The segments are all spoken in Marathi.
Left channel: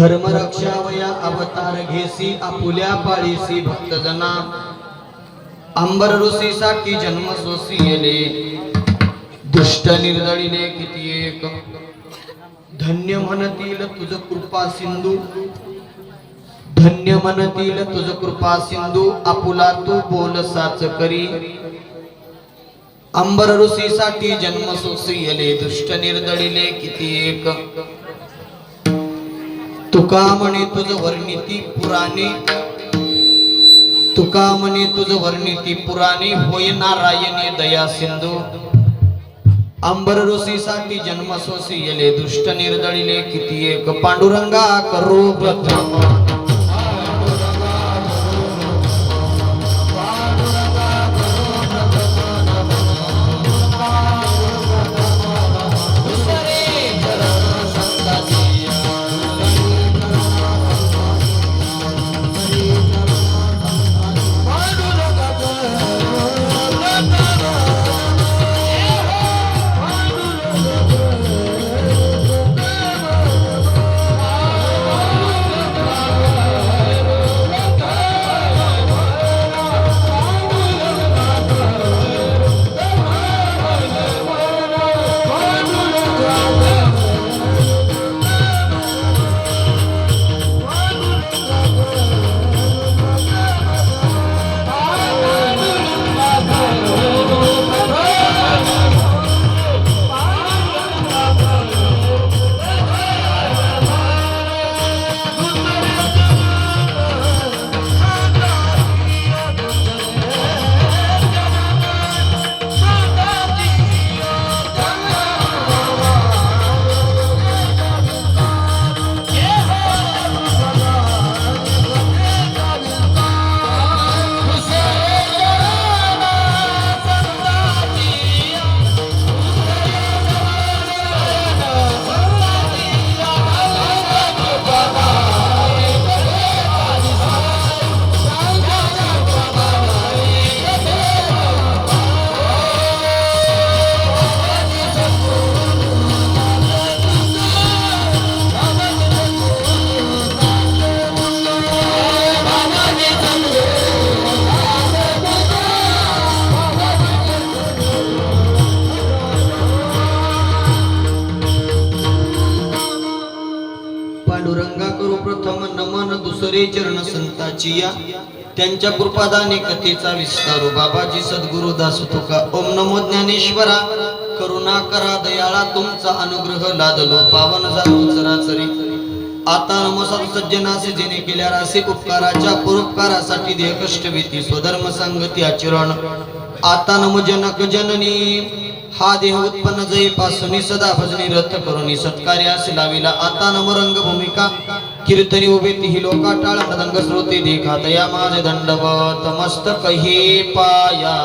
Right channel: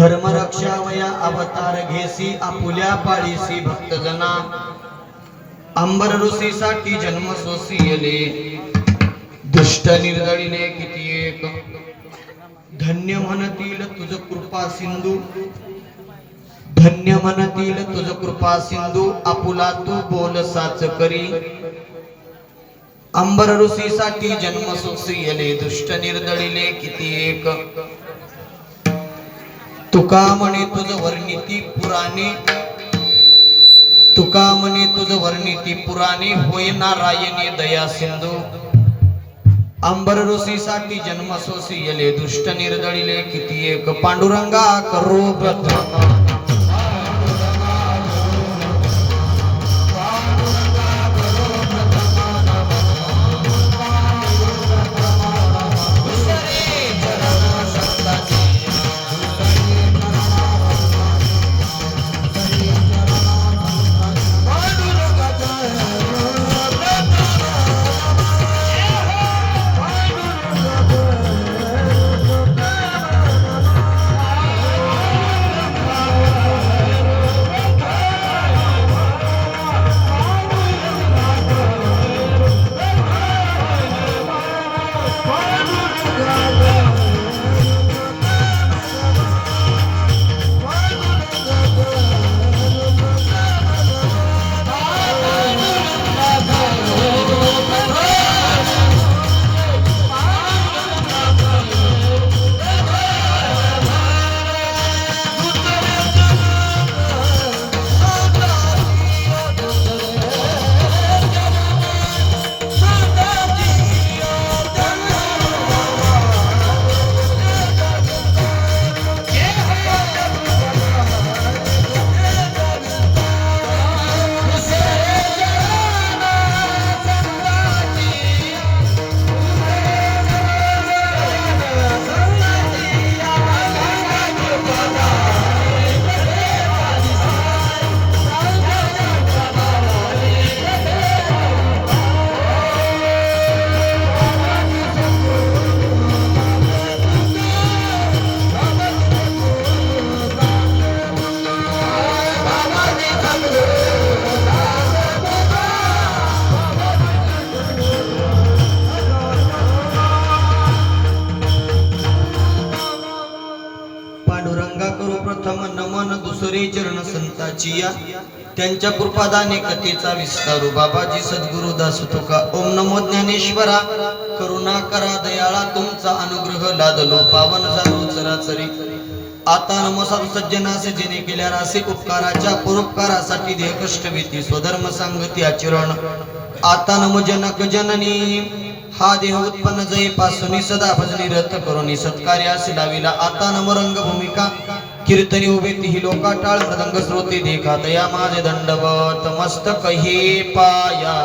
धर्म रक्षावया अवतार घेसी आपुल्या पाळीसी भक्तजना अंबर ऋषीसाठी जन्म सोसियले दुष्ट निर्दळीले किती एक धन्य म्हणतील तुझ कृपा सिंधू धन्य म्हणतील तुझ कृपा सिंधू आपुला तू बोल साच करी अंबर ऋषीसाठी जन्म सोसियले दुष्ट निर्दळीले किती एक तुका म्हणे तुझ वर्णिती पुराणे तुका म्हणे तुझ वर्णिती पुराणे होय नारायणी दया सिंधू अंबर ऋषीसाठी जन्म सोसियले दुष्ट निर्दळीले किती एक पांडुरंगा करू प्रथम चरण संताची या त्यांच्या कृपादाने कथेचा विस्तारू बाबाजी सद्गुरु दास तुका ओम नमो ज्ञानेश्वरा करुणा करा दयाळा तुमचा अनुग्रह लादलो पावन झालो चराचरी आता नमो सज्जनासे जेने केल्या रासे उपकाराच्या परोपकारासाठी देह कष्ट भीती स्वधर्म सांगती आचरण आता नमो जनक जननी हा देह उत्पन्न जय पासून सदा भजनी रथ करून सत्कार्यास लाविला आता नम रंग भूमिका कीर्तनी उभे ती लोका टाळ मृदंग श्रोते देखा तया माझे दंडवत मस्तक हे पाया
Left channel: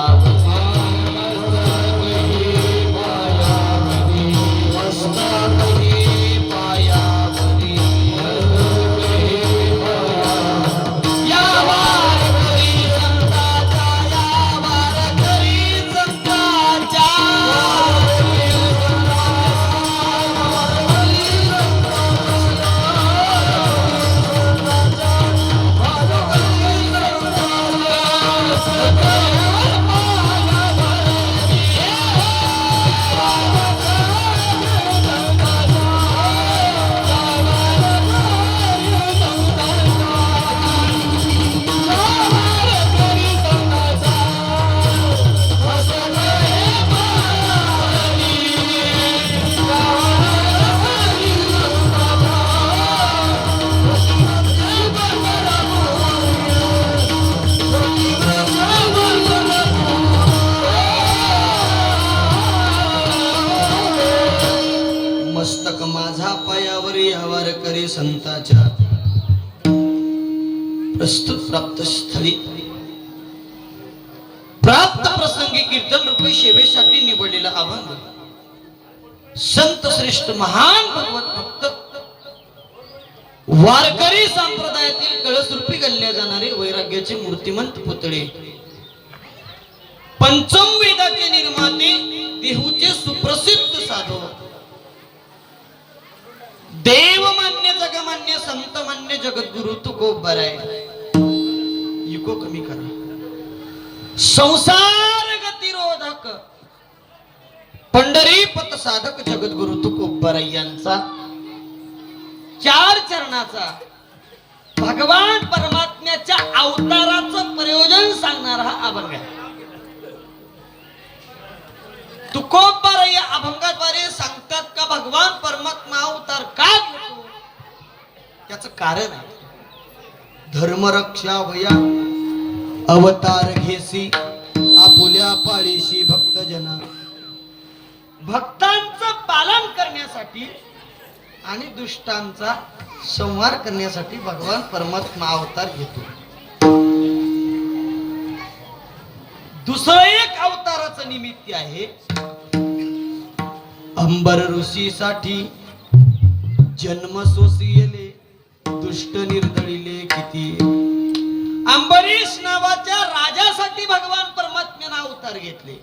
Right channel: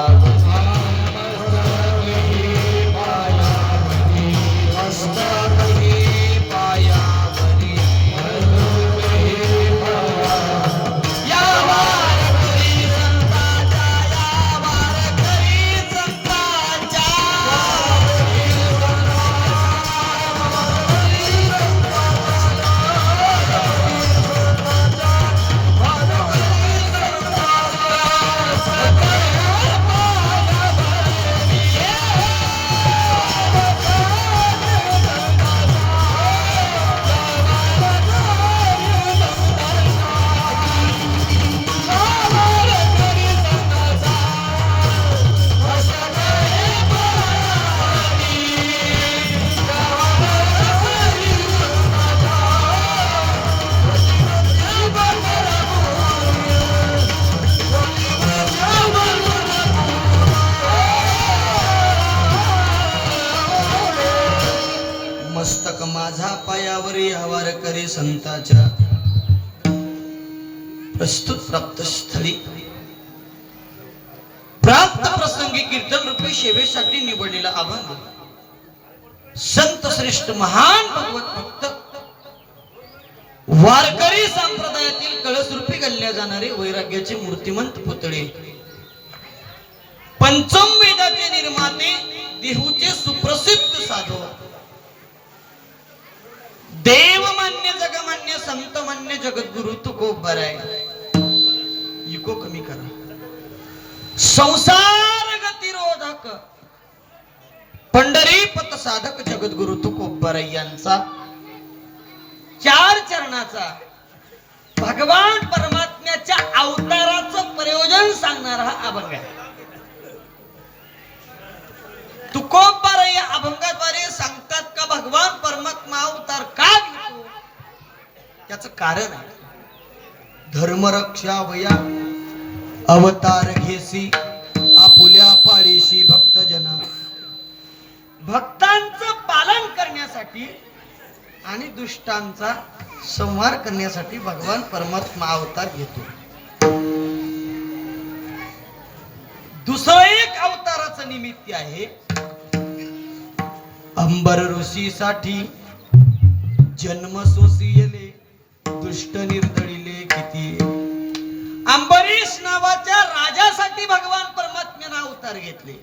मस्तक माझा पायावर यावर करे संताच्या प्रस्तुत प्राप्त स्थळी प्राप्त प्रसंगी कीर्तन रूपी सेवेसाठी निवडलेला अभंग संत श्रेष्ठ महान भगवत भक्त वारकरी संप्रदायातील कळस रूपी गल्ल्या जाणारे वैराग्याचे मूर्तिमंत पुतळे पंचम वेदाचे निर्माते देहूचे सुप्रसिद्ध साधक देवमान्य जगमान्य संतमान्य जगद्गुरु तुकोबर आहे. इको कमी करा. संसार गतिरोधक पंढरीपत साधक जगद्गुरु तुकोबर यांचा 4 चरणाचा भगवान परमात्म्याच्या अवताराचं प्रयोजन सांगणारा हा अभंग आहे. तुकोबर या अभंगाद्वारे सांगतात का भगवान परमात्मा अवतार का घेतो, त्याचं कारण आहे. धर्मरक्षा वया अवतार घेसी आपुल्या पाळीशी भक्तजना. भक्तांचं पालन करण्यासाठी आणि दुष्टांचा संहार करण्यासाठी भगवान परमात्मा अवतार घेतो. दुसरं एक अवताराचं निमित्त आहे अंबर ऋषीसाठी जन्म सोसियले दुष्ट निर्दळीले किती. अंबरीश नावाच्या राजासाठी भगवान परमात्म्याने अवतार घेतले.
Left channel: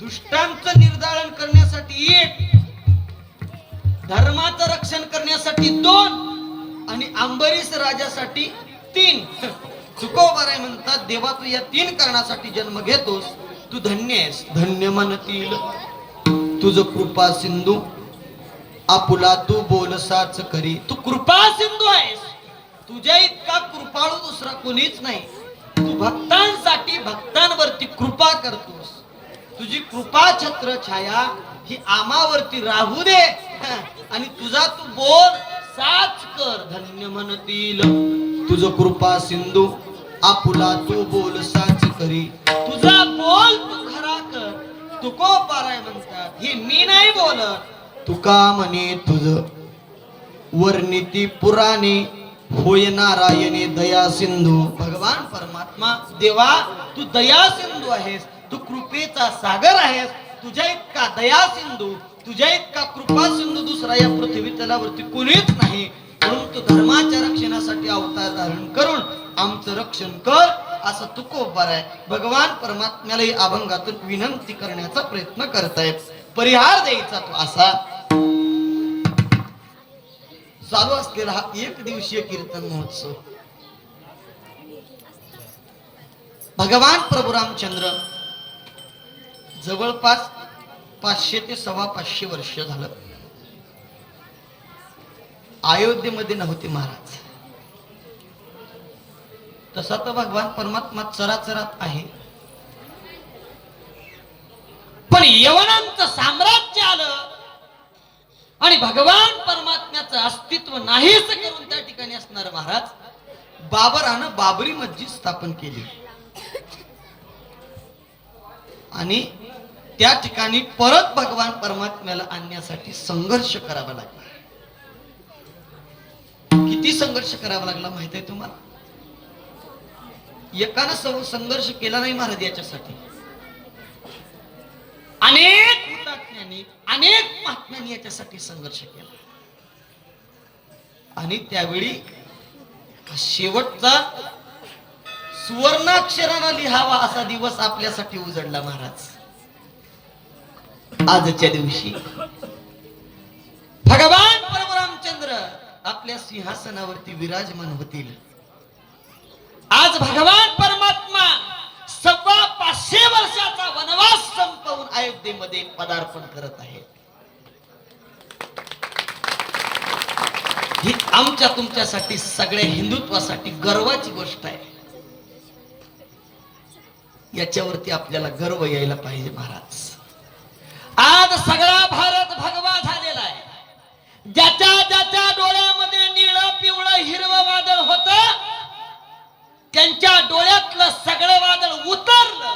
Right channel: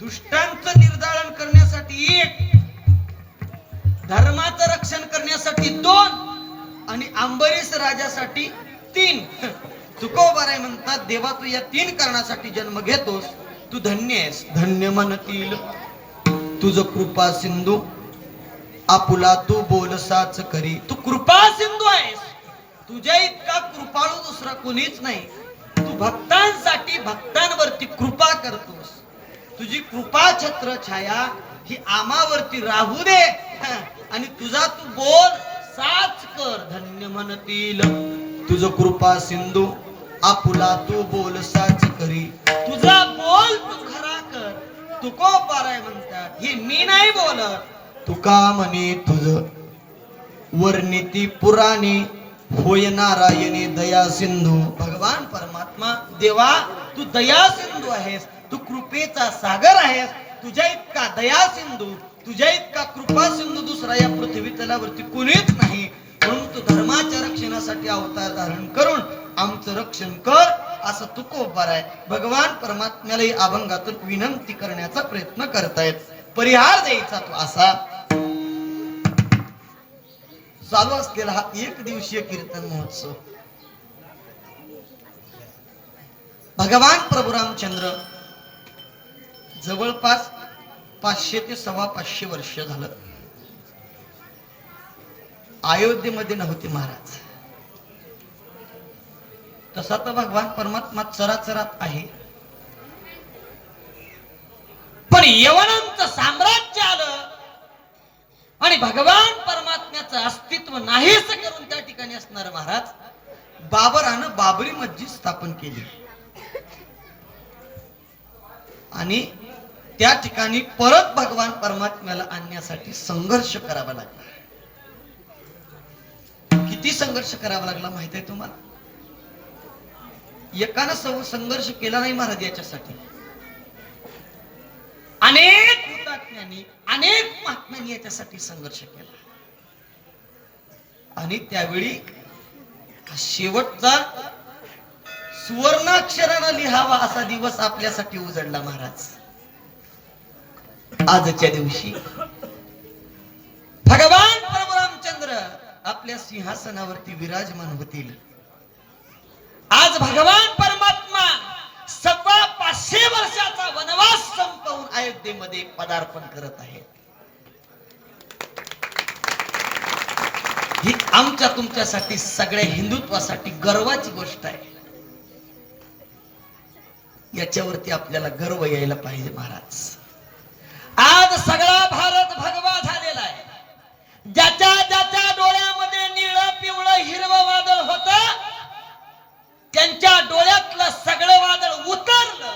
दुष्टांचं निर्दालन करण्यासाठी 1, धर्माचं रक्षण करण्यासाठी 2 आणि अंबरीश राजासाठी 3. तुकोबाराय म्हणतात देवा तू या 3 कारणासाठी जन्म घेतोस, तू धन्य आहेस. धन्य म्हणतील तुझ कृपा सिंधू आपुला तू बोलसाच करी. तू कृपा सिंधू आहेस, तुझ्या इतका कृपाळू दुसरा कोणीच नाही. तू भक्तांसाठी भक्तांवरती कृपा करतोस. तुझी कृपा छत्र छाया ही आमावरती राहू दे आणि तुझा तू बोल साच कर. धन्य म्हणतील तुझ कृपा सिंधू आपुला तू बोल साच करी. तुझा बोल तू खरा कर. तुकोबाराय म्हणतात हे मी नाही बोलत, तुका म्हणे तुझ वर्णिती पुराणे होय नारायणे दया सिंधू. भगवान परमात्मा देवा तू दया सिंधू आहेस, तू कृपेचा सागर आहेस. तुझ्या इतका दया सिंधू, तुझ्या इतका कृपा सिंधू दुसरा या पृथ्वी तलावरती कोणीच नाही. म्हणून तू धर्माच्या रक्षणासाठी अवतार धारण करून आमचं रक्षण कर असं तुकोबार आहे. भगवान परमात्म्याला या अभंगातून विनंती करण्याचा प्रयत्न करतायत. परिहार द्यायचा तो असा. चालू असलेला हा 1 दिवसीय कीर्तन महोत्सव भगवान प्रभू रामचंद्र जवळपास 500 ते 550 वर्ष झालं अयोध्येमध्ये नव्हते महाराज. तसा तर भगवान परमात्मा चराचरात आहे, पण यवनांचं साम्राज्य आलं आणि भगवान परमात्म्याचं अस्तित्व नाहीच करून त्या ठिकाणी असणार महाराज बाबरानं बाबरी मस्जिद स्थापन केली आणि त्या ठिकाणी परत भगवान परमात्म्याला आणण्यासाठी संघर्ष करावा लागला. किती संघर्ष करावा लागला माहित आहे तुम्हाला? एकानं संघर्ष केला नाही महाराज याच्यासाठी. अनेक हुतात्म्यांनी अनेक महात्म्यांनी याच्यासाठी संघर्ष केला आणि त्यावेळी शेवटचा सुवर्णाक्षरानं लिहावा असा दिवस आपल्यासाठी उजळला महाराज. आजच्या दिवशी भगवान प्रभू रामचंद्र आपल्या सिंहासनावरती विराजमान होतील. आज भगवान परमात्मा 550 वर्षाचा वनवास संपवून अयोध्येमध्ये पदार्पण करत आहे. ही आमच्या तुमच्यासाठी सगळ्या हिंदुत्वासाठी गर्वाची गोष्ट आहे. याच्यावरती आपल्याला गर्व यायला पाहिजे महाराज. आज सगळा भारत भगवा झालेला आहे. ज्याच्या ज्याच्या डोळ्यामध्ये निळं पिवळं हिरवं वादळ होत त्यांच्या डोळ्यातलं सगळं वादळ उतरलं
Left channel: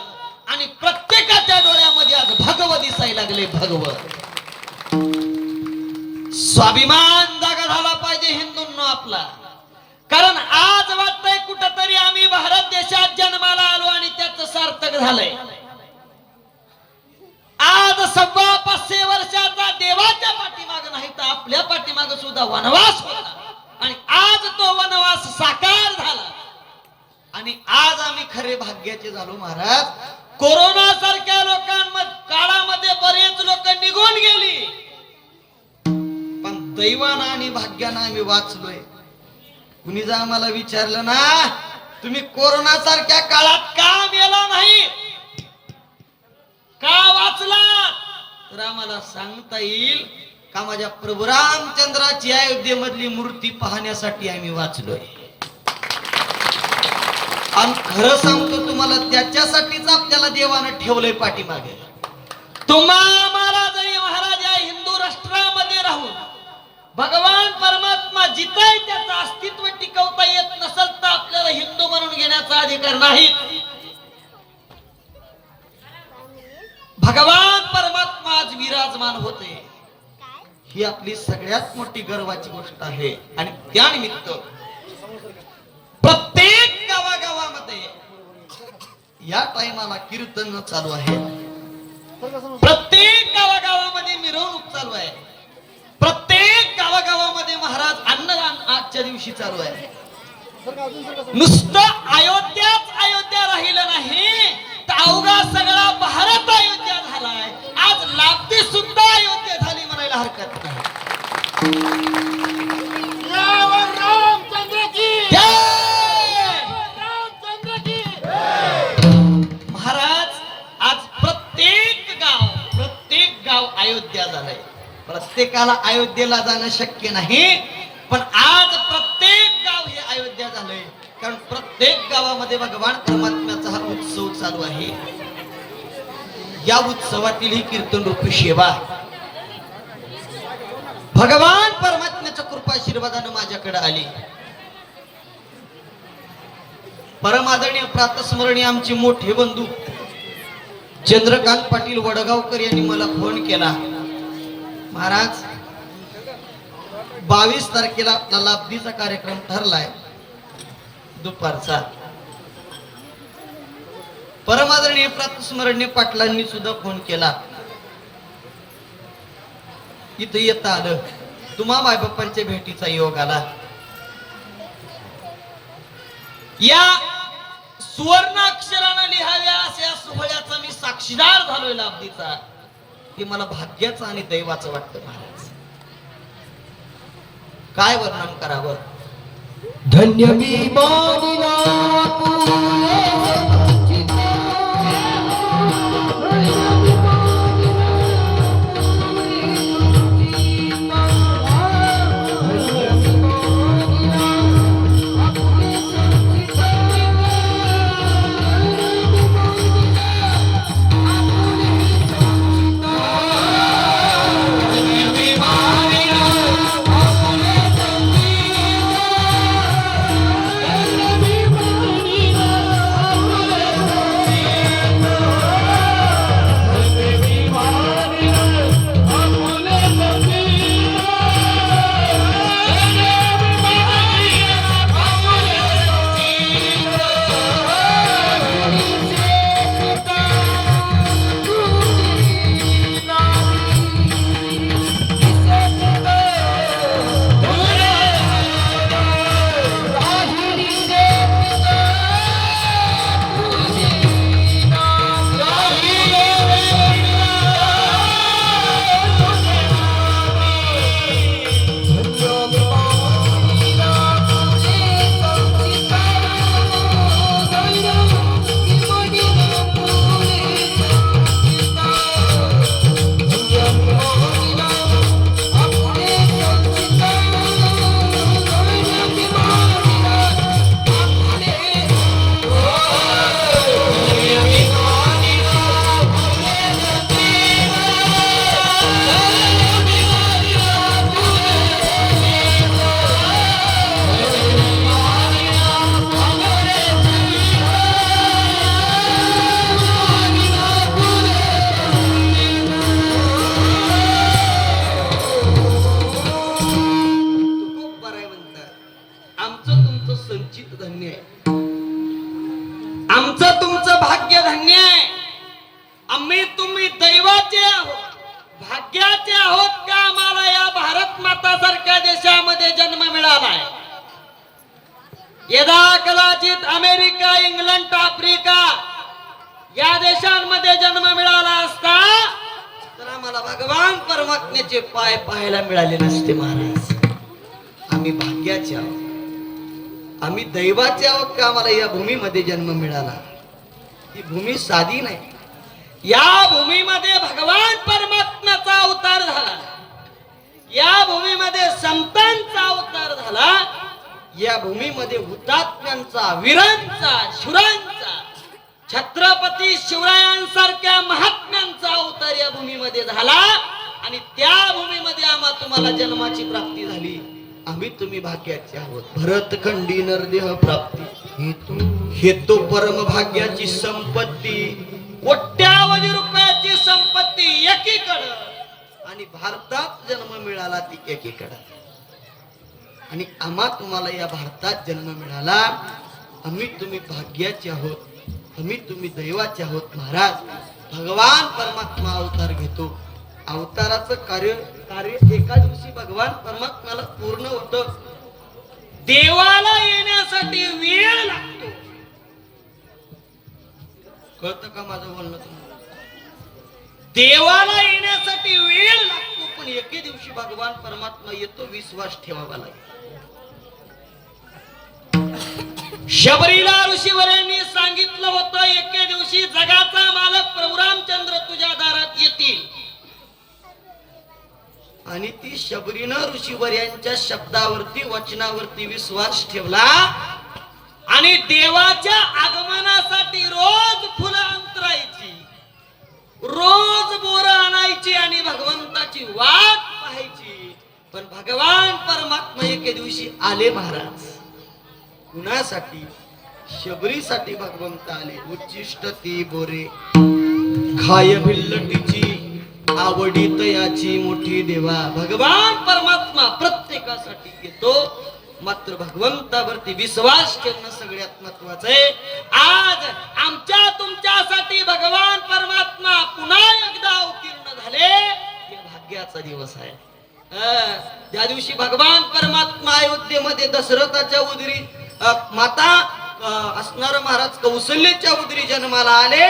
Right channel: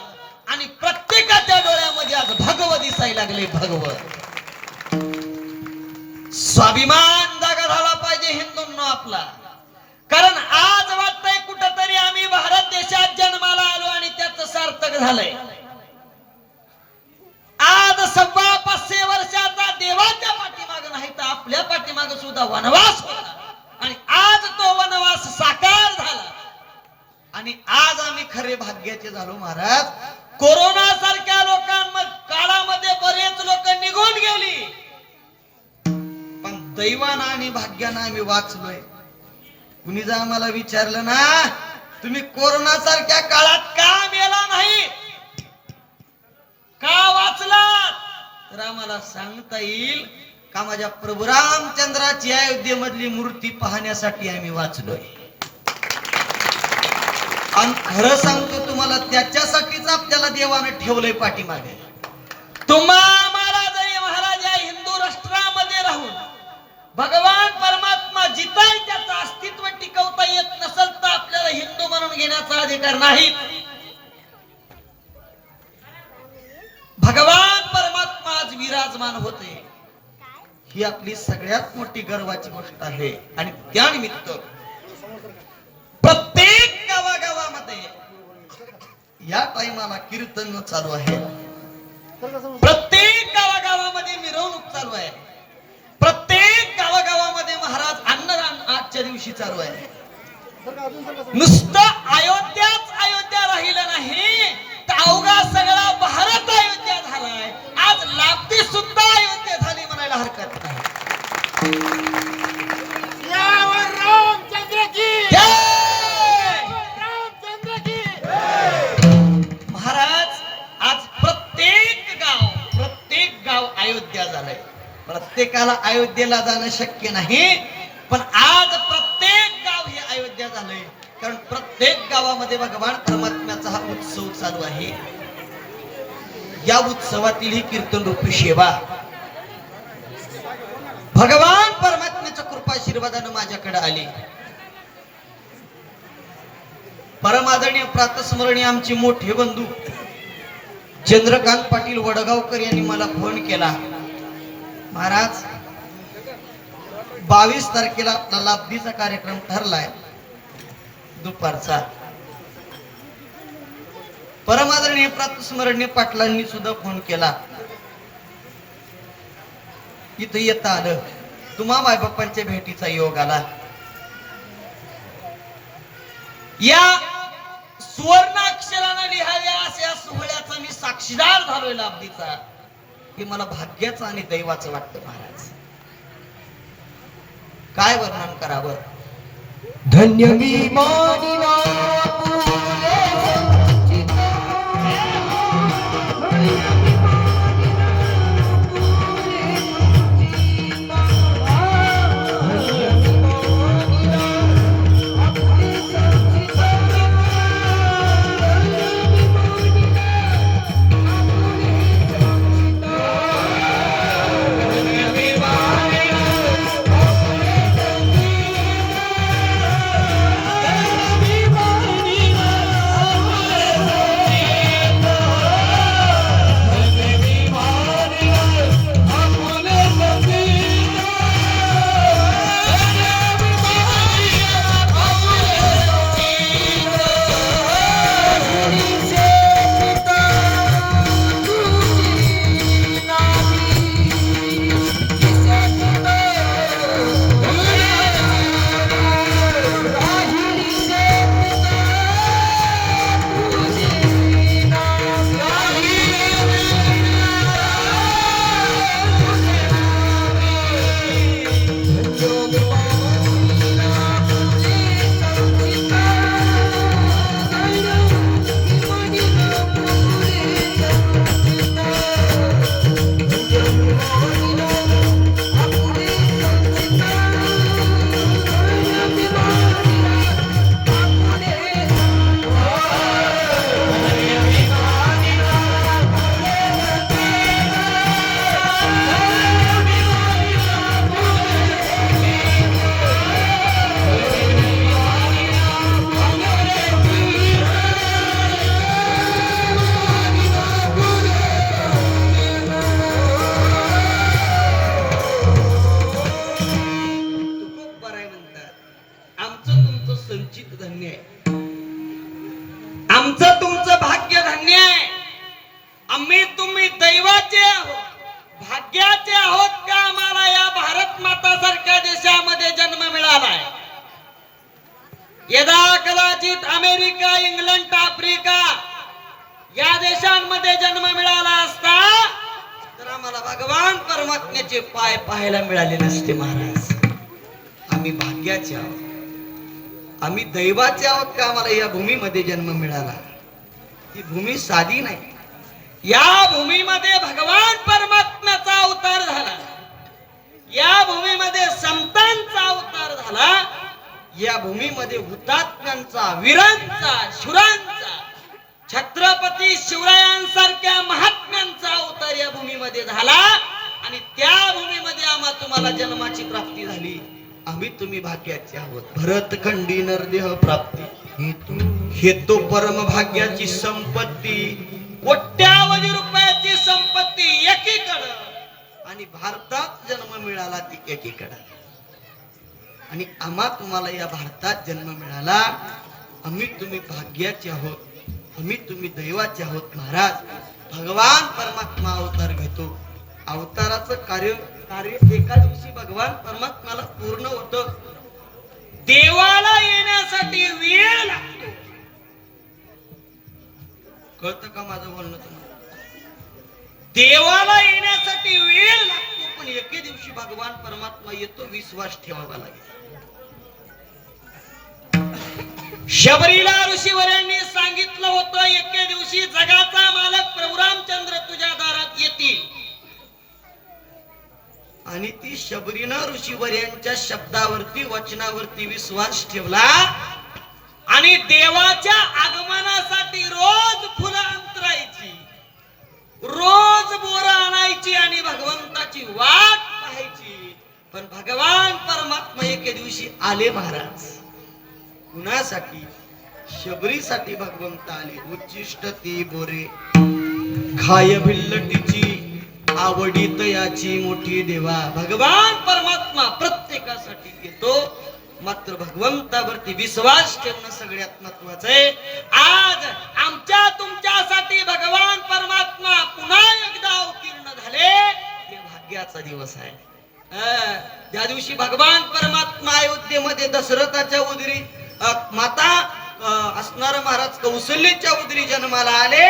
आणि प्रत्येकाच्या डोळ्यामध्ये आज भगव दिसायला लागले. भगव स्वाभिमान जागा झाला पाहिजे हिंदूंनो आपला. कारण आज वाटतंय कुठंतरी आम्ही भारत देशात जन्माला आलो आणि त्याचं सार्थक झालंय. आज 550 वर्षाचा देवाच्या पाठीमाग नाही तर आपल्या पाठीमाग सुद्धा वनवास होता आणि आज तो वनवास साकार झाला आणि आज आम्ही खरे भाग्याचे झालो महाराज. कोरोना सारख्या काळामध्ये बरेच लोक निघून गेली, पण दैवानं आणि भाग्यानं आम्ही वाचलोय. कुणी जर आम्हाला विचारलं ना तुम्ही कोरोना सारख्या काळात का मेला नाही, का वाचला, तर आम्हाला सांगता येईल का माझ्या प्रभू रामचंद्राची अयोध्येमधली मूर्ती पाहण्यासाठी आम्ही वाचलोय. आणि खरं सांगतो तुम्हाला त्याच्यासाठीच आपल्याला देवानं ठेवलंय पाठीमागे. तुम्हाला जरी महाराज या हिंदू राष्ट्रामध्ये राहून भगवान परमात्मा जिथं त्याचं अस्तित्व टिकवता येत नसेल तर आपल्याला हिंदू म्हणून घेण्याचा अधिकार नाही. भगवान परमात्मा आज विराजमान होते, ही आपली सगळ्यात मोठी गर्वाची गोष्ट आहे. आणि त्यानिमित्त प्रत्येक गावागावामध्ये या टाइमाला कीर्तन चालू आहे, प्रत्येक गावागावामध्ये मिरवणूक चालू आहे, प्रत्येक गावागावामध्ये महाराज अन्नदान आजच्या दिवशी चालू आहे. नुसतं अयोध्याच अयोध्या राहिलं नाही तर अवघा सगळा भारत अयोध्या झालाय. आज लापती सुद्धा अयोध्या झाली म्हणायला हरकत नाही. महाराज आज प्रत्येक गाव अयोध्या झालंय. प्रत्येकाला अयोध्येला जाणं शक्य नाही, पण आज प्रत्येक गाव हे अयोध्या झालंय. कारण प्रत्येक गावामध्ये भगवान परमात्म्याचा हा उत्सव चालू आहे. या उत्सवातील ही कीर्तन रूपी सेवा भगवान परमात्म्याच्या कृपा आशीर्वादानं माझ्याकडे आली. परमादरणीय प्रातस्मरणीय आमचे मोठे बंधू चंद्रकांत पाटील वडगावकर यांनी मला फोन केला, महाराज 22 तारखेला आपला लाभदीचा कार्यक्रम ठरलाय दुपारचा. परमादरणीय प्रातस्मरणीय पाटलांनी सुद्धा फोन केला, इथं येता आलं, तुम्हा मायबापांच्या भेटीचा योग आला. या सुवर्णाक्षरानं लिहाव्या अशा सोहळ्याचा मी साक्षीदार झालोय लाभदीचा. हे मला भाग्याचं आणि दैवाचं वाटतं महाराज. काय वर्णन करावं. धन्य मी मानिला भाग्याचे आहोत का आम्हाला या भारत माता सारख्या देशामध्ये जन्म मिळालाय. यदा कदाचित अमेरिका, इंग्लंड, आफ्रिका या देशांमध्ये जन्म मिळाला असता तर आम्हाला आम्हाला भगवान परमात्म्याचे पाय पाहायला मिळाले नसते महाराज. आम्ही भाग्याचे आहोत, आम्ही दैवाचे आहोत का आम्हाला या भूमीमध्ये जन्म मिळाला. ही भूमी साधी नाही. या भूमीमध्ये भगवान परमात्म्याचा अवतार झाला. या भूमीमध्ये संतांचा अवतार झाला. या भूमीमध्ये हुतात्म्यांचा, वीरांचा, शूरांचा, छत्रपती शिवरायांसारख्या महात्म्यांचा अवतार या भूमीमध्ये झाला. आणि त्या भूमीमध्ये आम्हा तुम्हाला जन्माची प्राप्ती झाली. आम्ही तुम्ही भाग्याचे आहोत. भरतखंडी नरदेह प्राप्ती हेतू परम भाग्याची संपत्ती, कोट्यावधी रुपयाची संपत्ती एकीकडं आणि भारतात जन्म मिळाला ती एकीकडं. आणि आम्हा तुम्हाला या भारतात जन्म मिळाला. आम्ही तुम्ही भाग्याचे आहोत, आम्ही तुम्ही दैवाचे आहोत महाराज. भगवान परमात्मा अवतार घेतो. अवताराचं कार्य एका दिवशी भगवान परमात्म्याला पूर्ण होतं. देवाला येण्यासाठी वेळ लागतो. कळतं का माझं बोलणं तुम्हाला? देवाला येण्यासाठी वेळ लागतो, पण एके दिवशी भगवान परमात्मा येतो. विश्वास ठेवावा लागेल. शबरीला ऋषीवरांनी सांगितलं होतं एके दिवशी जगाचा मालक प्रभू रामचंद्र तुझ्या दारात येतील. आणि ती शबरीनं ऋषीवर्यांच्या शब्दावरती, वचनावरती विश्वास ठेवला आणि देवाच्या आगमनासाठी रोज फुलं अंतरायची, रोज बोरं आणायची आणि भगवंताची वाट पाहायची. पण भगवान परमात्मा एके दिवशी आले महाराज. कुणासाठी? शबरीसाठी भगवंत आले. उच्चिष्ट ती बोरे खाय भिल्लटीची, आवडी तयाची मोठी देवा. भगवान परमात्मा प्रत्येकासाठी येतो, मात्र भगवंतावरती विश्वास ठेवणं सगळ्यात महत्वाचं आहे. आज आमच्या तुमच्यासाठी भगवान परमात्मा पुन्हा एकदा अवतीर्ण झाले. हे भाग्याचा दिवस आहे. त्या दिवशी भगवान परमात्मा अयोध्येमध्ये दशरथाच्या उदरी माता असणार महाराज कौशल्याच्या उदरी जन्माला आले.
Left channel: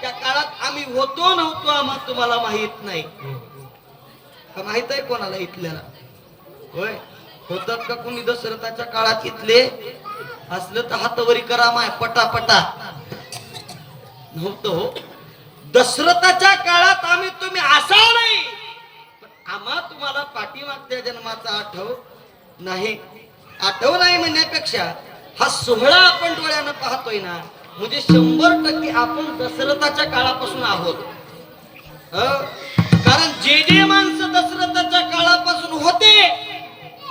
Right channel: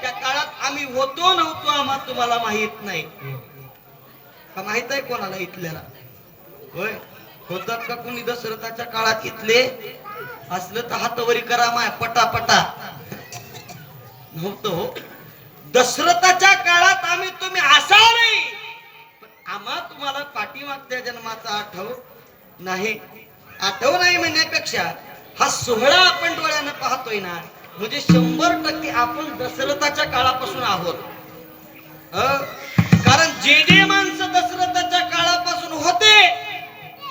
त्या काळात आम्ही होतो नव्हतो आम्हा तुम्हाला माहित नाही का? माहित आहे कोणाला इथल्याला? होय, होतात का कोणी दशरथाच्या काळात इथले? असलं तर हातवरी करा माय पटापटा. नव्हतं हो. दशरथाच्या काळात आम्ही तुम्ही असा नाही, पण आम्हा तुम्हाला पाठीमागच्या जन्माचा आठव नाही. आठव नाही म्हणण्यापेक्षा हा सोहळा आपण डोळ्यानं पाहतोय ना, म्हणजे 100% आपण दशरथाच्या काळापासून आहोत. कारण जे माणसं दशरथाच्या काळापासून होते,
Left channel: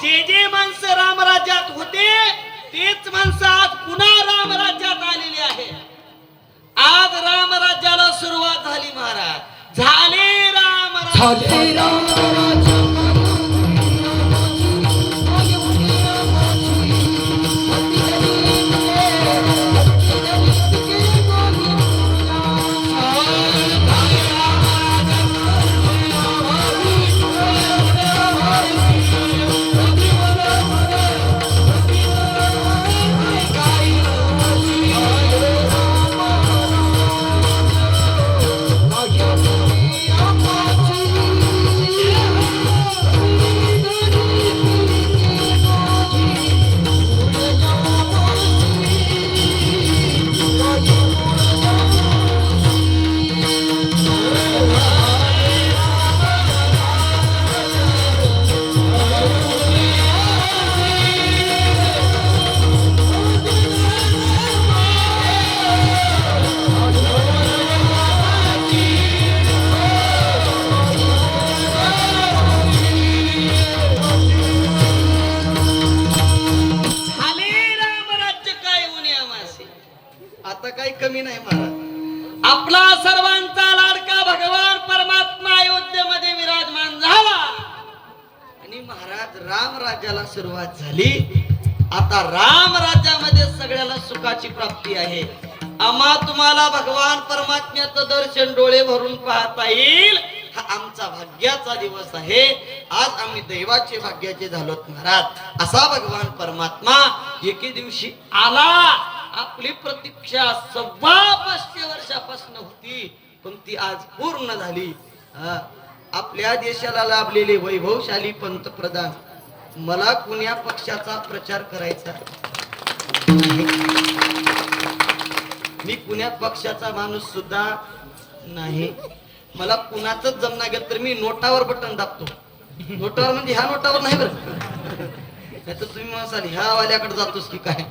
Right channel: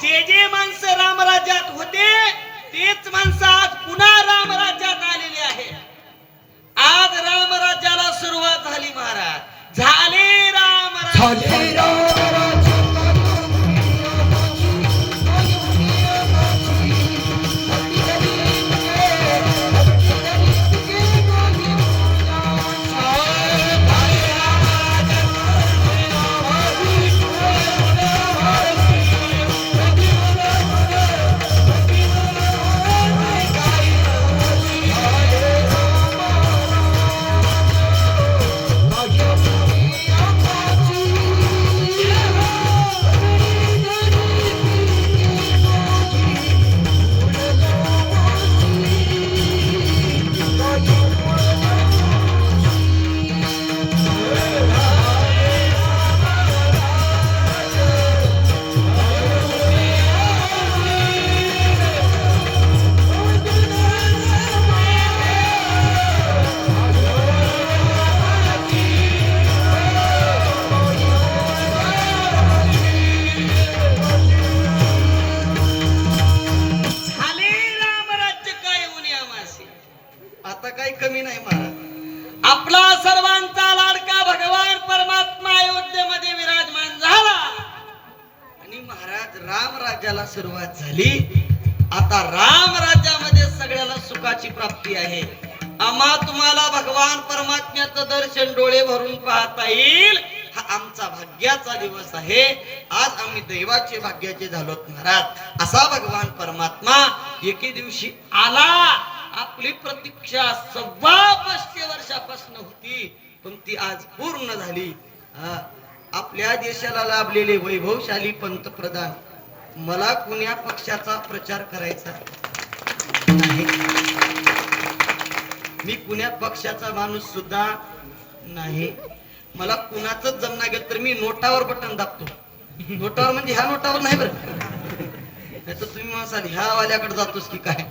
जे माणसं रामराज्यात होते, तेच माणसं आज पुन्हा रामराज्यात आलेली आहे. आज रामराज्याला सुरुवात झाली महाराज. झाले रामराज्य. आता काही कमी नाही महाराज. आपला सर्वांचा लाडका भगवान परमात्मा अयोध्येमध्ये विराजमान झाला आणि महाराज राम राज्याला सुरुवात झाली. आता राम राज्यामध्ये सगळ्याला सुखाची प्राप्ती आहे. आम्हा तुम्हाला भगवान परमात्म्याचं दर्शन डोळे भरून पाहता येईल. हा आमचा भाग्याचा दिवस आहे. आज आम्ही दैवाचे भाग्याचे झालोत महाराज. असा भगवान परमात्मा एके दिवशी आला. आपली प्रतीक्षा 525 वर्षापासून होती, पण ती आज पूर्ण झाली. आपल्या देशाला लाभलेले वैभवशाली पंतप्रधान मला कुण्या पक्षाचा प्रचार करायचा नाही. मी कुण्या पक्षाचा माणूस सुद्धा नाही. मला कुणाचंच जमणार गेलं तर मी नोटावर बटन दाबतो. नोटावर म्हणजे ह्या नोटावर नाही बरं, नाही तर तुम्ही म्हणाल ह्या वाल्याकडे जातोस की काय.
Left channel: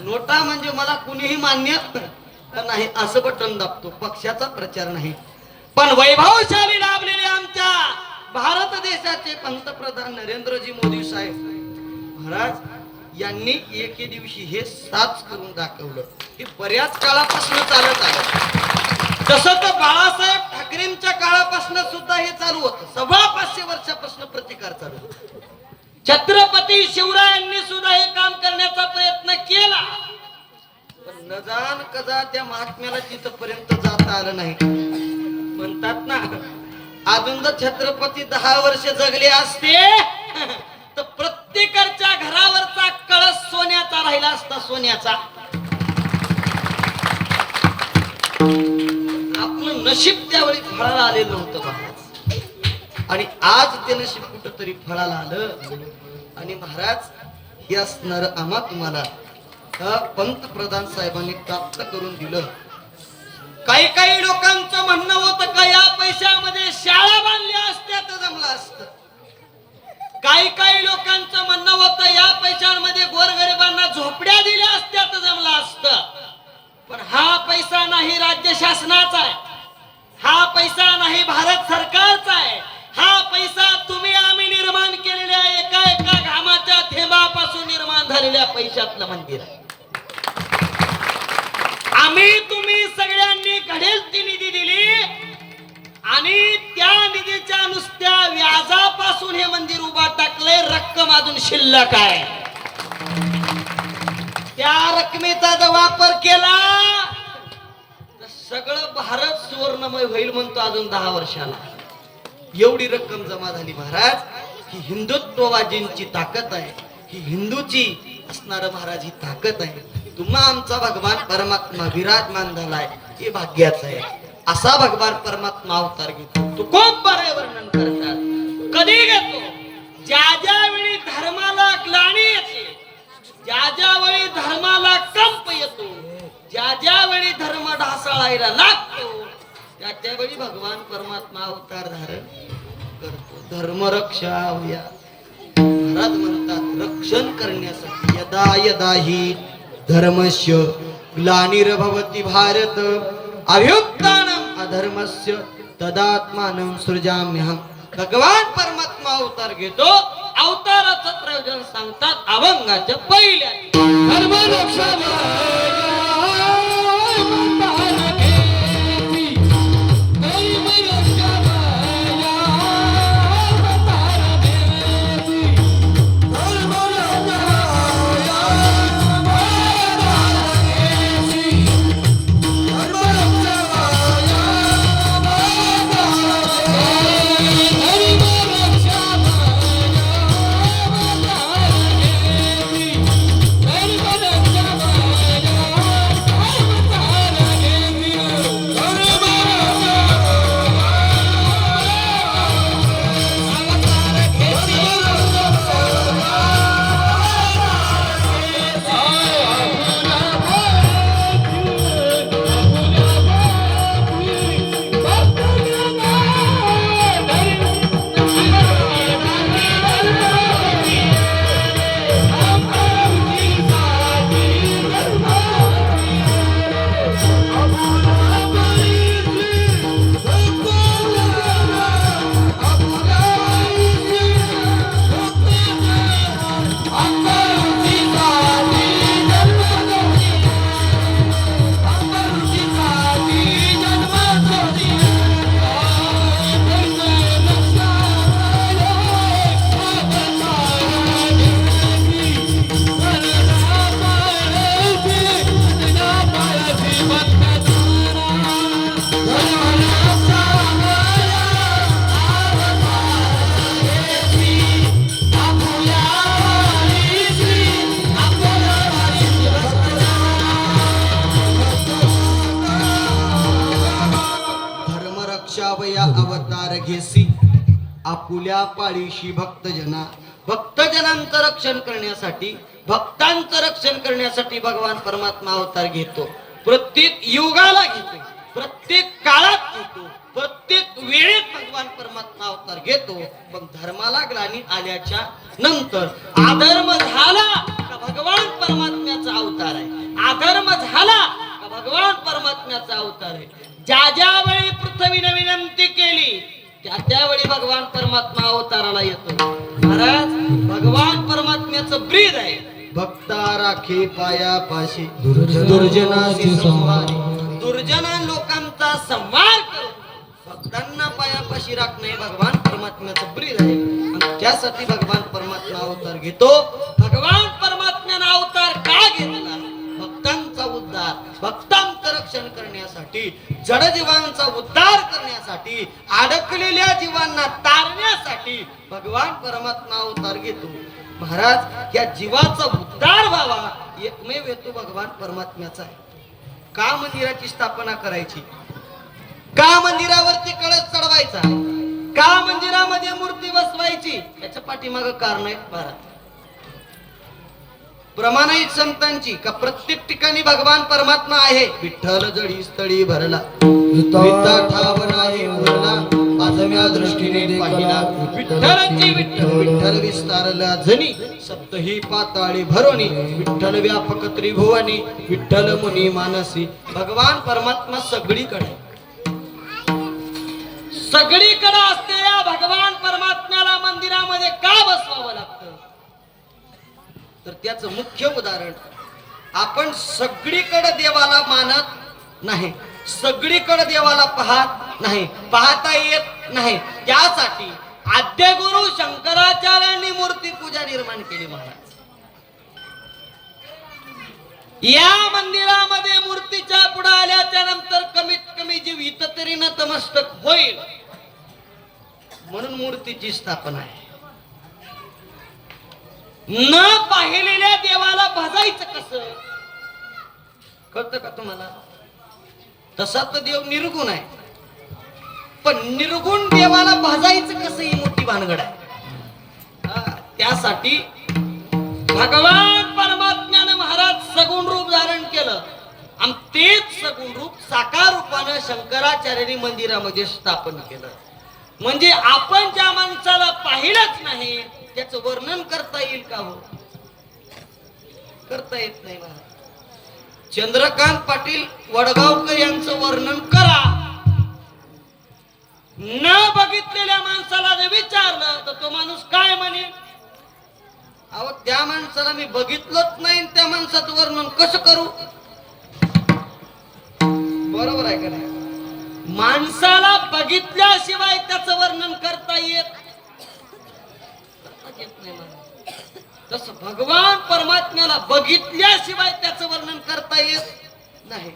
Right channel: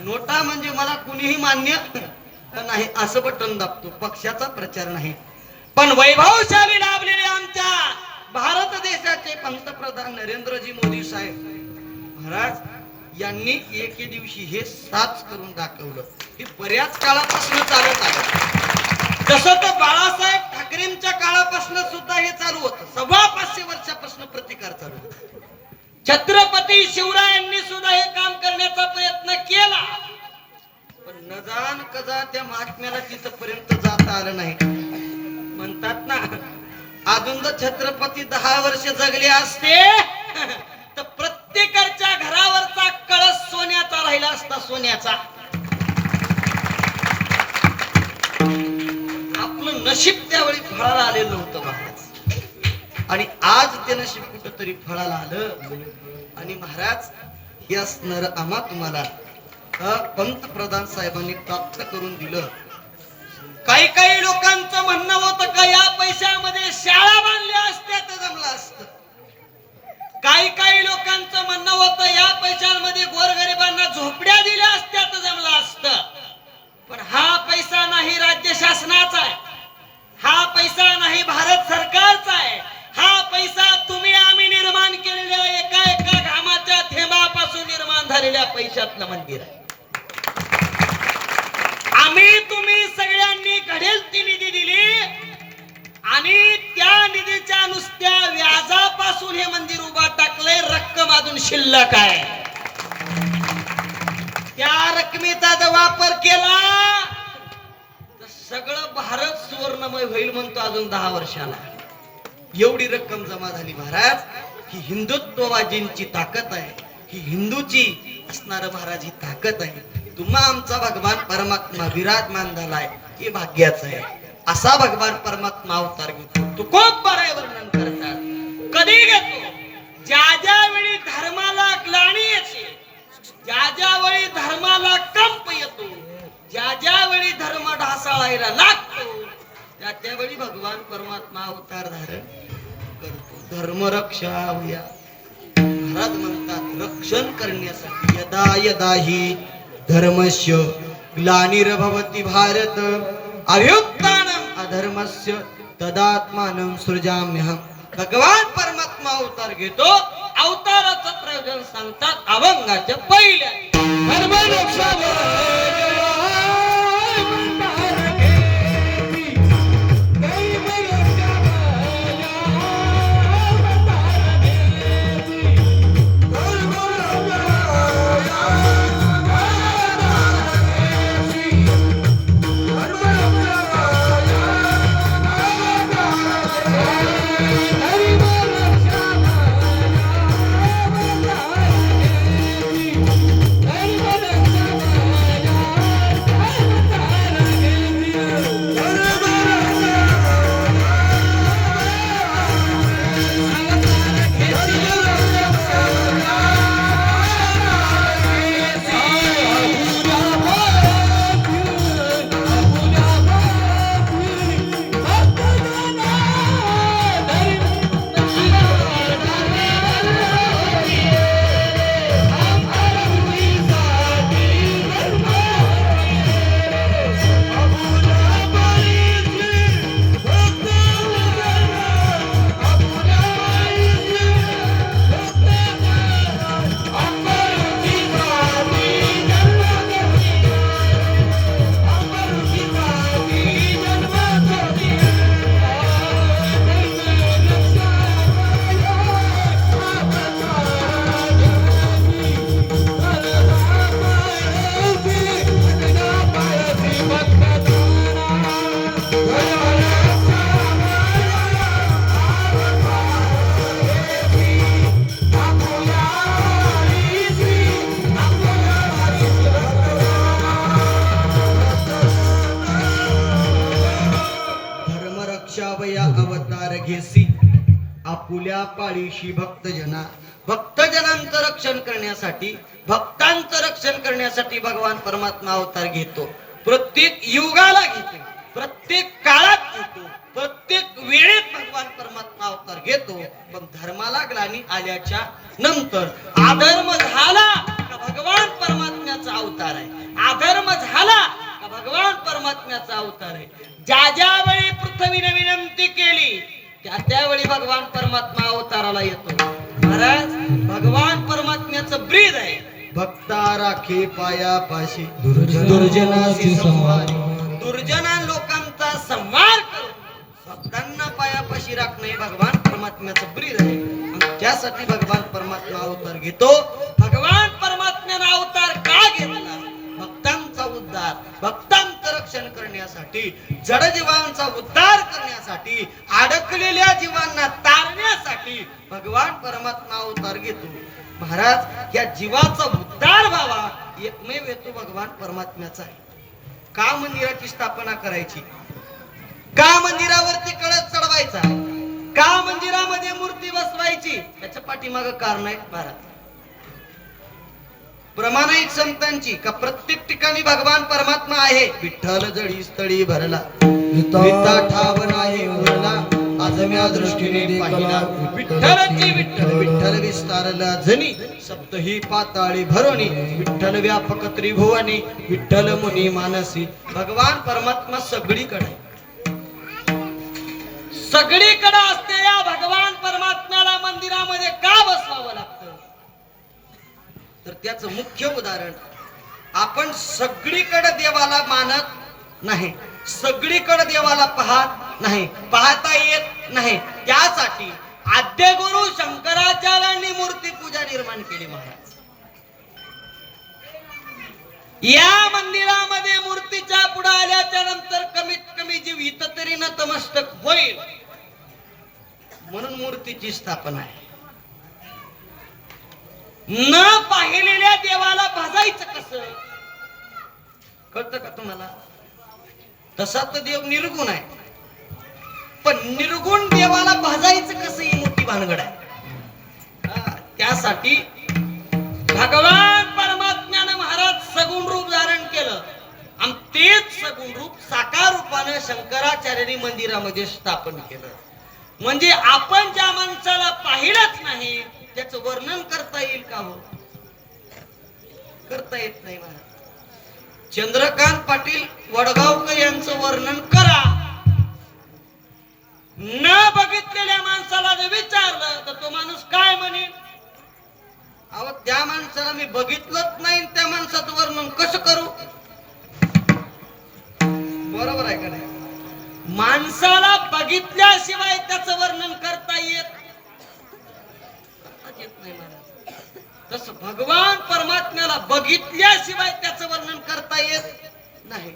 नोटा म्हणजे मला कुणीही मान्य नाही असं बटन दाबतो. पक्षाचा प्रचार नाही. पण वैभवशाली लाभलेले आमच्या भारत देशाचे पंतप्रधान नरेंद्रजी मोदी साहेब महाराज यांनी एके दिवशी हे साच करून दाखवलं. हे बऱ्याच काळापासून चालत आलं. तसं तर बाळासाहेब ठाकरेंच्या काळापासून सुद्धा हे चालू होतं. 500 वर्षापासून प्रतिकार चालू होता. छत्रपती शिवरायांनी सुद्धा हे काम करण्याचा प्रयत्न केला, पण न जाण कजा त्या महात्म्याला तिथपर्यंत जाता आलं नाही. म्हणतात ना, अजून जर छत्रपती 10 वर्ष जगले असते तर प्रत्येकाच्या घरावरचा कळस सोन्याचा राहिला असता. सोन्याचा. आपलं नशीब त्यावेळी फळाला आलेलं नव्हतं महाराज, आणि आज ते नशीब कुठंतरी फळाला आलं. आणि महाराज हे असणार आम्हा तुम्हाला पंतप्रधान साहेबांनी प्राप्त करून दिलं. काही काही लोकांचं म्हणणं होतं का या पैशामध्ये शाळा बांधल्या असत्या तर जमलं असतं. काही काही लोकांचं म्हणणं होतं या पैशांमध्ये गोरगरिबांना झोपड्या दिल्या असत्या तर जमलं असतं. पण हा पैसा नाही राज्य शासनाचा आहे, हा पैसा नाही भारत सरकारचा आहे. हा पैसा तुम्ही आम्ही निर्माण केलेल्या एका एका घामाच्या थेंबापासून निर्माण झालेल्या पैशातलं मंदिर आहे. आम्ही तुम्ही सगळ्यांनी घडेल ती निधी दिली आणि त्या निधीच्या नुसत्या व्याजापासून हे मंदिर उभा टाकलंय. रक्कम अजून शिल्लक आहे. त्या रकमेचा जर वापर केला तर सगळं भारत सुवर्णमय होईल म्हणतो. अजून 10 वर्षाला एवढी रक्कम जमा झाली महाराज. ही हिंदुत्ववादींची ताकद आहे, ही हिंदूची असणार महाराज ही ताकद आहे. तुम्हा आमचा भगवान परमात्मा विराजमान झालाय हे भाग्याचं आहे. असा भगवान परमात्मा अवतार घेतो. तू खूप बरे वर्णन करतात. कधी घेतो? ज्या ज्या वेळी धर्माला ग्लानी येते, ज्या ज्या वेळी धर्माला कंप येतो, ज्या ज्या वेळी धर्म ढासळायला लागतो, त्या त्यावेळी भगवान परमात्मा अवतार धारण करतो. धर्मरक्षा होया महाराज म्हणतात. रक्षण करण्यासाठी यदा यदा ही धर्मस्य ग्लानिर्भवति भारत अभ्युत्थानम् अधर्मस्य तदात्मानं सृजाम्यहम्. भगवान परमात्मा अवतार घेतो. अवताराचं प्रयोजन सांगतात अभंगाच्या पहिल्या. अवतार घेसी आपुल्या पाळीशी भक्तजनांचं रक्षण करण्यासाठी, भक्तांचं रक्षण करण्यासाठी भगवान परमात्मा अवतार घेतो. प्रत्येक युगाला घेतो, प्रत्येक काळात घेतो, प्रत्येक वेळेत भगवान परमात्मा अवतार घेतो. पण धर्माला ग्लानी आल्याच्या नंतर अधर्म झाला का भगवान परमात्म्याचा अवतार आहे, अधर्म झाला का भगवान परमात्म्याचा अवतार आहे. ज्या ज्या वेळी पृथ्वीने विनंती केली त्यावेळी भगवान परमात्मा अवताराला येतो. महाराज, भगवान परमात्म्याचं ब्रीद आहे, भक्ता राखे पायापाशी दुर्जनाची संहार. दुर्जना लोकांचा संहार करून भक्तांना पायापाशी राखणे भगवान परमात्म्याचं ब्रीद आहे. आणि त्यासाठी भगवान परमात्मा अवतार घेतो. भगवान परमात्म्याने अवतार का घेतला? भक्तांचा उद्धार, भक्तांचं रक्षण करण्यासाठी, जड जीवांचा उद्धार करण्यासाठी, अडकलेल्या जीवांना तारण्यासाठी भगवान परमात्मा अवतार घेतो. महाराज, या जीवाचा उद्धार व्हावा एकमेव हेतू भगवान परमात्म्याचा आहे. का मंदिराची स्थापना करायची? का मंदिरावरती कळस चढवायचा? का मंदिरामध्ये मूर्ती बसवायची? याच्या पाठीमागं कारण आहे महाराज. प्रमाणिक संतांची का प्रत्येक ठिकाणी भगवान परमात्मा आहे. विठ्ठल जडी स्थळी भरला, ठाव नाही उरला, आजम्या दृष्टीने पाहिला. विठ्ठलची विठ्ठल विठ्ठल विस्तारला जनी, सप्तही पाताळी भरोनी, विठ्ठल व्यापक त्रिभुवनी, विठ्ठल मुनी मानसी. भगवान परमात्मा सगळीकडे, सगळीकडे असते. या भगवान परमात्म्याला मंदिरामध्ये का बसवावं लागतं? तर त्याचं मुख्य उदाहरण, आपण सगळीकडे देवाला मानत नाही, सगळीकडे देवाला पाहत नाही, पाहता येत नाही. त्यासाठी आद्य गुरु शंकराचार्यांनी मूर्ती पूजा निर्माण केली. महाराज, या मंदिरामध्ये मूर्तीच्या पुढे आल्याच्या नंतर कमीत कमी जीव इथं तरी नतमस्तक होईल म्हणून मूर्तीची स्थापना आहे. न पाहिलेल्या देवाला भजायचं कसं? कळतं का तुम्हाला? तसा तर देव निर्गुण आहे, पण निर्गुण देवाला भजायचं कसं ही मोठी भानगड आहे. त्यासाठी भगवान परमात्म्याने महाराज सगुण रूप धारण केलं आणि तेच सगुण रूप साकार रूपानं शंकराचार्यांनी मंदिरामध्ये स्थापन केलं. म्हणजे आपण ज्या माणसाला पाहिलंच नाही त्याचं वर्णन करता येईल का? हो, करता येत नाही. महाराज, चंद्रकांत पाटील वडगावकर यांचं वर्णन करा. न बघितलेल्या माणसाला जर विचारलं तर तो माणूस काय म्हणेल? अहो, त्या माणसाला मी बघितलंच नाही, त्या माणसाचं वर्णन कसं करू? बरोबर आहे का नाही? माणसाला बघितल्याशिवाय त्याचं वर्णन करता येत नाही. महाराज, तसं भगवान परमात्म्याला बघितल्याशिवाय त्याचं वर्णन करता येत नाही,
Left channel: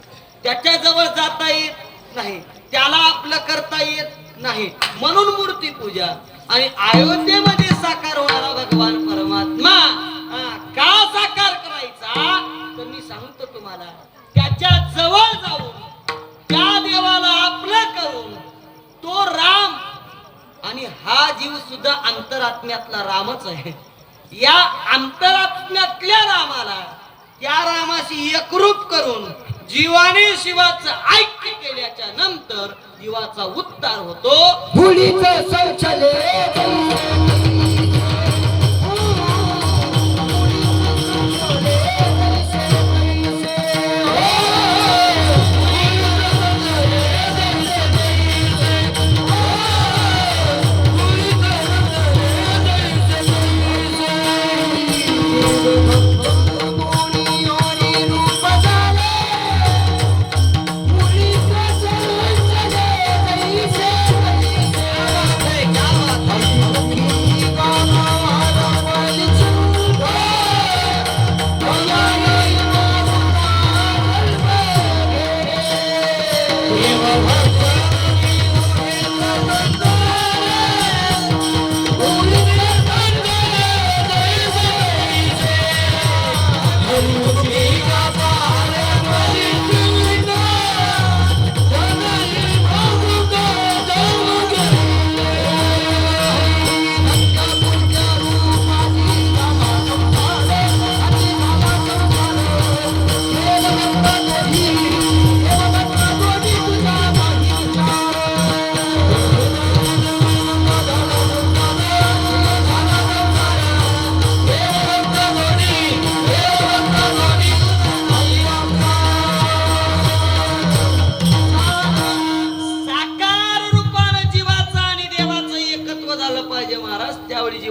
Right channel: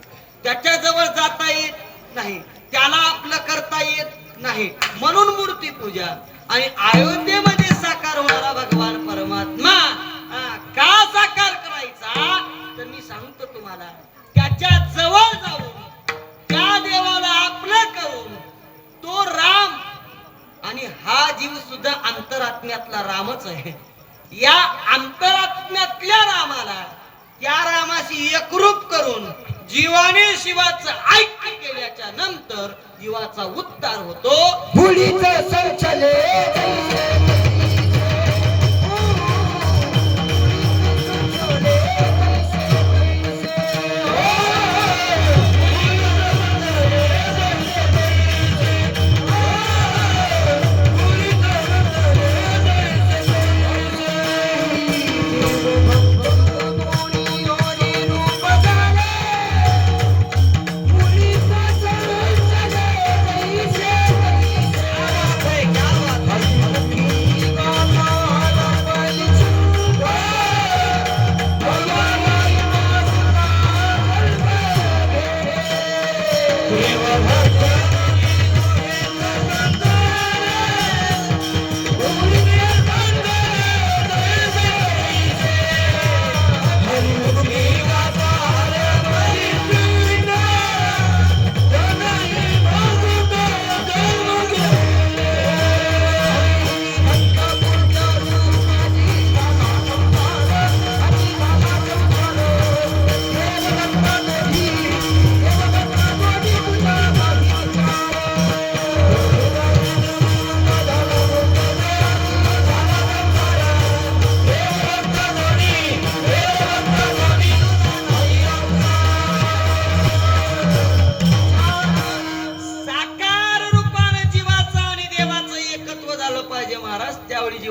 त्याच्या जवळ जाता येत नाही, त्याला आपलं करता येत नाही. म्हणून मूर्ती पूजा. आणि अयोध्येमध्ये साकार होणारा भगवान परमात्मा का साकार करायचा? तर मी सांगतो तुम्हाला, त्याच्या जवळ जाऊन त्या देवाला आपलं करून तो राम, आणि हा जीव सुद्धा अंतरात्म्यातला रामच आहे. या अंतरात्म्यातल्या रामाला, त्या रामाशी एकरूप करून जीवाने शिवाचं ऐक्य केल्याच्या नंतर जीवाचा उद्धार होतो. मुलीचं शौचालय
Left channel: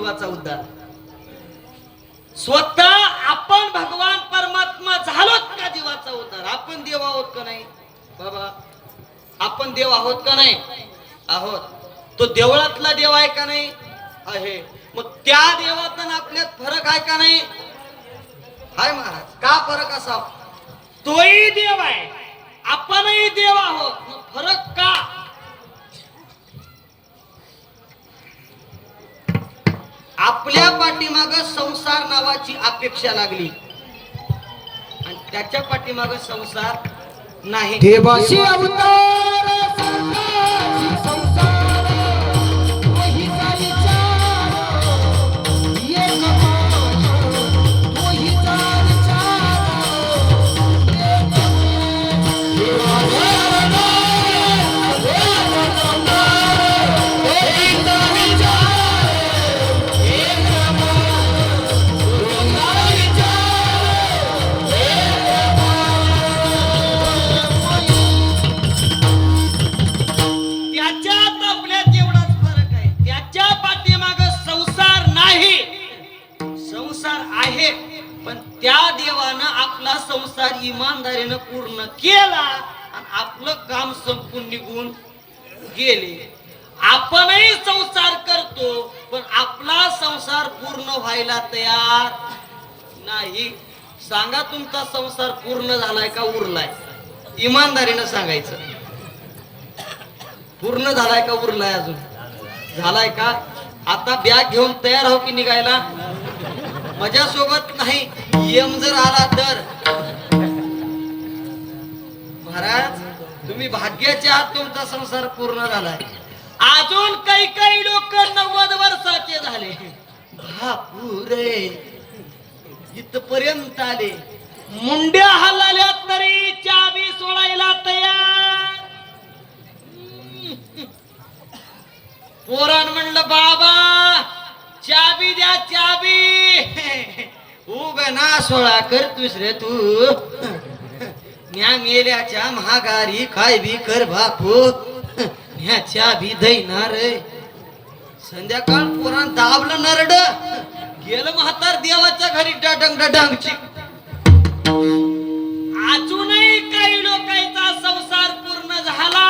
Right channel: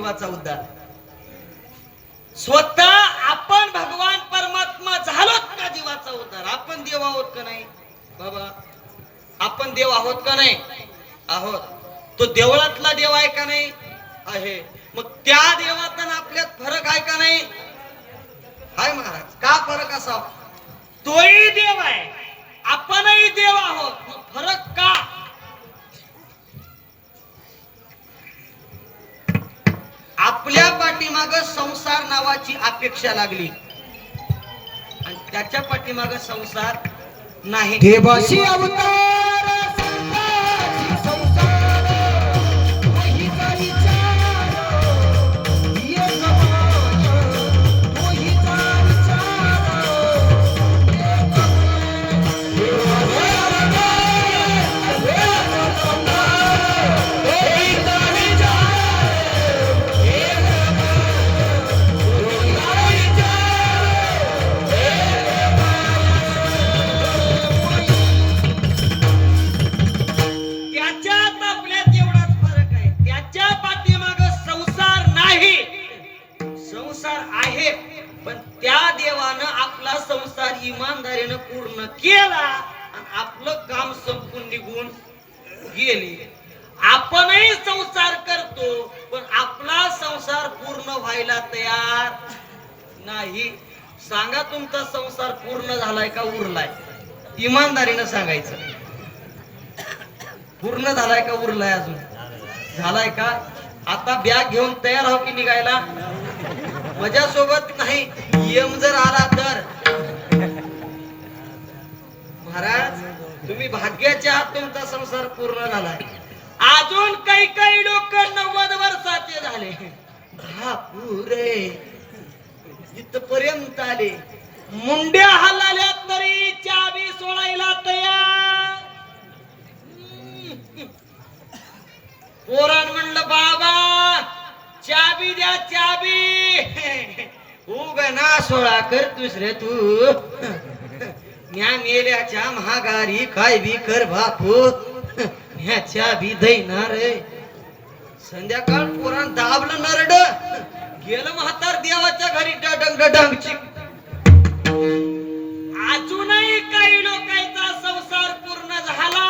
जीवाचा उद्धार. स्वतः आपण भगवान परमात्मा झालोत का जीवाचा उद्धार? आपण देव आहोत का नाही बाबा? आपण देव आहोत का नाही? आहोत. तो देवळातला देव आहे का नाही? आहे. मग त्या देवात आणि आपल्यात फरक आहे का नाही? हाय महाराज. का फरक असा? तोही देव आहे, आपणही देव आहोत. मग फरक का? आपल्या पाठीमाग संसार नावाची अपेक्षा लागली आणि त्याच्या पाठीमाग संसार नाही. देवाशी अवतार संताची संसार, तोहीचा विचार, एक मान, तोहीचा विचार, एक मान. देवाशी अवतार, देवाचा संसार, तोहीचा विचार, एक मान, तोहीचा विचार, एक त्याच्यात आपल्यात एवढाच फरक आहे. त्याच्या पाठीमाग संसार नाही, संसार आहे. पण त्या देवानं आपला संसार इमानदारीनं पूर्ण केला आणि आपलं काम संपून निघून गेले. आपणही संसार करतो पण आपला संसार पूर्ण व्हायला तयार नाही. सांगा तुमचा संसार पूर्ण झालाय का उरलाय? इमानदारीनं सांगायचं. पूर्ण झालाय का उरलाय? अजून झालाय का? आता बॅग घेऊन तयार हो की निघायला? माझ्यासोबत नाही, यम जर आला तर. महाराज तुम्ही भाग्याचे आहात, तुमचा संसार पूर्ण झालाय. अजून काही काही लोक 90 वर्षाचे झाले. बापुरे इथपर्यंत आले, मुंड्या हलाल्या तरी चाबी सोडायला तयार. पोरण म्हणलं बाबा चाबी द्या चाबी. उभे ना सोळा करतोस रे तू. न्या मेल्याच्या महागारी काय बी कर बापू, ह्या चाबी देणार. संध्याकाळ पोरान दाबलं नरड, गेलं म्हातार देवाच्या घरी डडंग डडंगची. अजूनही काही लोकांचा संसार पूर्ण झाला.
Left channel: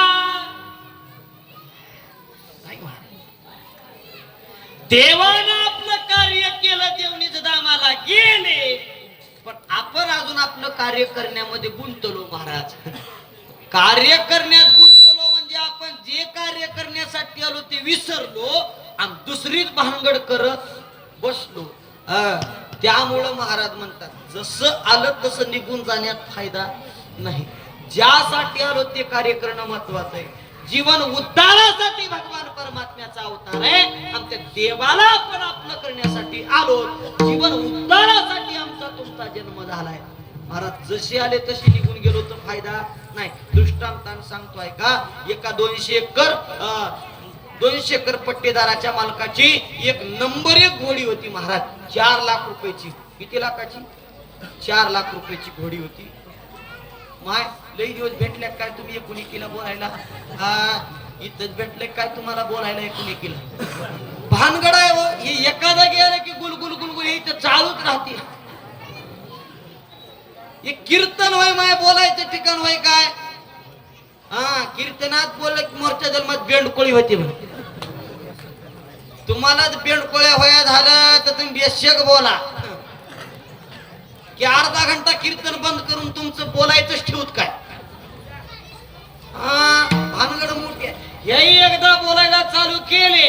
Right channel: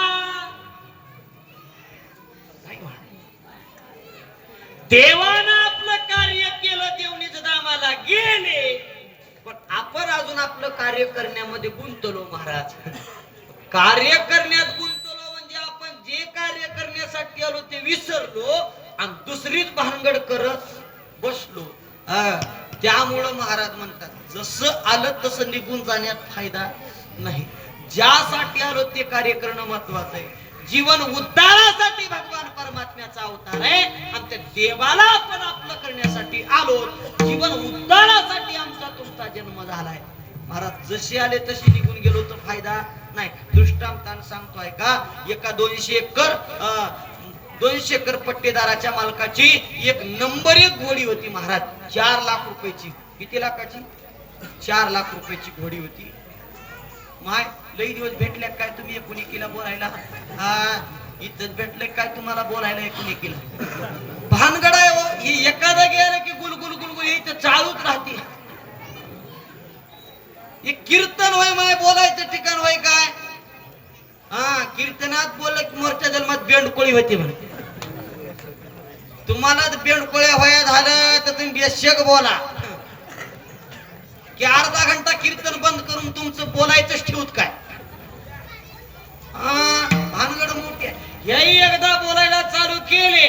देवानं आपलं कार्य केलं, देवनीच दामाला गेले, पण आपण अजून आपलं कार्य करण्यामध्ये गुंतलो. महाराज कार्य करण्यात गुंतलो म्हणजे आपण जे कार्य करण्यासाठी आलो ते विसरलो आणि दुसरीच भानगड करत बसलो. त्यामुळं महाराज म्हणतात जसं आलं तसं निघून जाण्यात फायदा नाही. ज्यासाठी आलो ते कार्य करणं महत्वाचं आहे. जीवन उद्धारासाठी भगवान परमात्म्याचा अवतार आहे. आमच्या देवाला आपण आपलं करण्यासाठी आलो. जीवन उद्धारासाठी आमचा तुमचा जन्म झालाय. महाराज जसे आले तसे निघून गेलो तर फायदा नाही. दृष्टांतानं सांगतोय का, एका 200 एकर पट्टेदाराच्या मालकाची एक नंबर 1 घोडी होती महाराज. 4 लाख रुपयाची. किती लाखाची? 4 लाख रुपयाची घोडी होती. माय लई दिवस भेटल्या काय तुम्ही एकुणिकीला बोलायला? हा इथंच भेटलंय काय तुम्हाला बोलायला एकुणिकीला? भानगड आहे हो. ही एखादा गेलं की गुलगुल गुलगुल हे इथं चालूच राहते. हे कीर्तन होय माय, बोलायचं ठिकाण होय काय? हा कीर्तनात बोललं की मोर्चा जन्मात बेंडकोळी होती म्हणे. तुम्हालाच बेंडकोळ्या होया झालं तर तुम्ही बेशक बोला की अर्धा घंटा कीर्तन बंद करून तुमचं बोलायचंच ठेवत काय? भानगड मोठी आहे. याही एकदा बोलायला चालू केले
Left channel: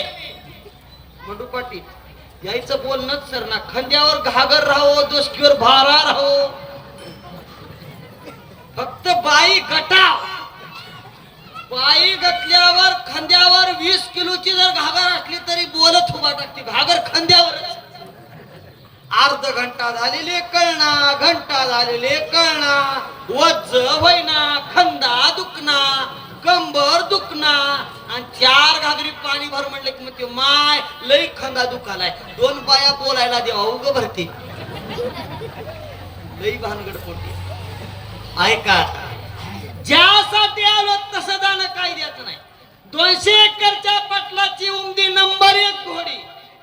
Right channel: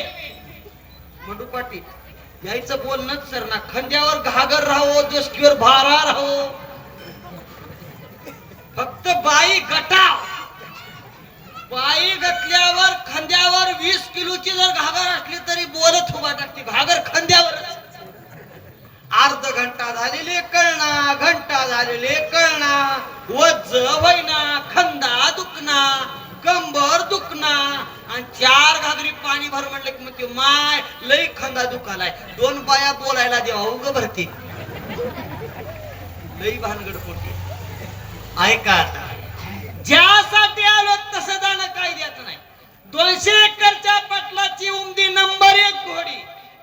मंडू पाटील यायचं बोलणंच सर ना. खांद्यावर घागर राहो, दोस्कीवर भारा राहो, फक्त बाई गटाव. बाई गटल्यावर खांद्यावर 20 किलोची जर घागर असली तरी बोलत उभा टाकते. घागर खांद्यावरच. अर्ध घंटा झालेले कळना, घंटा झालेले कळना, वज्ज होईना, खंदा दुखना, कंबर दुखना आणि 4 घागरी पाणी भर म्हणलं की मग माय लई खंदा दुखालाय. 2 बाया बोलायला देवा उग भरते. लई भानगड पोटी. ऐका ज्यासाठी आलो तसं जाणं काय द्यायचं नाही. 200 एकरच्या पटलाची उमदी नंबर 1 घोडी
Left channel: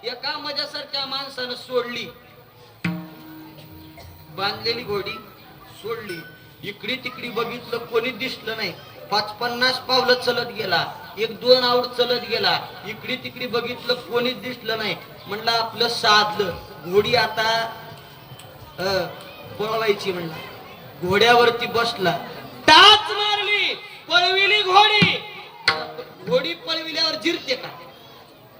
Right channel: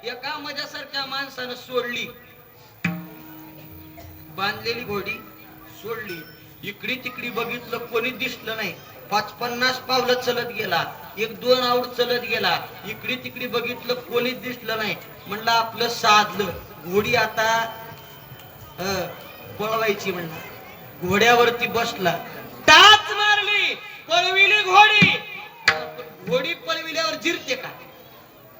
एका माझ्यासारख्या माणसानं सोडली, बांधलेली घोडी सोडली, इकडे तिकडे बघितलं कोणी दिसलं नाही, 50 पावलं चलत गेला, 1-2 आऊट चलत गेला, इकडे तिकडे बघितलं कोणीच दिसलं नाही. म्हणलं आपलं साधलं, घोडी आता पळवायची. म्हणला घोड्यावरती बसला, टाच मारली, पळविली घोडी. घोडी पळविल्यावर जिरते का?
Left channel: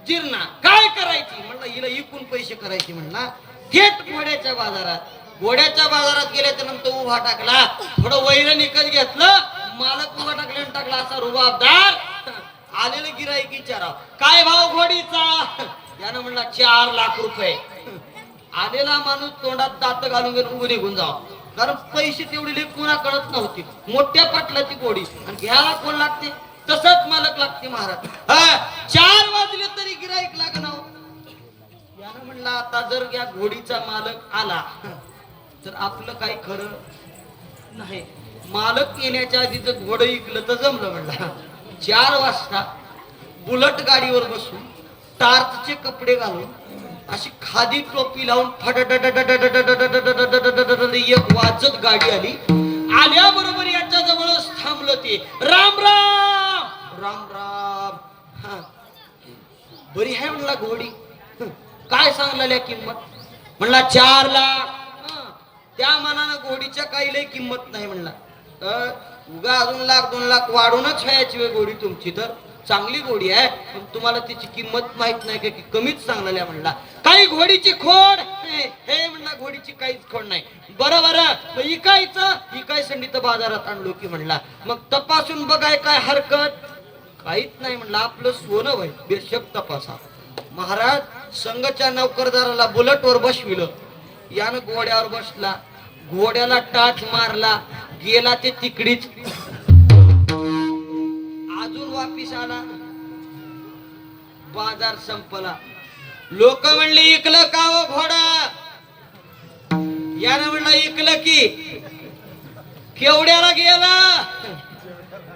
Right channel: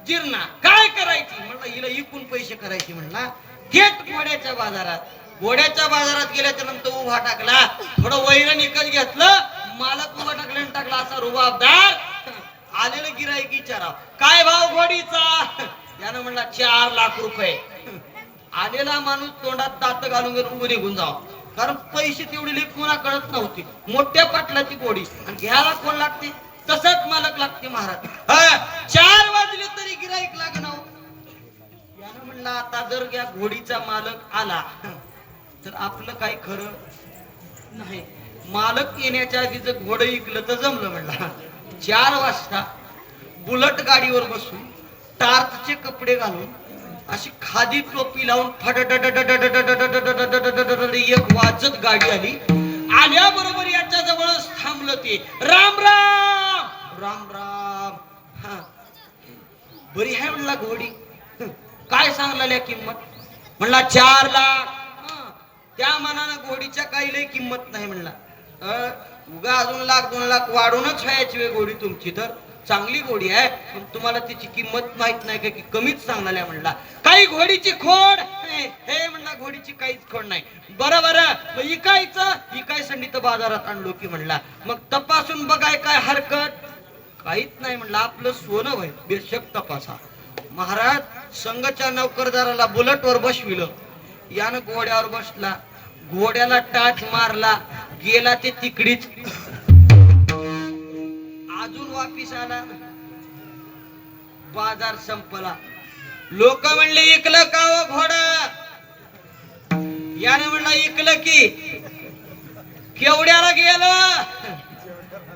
जिरणा काय करायची? म्हणलं हिला इकून पैसे करायचे. म्हणला थेट घोड्याच्या बाजारात. घोड्याच्या बाजारात गेल्याच्या नंतर उभा टाकला, थोडं वैर निकत घेतलं, मालक उभा टाकला आणि टाकला असा रुबाबदार. आलेलं गिराईक विचाराव काय भाव घोडीचा? यानं म्हणला 4 लाख रुपये. आलेला माणूस तोंडात दात घालून उभं निघून जाव, कारण पैसे तेवढी लेखुना कळत नव्हती. मोठ्या पाटलाची घोडी आणि घ्यायला कोण लागते? तसंच मालक लागते महाराज. 4 वाजले तरी गिराईक लागणार. यानं म्हणला आता जर या घोडीचा मालक आला तर आपलं काही खरं नाही. मालक येण्याच्या आधी जर घोडं इकलं तर जमलं. म्हणला 4 वाजता बुलट गाडीवर बसून टार्चचे कपडे घालून अशी खादी टोपी लावून एक वाजत गाडी आली. आल्याबरोबर याच्या जवळच थांबलं ते. राम राम राम राम. बरी आहे म्हणला घोडी. काय सांगलेल्या किंमत? म्हणला 4 लाख. त्या मानानं घोडीच्या काही लय किंमत नाही. म्हणला उगा अजून 1-2 लाख वाढूनच व्हायची वेळ घोडी तुमची. तर चांगली घोडी आहे पण तुम्हाला तिची किंमत माहित नाही का की कमीच सांगलेल्या. म्हणला काही घोडीची खोड हे म्हणला घोडीची काहीच खोड नाही. बरं बरं इकायसाठी तर बाजारात आणलो की. म्हणला मग तपासून बघाय काय हरकत? काहीच नाही. म्हणला आपलं सोनं वय बेशक तपासा. महाराज संघच्या नौकरदाराला बुलटवर बसविलं. यानं घोड्यावर बसला, घोड्याला टाच मारला, गेला ते तिकडीच. अजून वापिस आला, बाजार संपला. लोक म्हणले इकलं का हो घोडा? यानं म्हणलं इकलं की. केवढ्याला गेलं?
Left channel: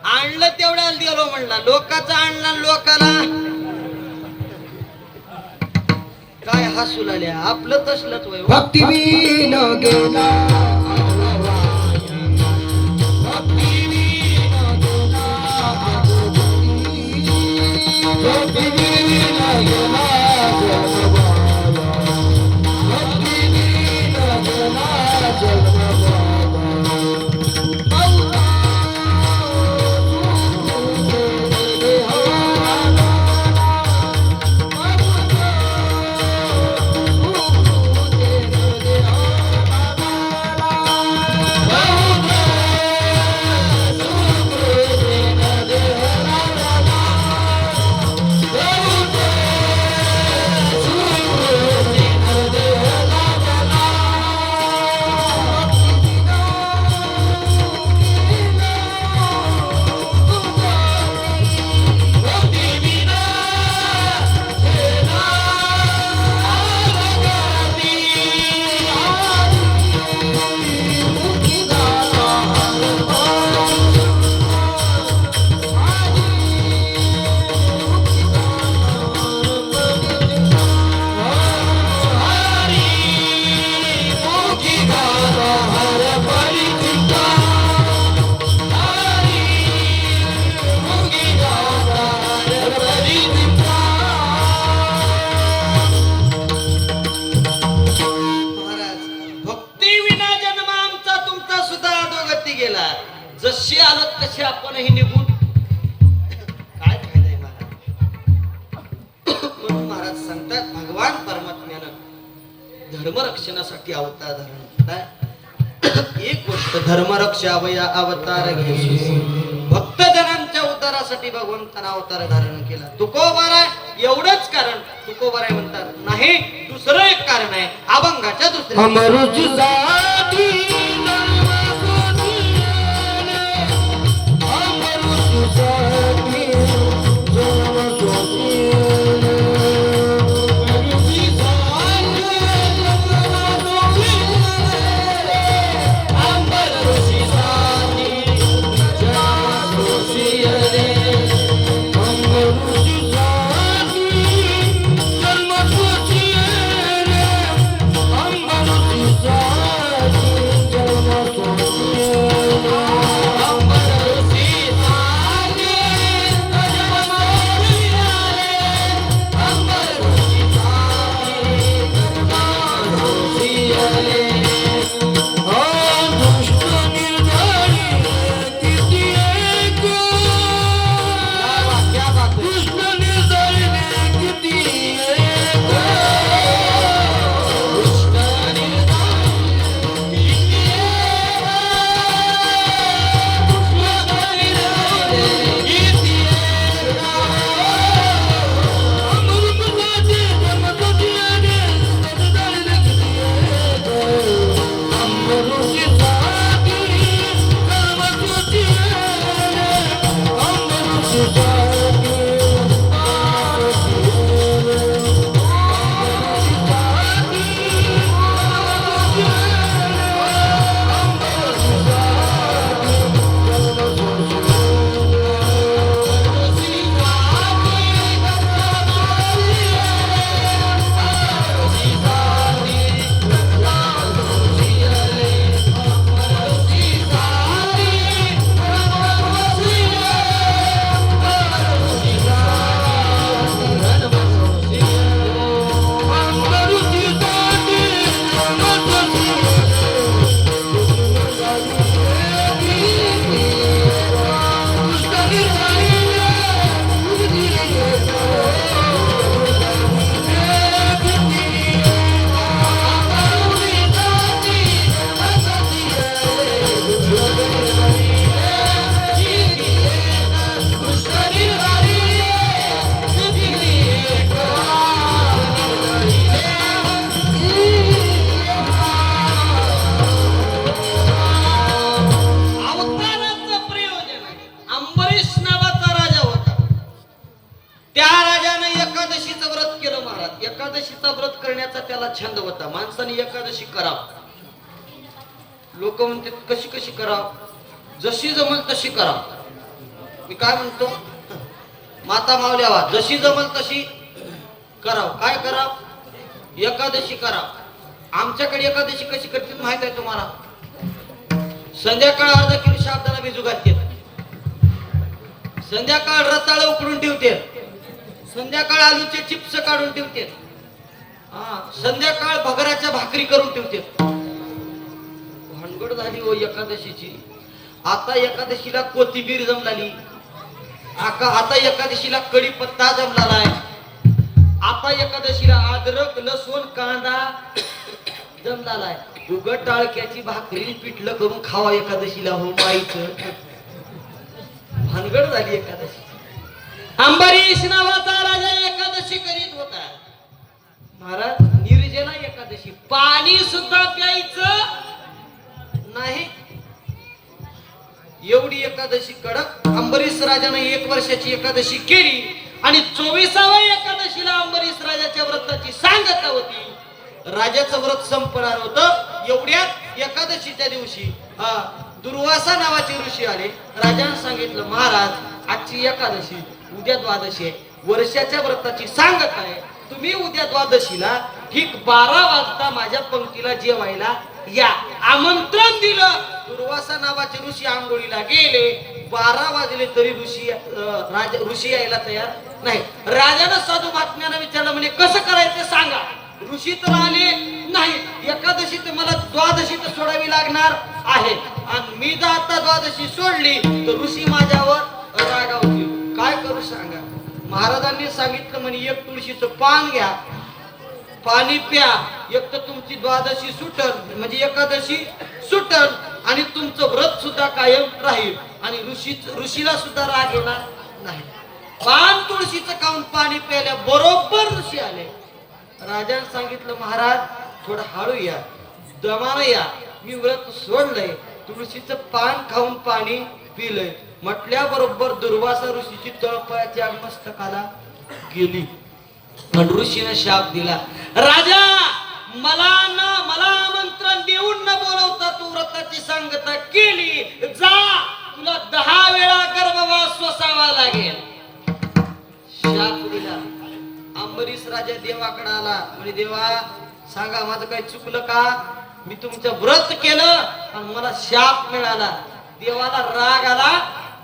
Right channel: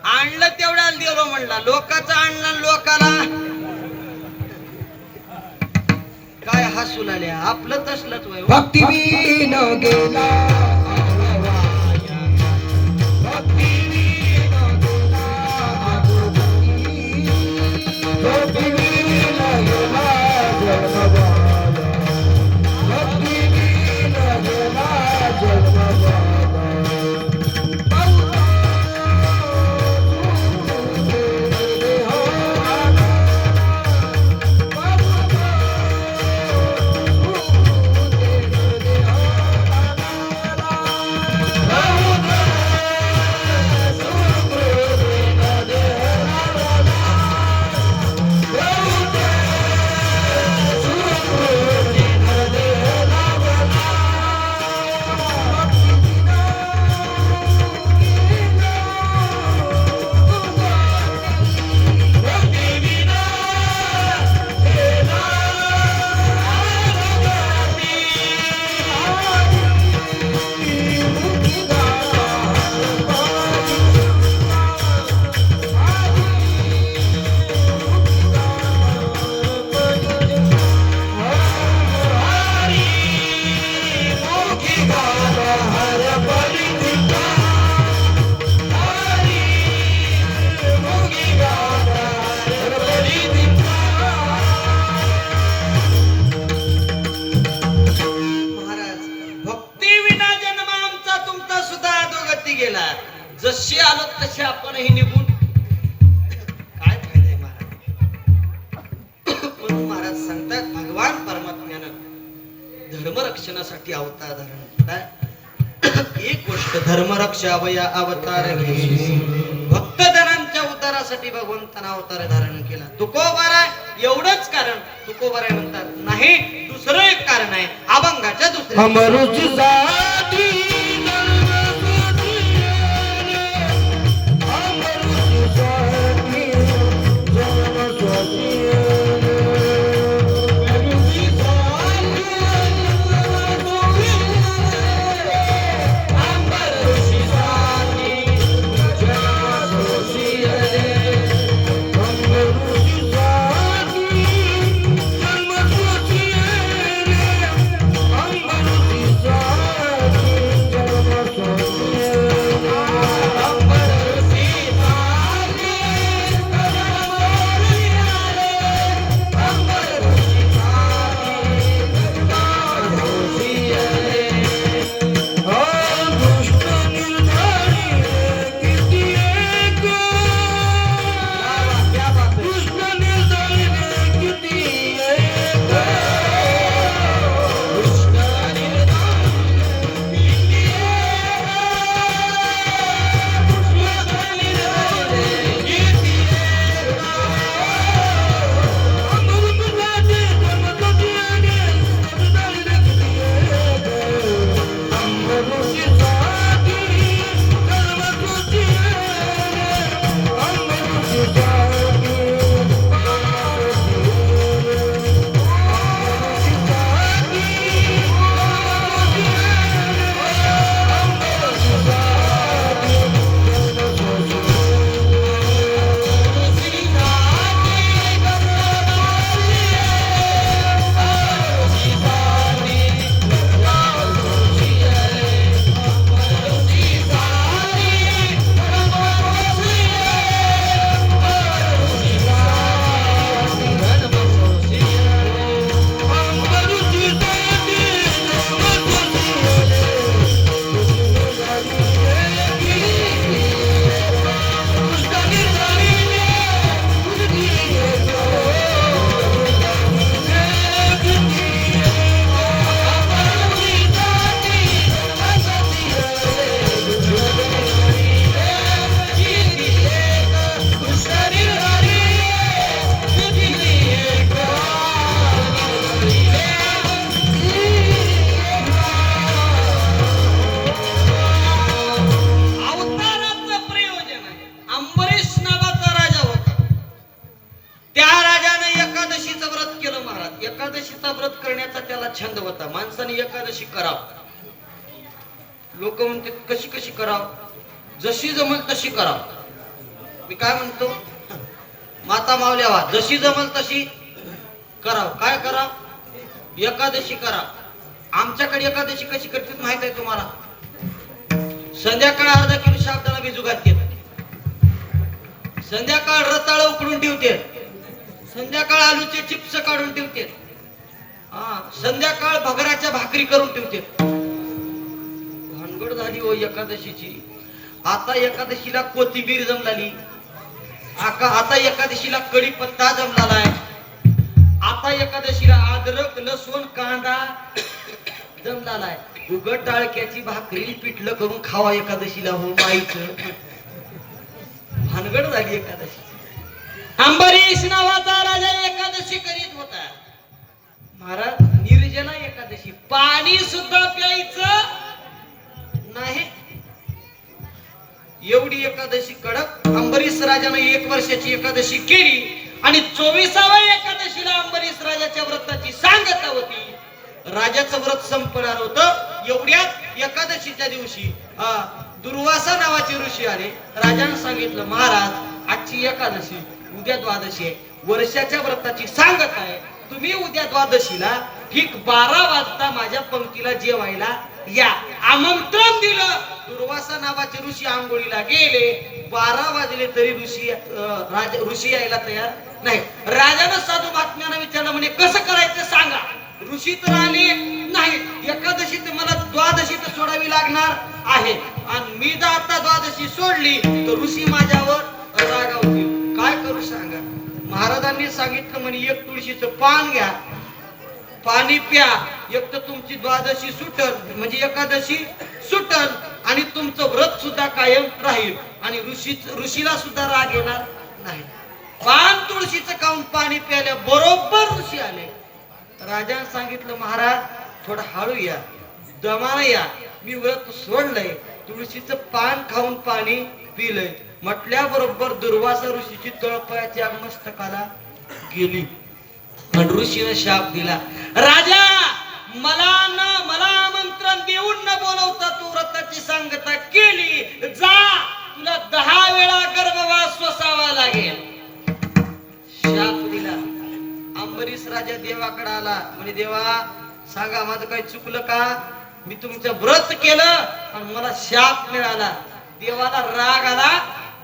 आणलं तेवढ्याला दिलो. म्हणला लोकांचं आणलं लोकाला काय हसू लागल्या? आपलं तसलंच वय. भक्तीवीन गेला जशी आलो तशी आपणही निघून काय फायदा महाराज? म्हणून महाराज सांगतात भगवान परमात्म्यानं धर्मरक्षणासाठी अवतार धारण केलाय. एक गोष्ट धर्मरक्षावया अवतार घेशी. भक्तजनांच्या उद्धारासाठी भगवंतानं अवतार धारण केला. तुकोबार आहे एवढंच कारण तुकोबार आहे म्हणतात नाही, दुसरं एक कारण आहे अभंगाच्या दुसऱ्या एकादशीचा व्रत करण्याचा त्याला छंद होता. माणसाने एकादशी कराव. लोक म्हणते कशी कशी कराव, जशी जमल तशी कराव. मी काय म्हणतो, माता मावल्यावा जशी जमल तशी कराव. काय कराव? एकादशी कराव. आमच्याकडे एकादशी कशी करते माहित आहे तुम्हाला? संध्याकाळ अर्धा किलो शाबदाना भिजू घालते, संध्याकाळ रताळ उकडून ठेवते, संध्याकाळ आलूचे चिप्स काढून ठेवते, संध्याकाळ भगराच्या भाकरी करून ठेवते. भानगड झाली हो एकादशीची. आता एकादशीला कोथिंबीर जमलाली, आता एकादशीला कढीपत्ता जमलाला आहे, आता एकादशीला अद्रक लसूण कांदा जमलाला आहे. उघड टाळक्याची भाकरी पिठलं करून खावा एकादशीला हो माईचं. भानगड झाली एकादशी. अंबरीश नावाचा राजा एकादशी करीत होता. महाराज निर्जला एकादशी, पाणी सुद्धा प्यायचं नाही, एवढी एकादशी कडक. अंबरीश राजाने 1 वर्षाची एकादशी केली आणि 24व्या एकादशीला अंबरीश राजाच्या व्रताची सांगता होती. राजाचं व्रत संपणार होतं. एवढ्यात एकादशीच्या दिवशी दुर्वासा नावाचे ऋषी आले. राजाने सांगितलं, महाराज आजची एकादशी, उद्या द्वादशी आहे, वर्षाच्या व्रताची सांगत आहे. तुम्ही उद्या द्वादशीला ठीक 12 वाजता माझ्या पंक्तीला जेवायला या. आमंत्रण दिलं. दुर्वासा नावाचे ऋषी आंघोळीला गेले. 12 वाजले तरी ऋषी यायला तयार नाही. राजानं साधू महात्म्यानं विचारलं, म्हणजे कसं करायचं सांगा. ऋषी तर आले नाही. एकादशी तर मला द्वादशी तर सोडावी लागणार आहे आणि मी जर आता द्वादशी सोडली तर ऋषी माझ्यावर रागावतील. काय करू सांगा. महाराजांनी सांगितलं, म्हणे 1 तुळशीचं पान घ्या, पाणी प्या, एक तर तुमची द्वादशी सुटल, म्हणजे एकादशी सुटल आणि तुमचं व्रत सुद्धा कायम राहील आणि ऋषीला सुद्धा राग येणार नाही. पान तुळशीचं खाऊन पाणी प्यायल्या बरोबर ऋषी आले. राजाने सांगितलं, महाराज थोडं हळू या, दमाने या, मी व्रत सोडलंय, तुळशीचं पान खाऊन पाणी पिलंय म्हटल्याबरोबर दुर्वासा ऋषीची तळपायाच्या मस्तकाला गेली. पण ऋषीने शाप दिला, राजा मला आमंत्रण देऊन न बोलवता तू व्रताची सांगता केली, जा तुला 10 वेळा गर्भवास सोसावा लागेल. शाप दिला. अंबरीश राजा देवाकडे आला, म्हणजे देवा सांगा माझं काही चुकलं का? मी तुमचं व्रत केलं आणि मला शाप मिळाला. देवाला राग आला.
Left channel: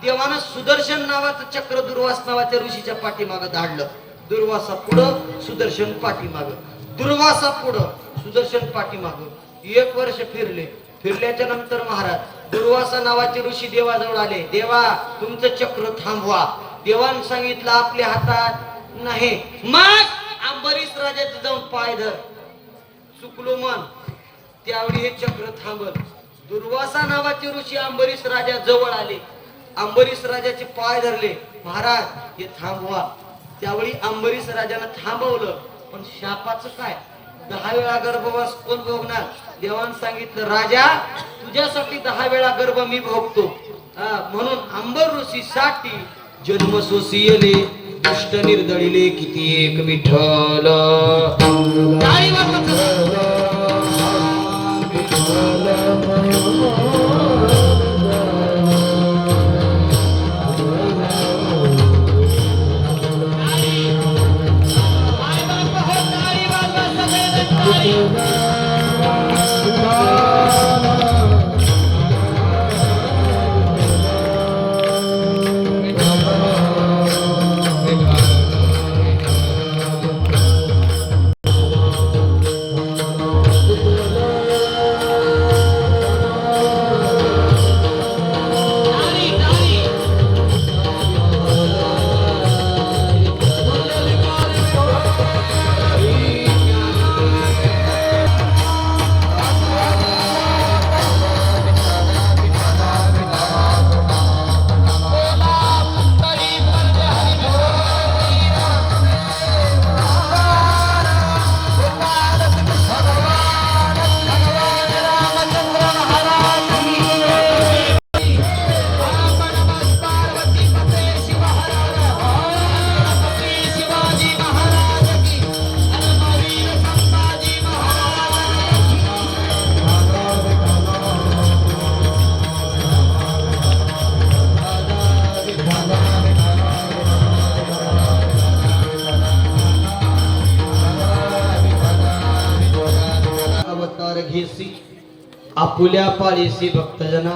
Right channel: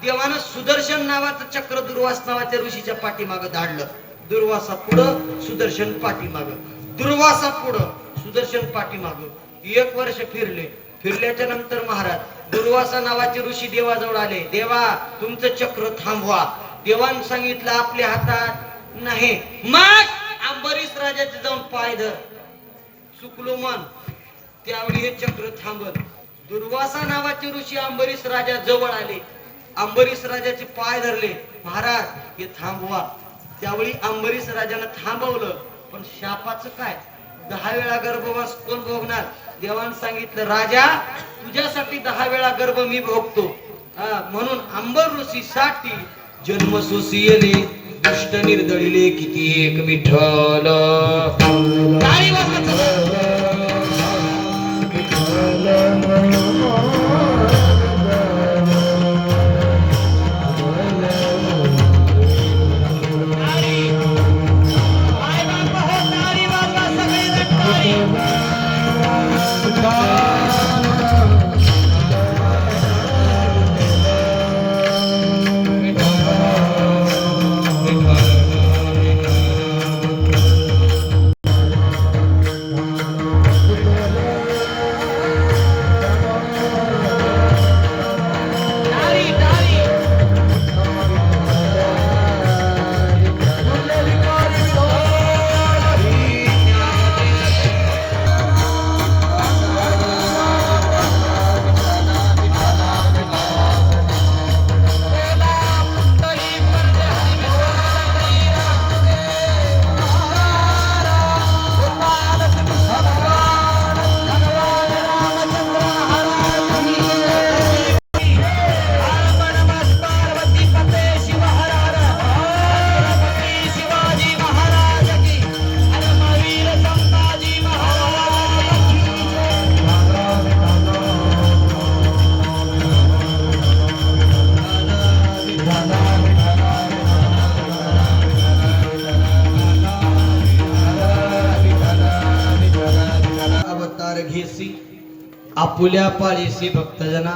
देवानं सुदर्शन नावाचं चक्र दुर्वास नावाच्या ऋषीच्या पाठीमागं धाडलं. दुर्वासा पुढं, सुदर्शन पाठीमागं, दुर्वासा पुढं, सुदर्शन पाठीमागं. 1 वर्ष फिरले. फिरल्याच्या नंतर महाराज दुर्वासा नावाचे ऋषी देवाजवळ आले. देवा तुमचं चक्र थांबवा. देवानं सांगितलं आपल्या हातात नाही. मग अंबरीश राजाचे जाऊन पाय धर. चुकलो मन. त्यावेळी हे चक्र थांबल. दुर्वासा नावाचे ऋषी अंबरीश राजा जवळ आले. अंबरीश राजाचे पाय धरले. महाराज हे थांबवा. त्यावेळी अंबरीश राजानं थांबवलं. पण शापाचं काय? 10 वेळा गर्भवास कोण भोगणार? देवानं सांगितलं, राजा तुझ्यासाठी 10 वेळा गर्भ मी भोगतो. म्हणून अंबर ऋषी साठी जन्म सोसियले दुष्ट निर्दळिले किती एक विठ्ठल. यसी आपुल्या पाळीसी भक्तजना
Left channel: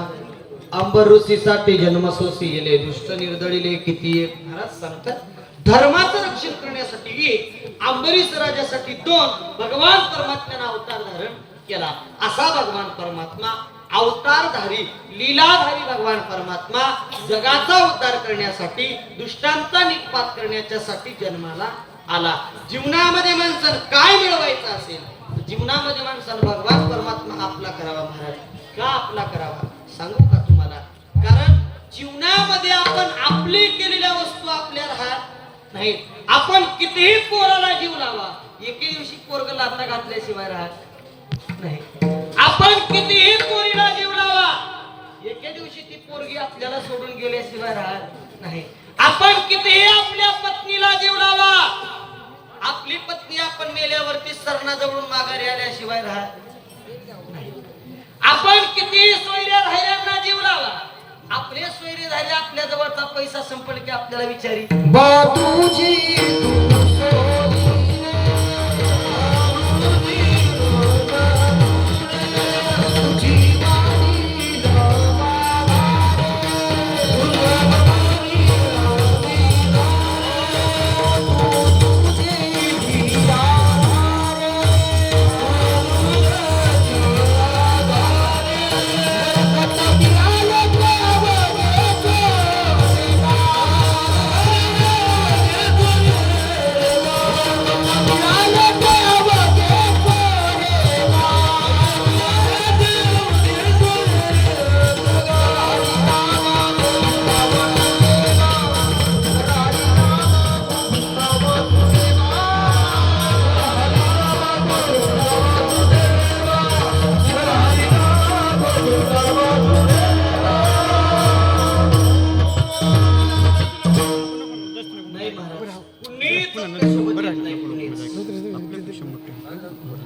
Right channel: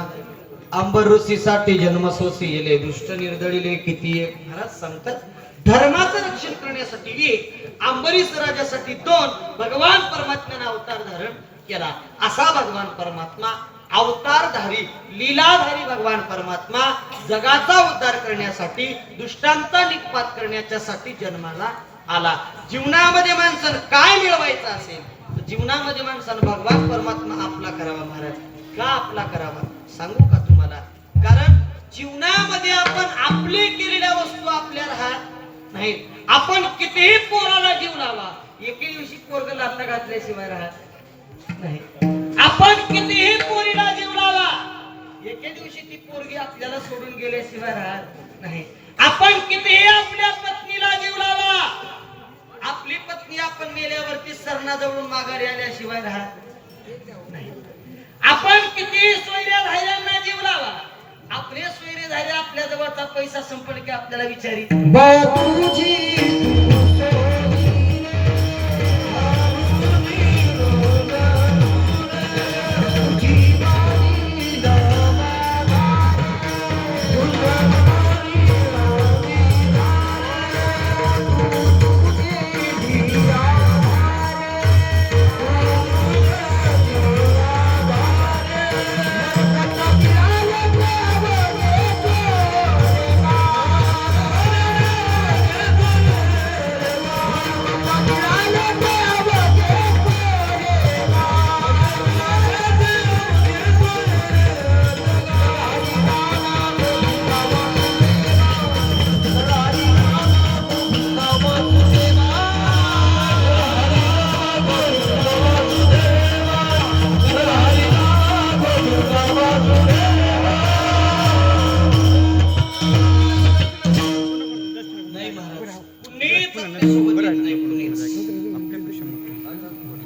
अंबर ऋषी साठी जन्मसोसी येले दुष्ट निर्दळीले किती एक. महाराज सांगतात धर्माचं रक्षण करण्यासाठी एक, अंबरीश राजासाठी दोन, भगवान परमात्म्याने अवतार धारण केला. असा भगवान परमात्मा अवतारधारी लीलाधारी भगवान परमात्मा जगाचा उद्धार करण्यासाठी दुष्टांचा निपात करण्याच्यासाठी जन्माला आला. जीवनामध्ये माणसानं काय मिळवायचं असेल तर जीवनामध्ये माणसानं भगवान परमात्मा आपला करावा. महाराज का आपला करावा सांगू का तुम्हाला? कारण जीवनामध्ये आपण आपले केलेल्या वस्तू आपल्या राहत नाही. आपण कितीही पोराला जीव लावा, एके दिवशी पोरग लाथा घातल्याशिवाय राहत नाही. आपण कितीही पोरीला जीव लावा, एके दिवशी ती पोरगी आपल्याला सोडून गेल्याशिवाय राहत नाही. आपण कितीही आपल्या पत्नीला जीव लावा, आपली पत्नी आपण मेल्यावरती सरणाजवळून माघारी आल्याशिवाय राहत नाही. आपण कितीही सोयऱ्या धायऱ्यांना जीव लावा, आपले सोयरे झाले आपल्या जवळचा पैसा संपल की आपल्याला विचारी बापूजी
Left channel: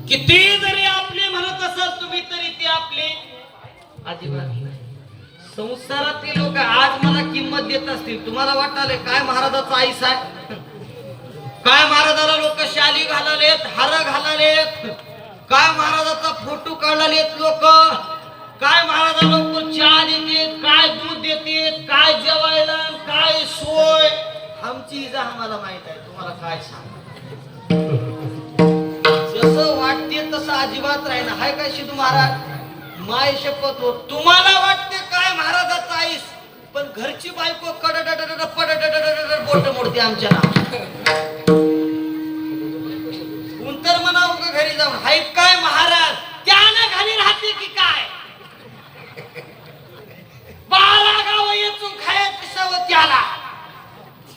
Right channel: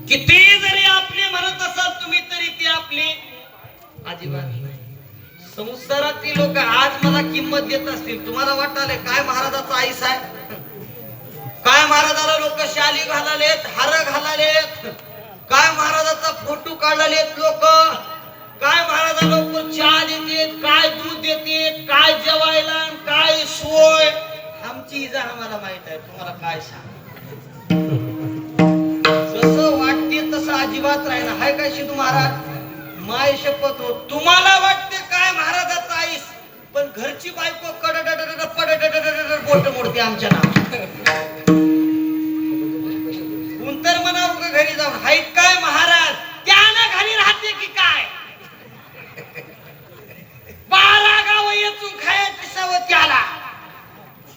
किती जरी आपले म्हणत असाल तुम्ही तरी ते आपले अजिबात नाही. संसारातील लोक आज मला किंमत देत असतील, तुम्हाला वाटायला काय महाराजाचा आईस आहे, काय महाराजाला लोक शाली घालालेत, हार घालालेत, काय महाराजाचा फोटो काढलेत लोक, काय महाराजा लोक चहा देतात, काय दूध देतात, काय जेवायला, काय सोय. आमची इजा आम्हाला माहित आहे, तुम्हाला काय सांग. जसं वाटते तसं अजिबात राहिना हाय काय शिदू महाराज. माय शपथ हो, तुम्हाला वाटते काय महाराजाचा आईस, पण घरची बायको कडडड पडडड बोट मोडते आमच्या नाव. कोणतर म्हणावं का घरी जाऊन हाय काय महाराज, त्यानं घरी राहते की काय. 12 गाव येचून खाया पिसावं त्याला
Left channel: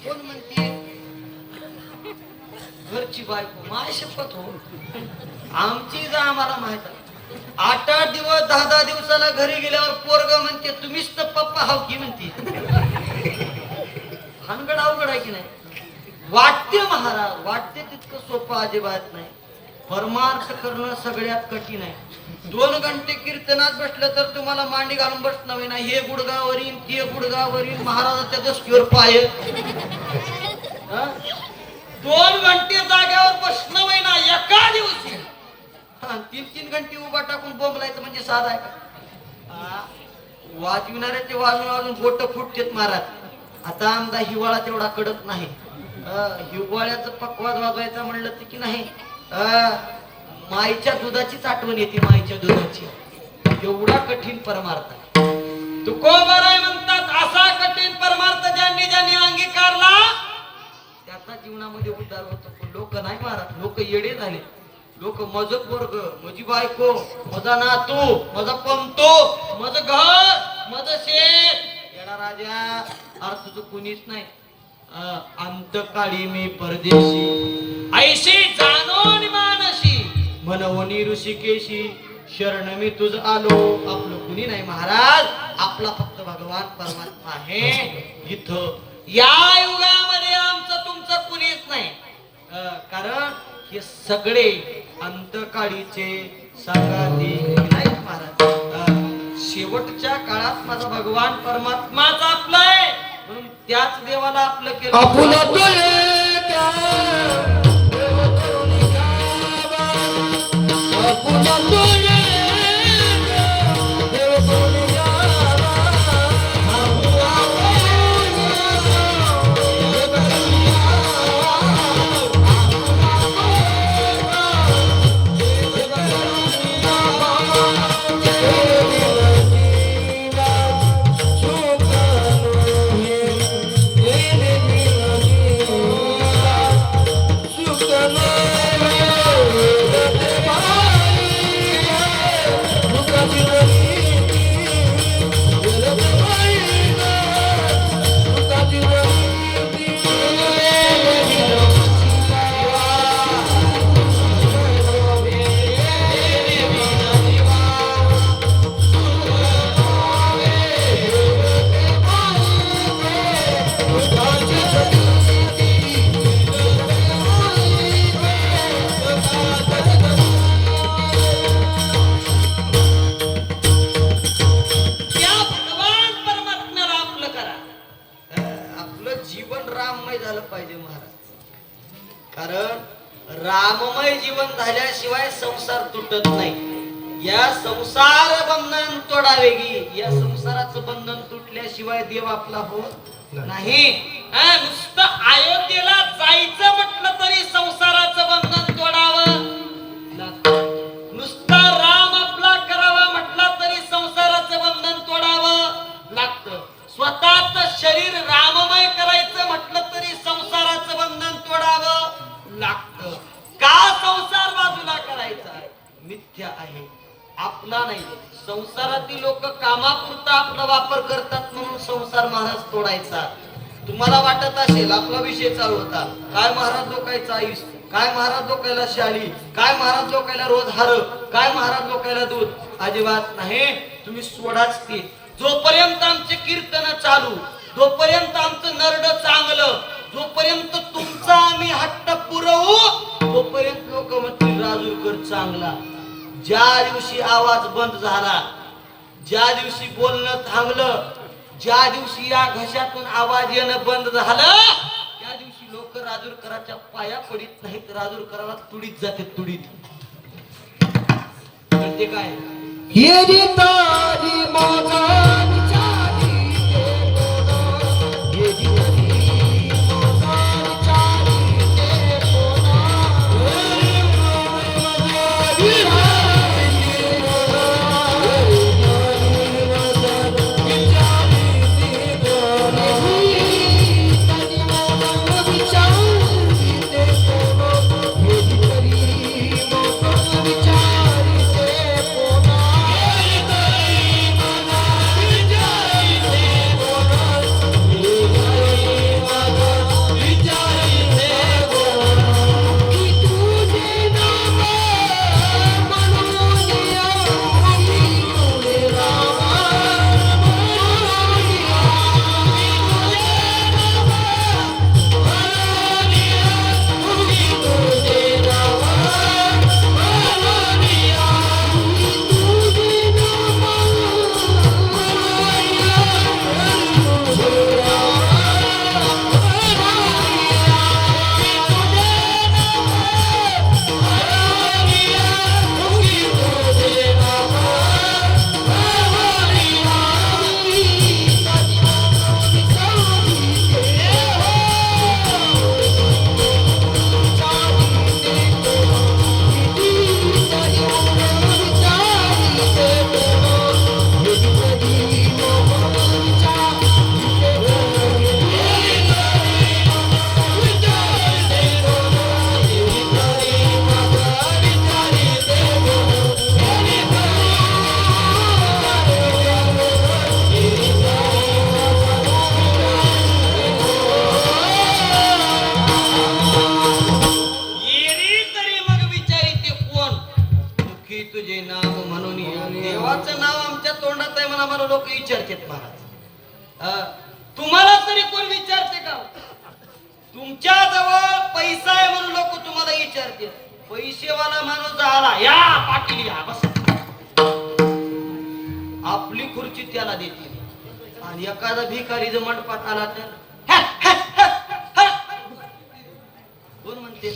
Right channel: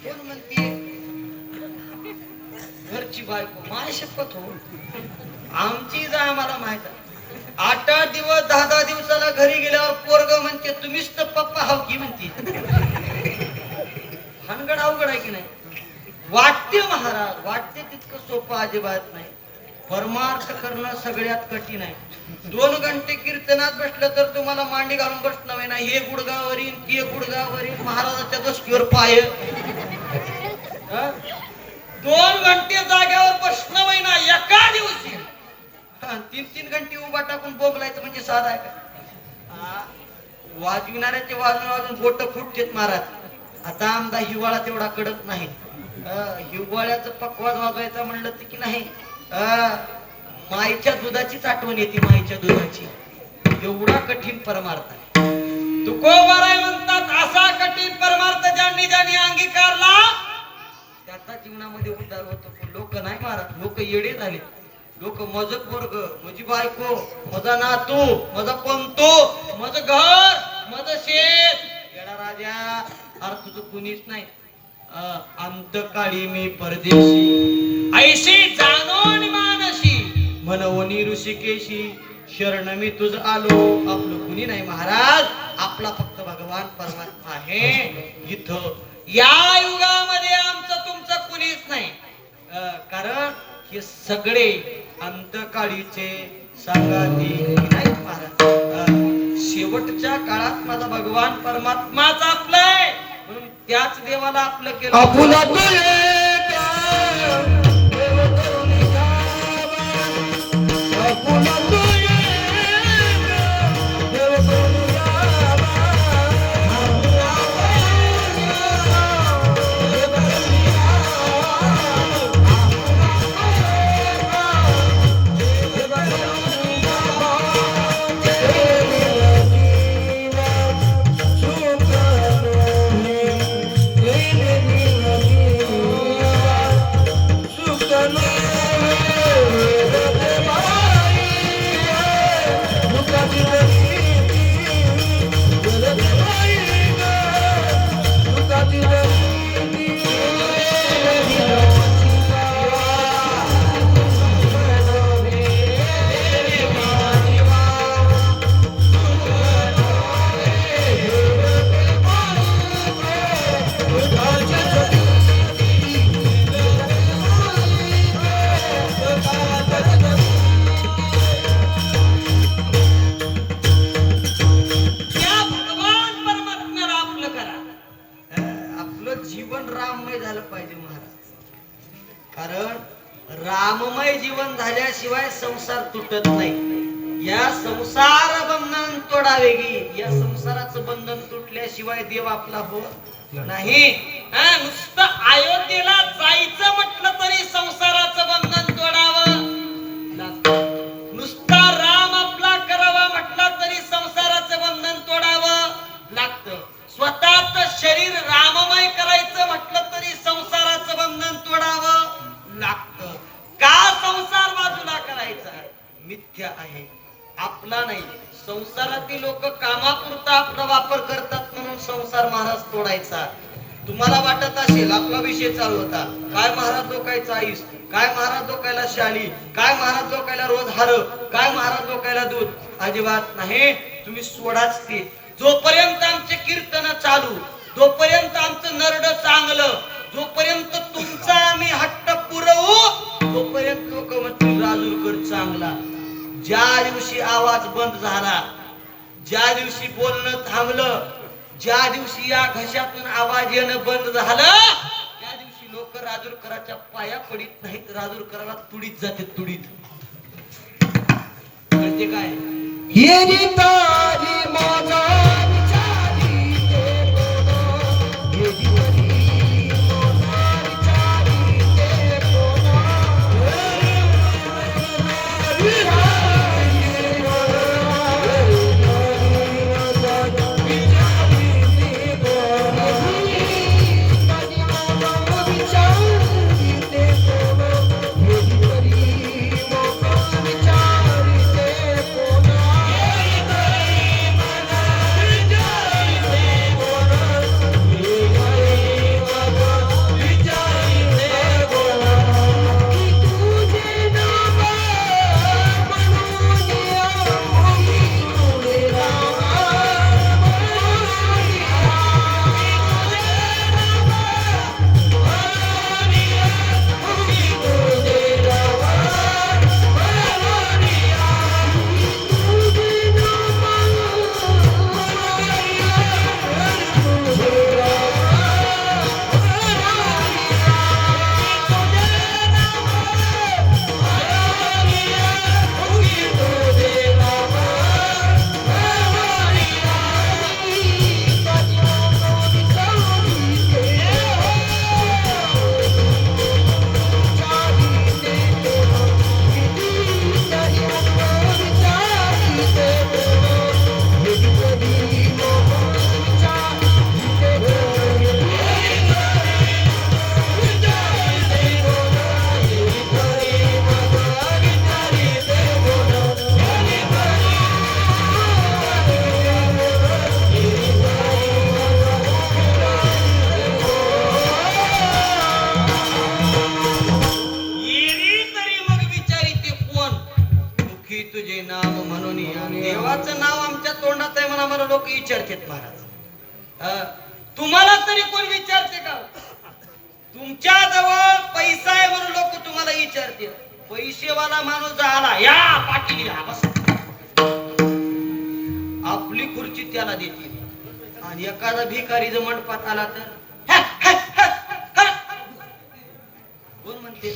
कोण म्हणते घरची बायको. माय शपथ हो, आमची जा आम्हाला माहित आहे. 8-8 दिवस 10-10 दिवसाला घरी गेल्यावर पोरग म्हणते तुम्हीच तर पप्पा हाव की म्हणते. हनगड अवघड आहे की नाही. वाटते महाराज, वाटते तितकं सोपं अजिबात नाही. परमार्थ करणं सगळ्यात कठीण आहे. 2 घंटे कीर्तनात बसलं तर तुम्हाला मांडी घालून बसणं नाही. हे गुडगावरील ते गुडगावरील महाराजाच्या दसकीवर पाय. 2 घंटे जाग्यावर बसणं ना एका दिवशी. 3-3 घंटे उभा टाकून बोंबलायचं म्हणजे साधा आहे का? वाजविणाऱ्याचे वाजून वाजून बोट फुटतेत महाराज. आता आमदा हिवाळा तेवढा कडक नाही. हिवाळ्याचं पकवाज वाजवायचा म्हणलं तर की नाही माईच्या दुधाचीच आठवण येते. माईच्या दुधाची एवढा कठीण परमार्थ आहे. तुकोबाराय म्हणतात असा कठीण परमार्थ ज्यांनी ज्यांनी अंगीकारला त्याचा जीवनामध्ये उद्धार होतो. पण लोक नाही महाराज, लोक येडे झाले. लोक माझं पोरग, माझी बायको, माझा नातू, माझा पंतो, माझं घर, माझं शेत. येडा राजा, अरे तुझं कुणीच नाही. अंतकाळी मी परदेशी ऐशी जाणो आणि मानशी मनवणी ऋषिकेशी शरण मी तुझ आलो. आपलं कुणी नाही महाराज, आपला फक्त भगवान परमात्मा आहे. इथं या युगामध्ये आमचं तुमचं कुणीच नाही. कारण हे सगळे अंतकाळीचे सांगाती नाही महाराज. शेवटच्या काळात माझा भगवान परमात्माच आपलाय म्हणून त्याच देवाला आपलं केलं. आपलं जीवन राममय झालं पाहिजे महाराज. कारण राममय जीवन झाल्याशिवाय संसार तुटत नाही. या संसार बंधन तोडावे गी. या संसाराचं बंधन तुटल्याशिवाय देव आपला होत नाही. नुसतं अयोध्येला जायचं म्हटलं तरी संसाराचं बंधन तोडावं लागतं. नुसता राम आपला करावा म्हटलं तरी संसाराचं बंधन तोडावं लागतं. स्वतःच शरीर राममय करायचं म्हटलं तरी संसाराचं बंधन तोडावं लागतं. का संसार बाजूला करायचा? मिथ्या आहे, आपला नाही. संसारातील लोक कामापुरता आपला वापर करतात म्हणून संसार महाराज तोडायचा. तुम्हाला वाटत असेल आपला विषय चालू होता, काय महाराज लोकायचा आईस, काय महाराज लोकायला शाली, काय महाराज लोकायला रोज हार, काय महाराज लोकायला दूध. अजिबात नाही. तुम्ही सोडाच ते. जोपर्यंत आमचे कीर्तन चालू, जोपर्यंत आमचं नरड चांगलं, जोपर्यंत तुमचा आम्ही हट्ट पुरवू, तोपर्यंत लोक म्हणतील राजूरकर चांगला. ज्या दिवशी आवाज बंद झाला, ज्या दिवशी बोलणं थांबलं, ज्या दिवशी या घशातून आवाज येणं बंद झालं, त्या दिवशी लोक राजूरकराच्या पाया पडित नाहीत, राजूरकराला तुडीत जाते, तुडीत. कळते काय? येरी तारी माझा विचारी ते कोण, येरी तारी माझा विचारी ते कोण, विचारतात महाराज. तुम्हाला तरी कोण विचारते का? तुमच्या जवळ पैसा आहे म्हणून लोक तुम्हाला विचारते. पैसेवाला माणूस झाला, या पाटील या बस, आपली खुर्ची त्याला देतील. आणि एखादा भिकारी जर मंडपात आला तर कोण म्हणते?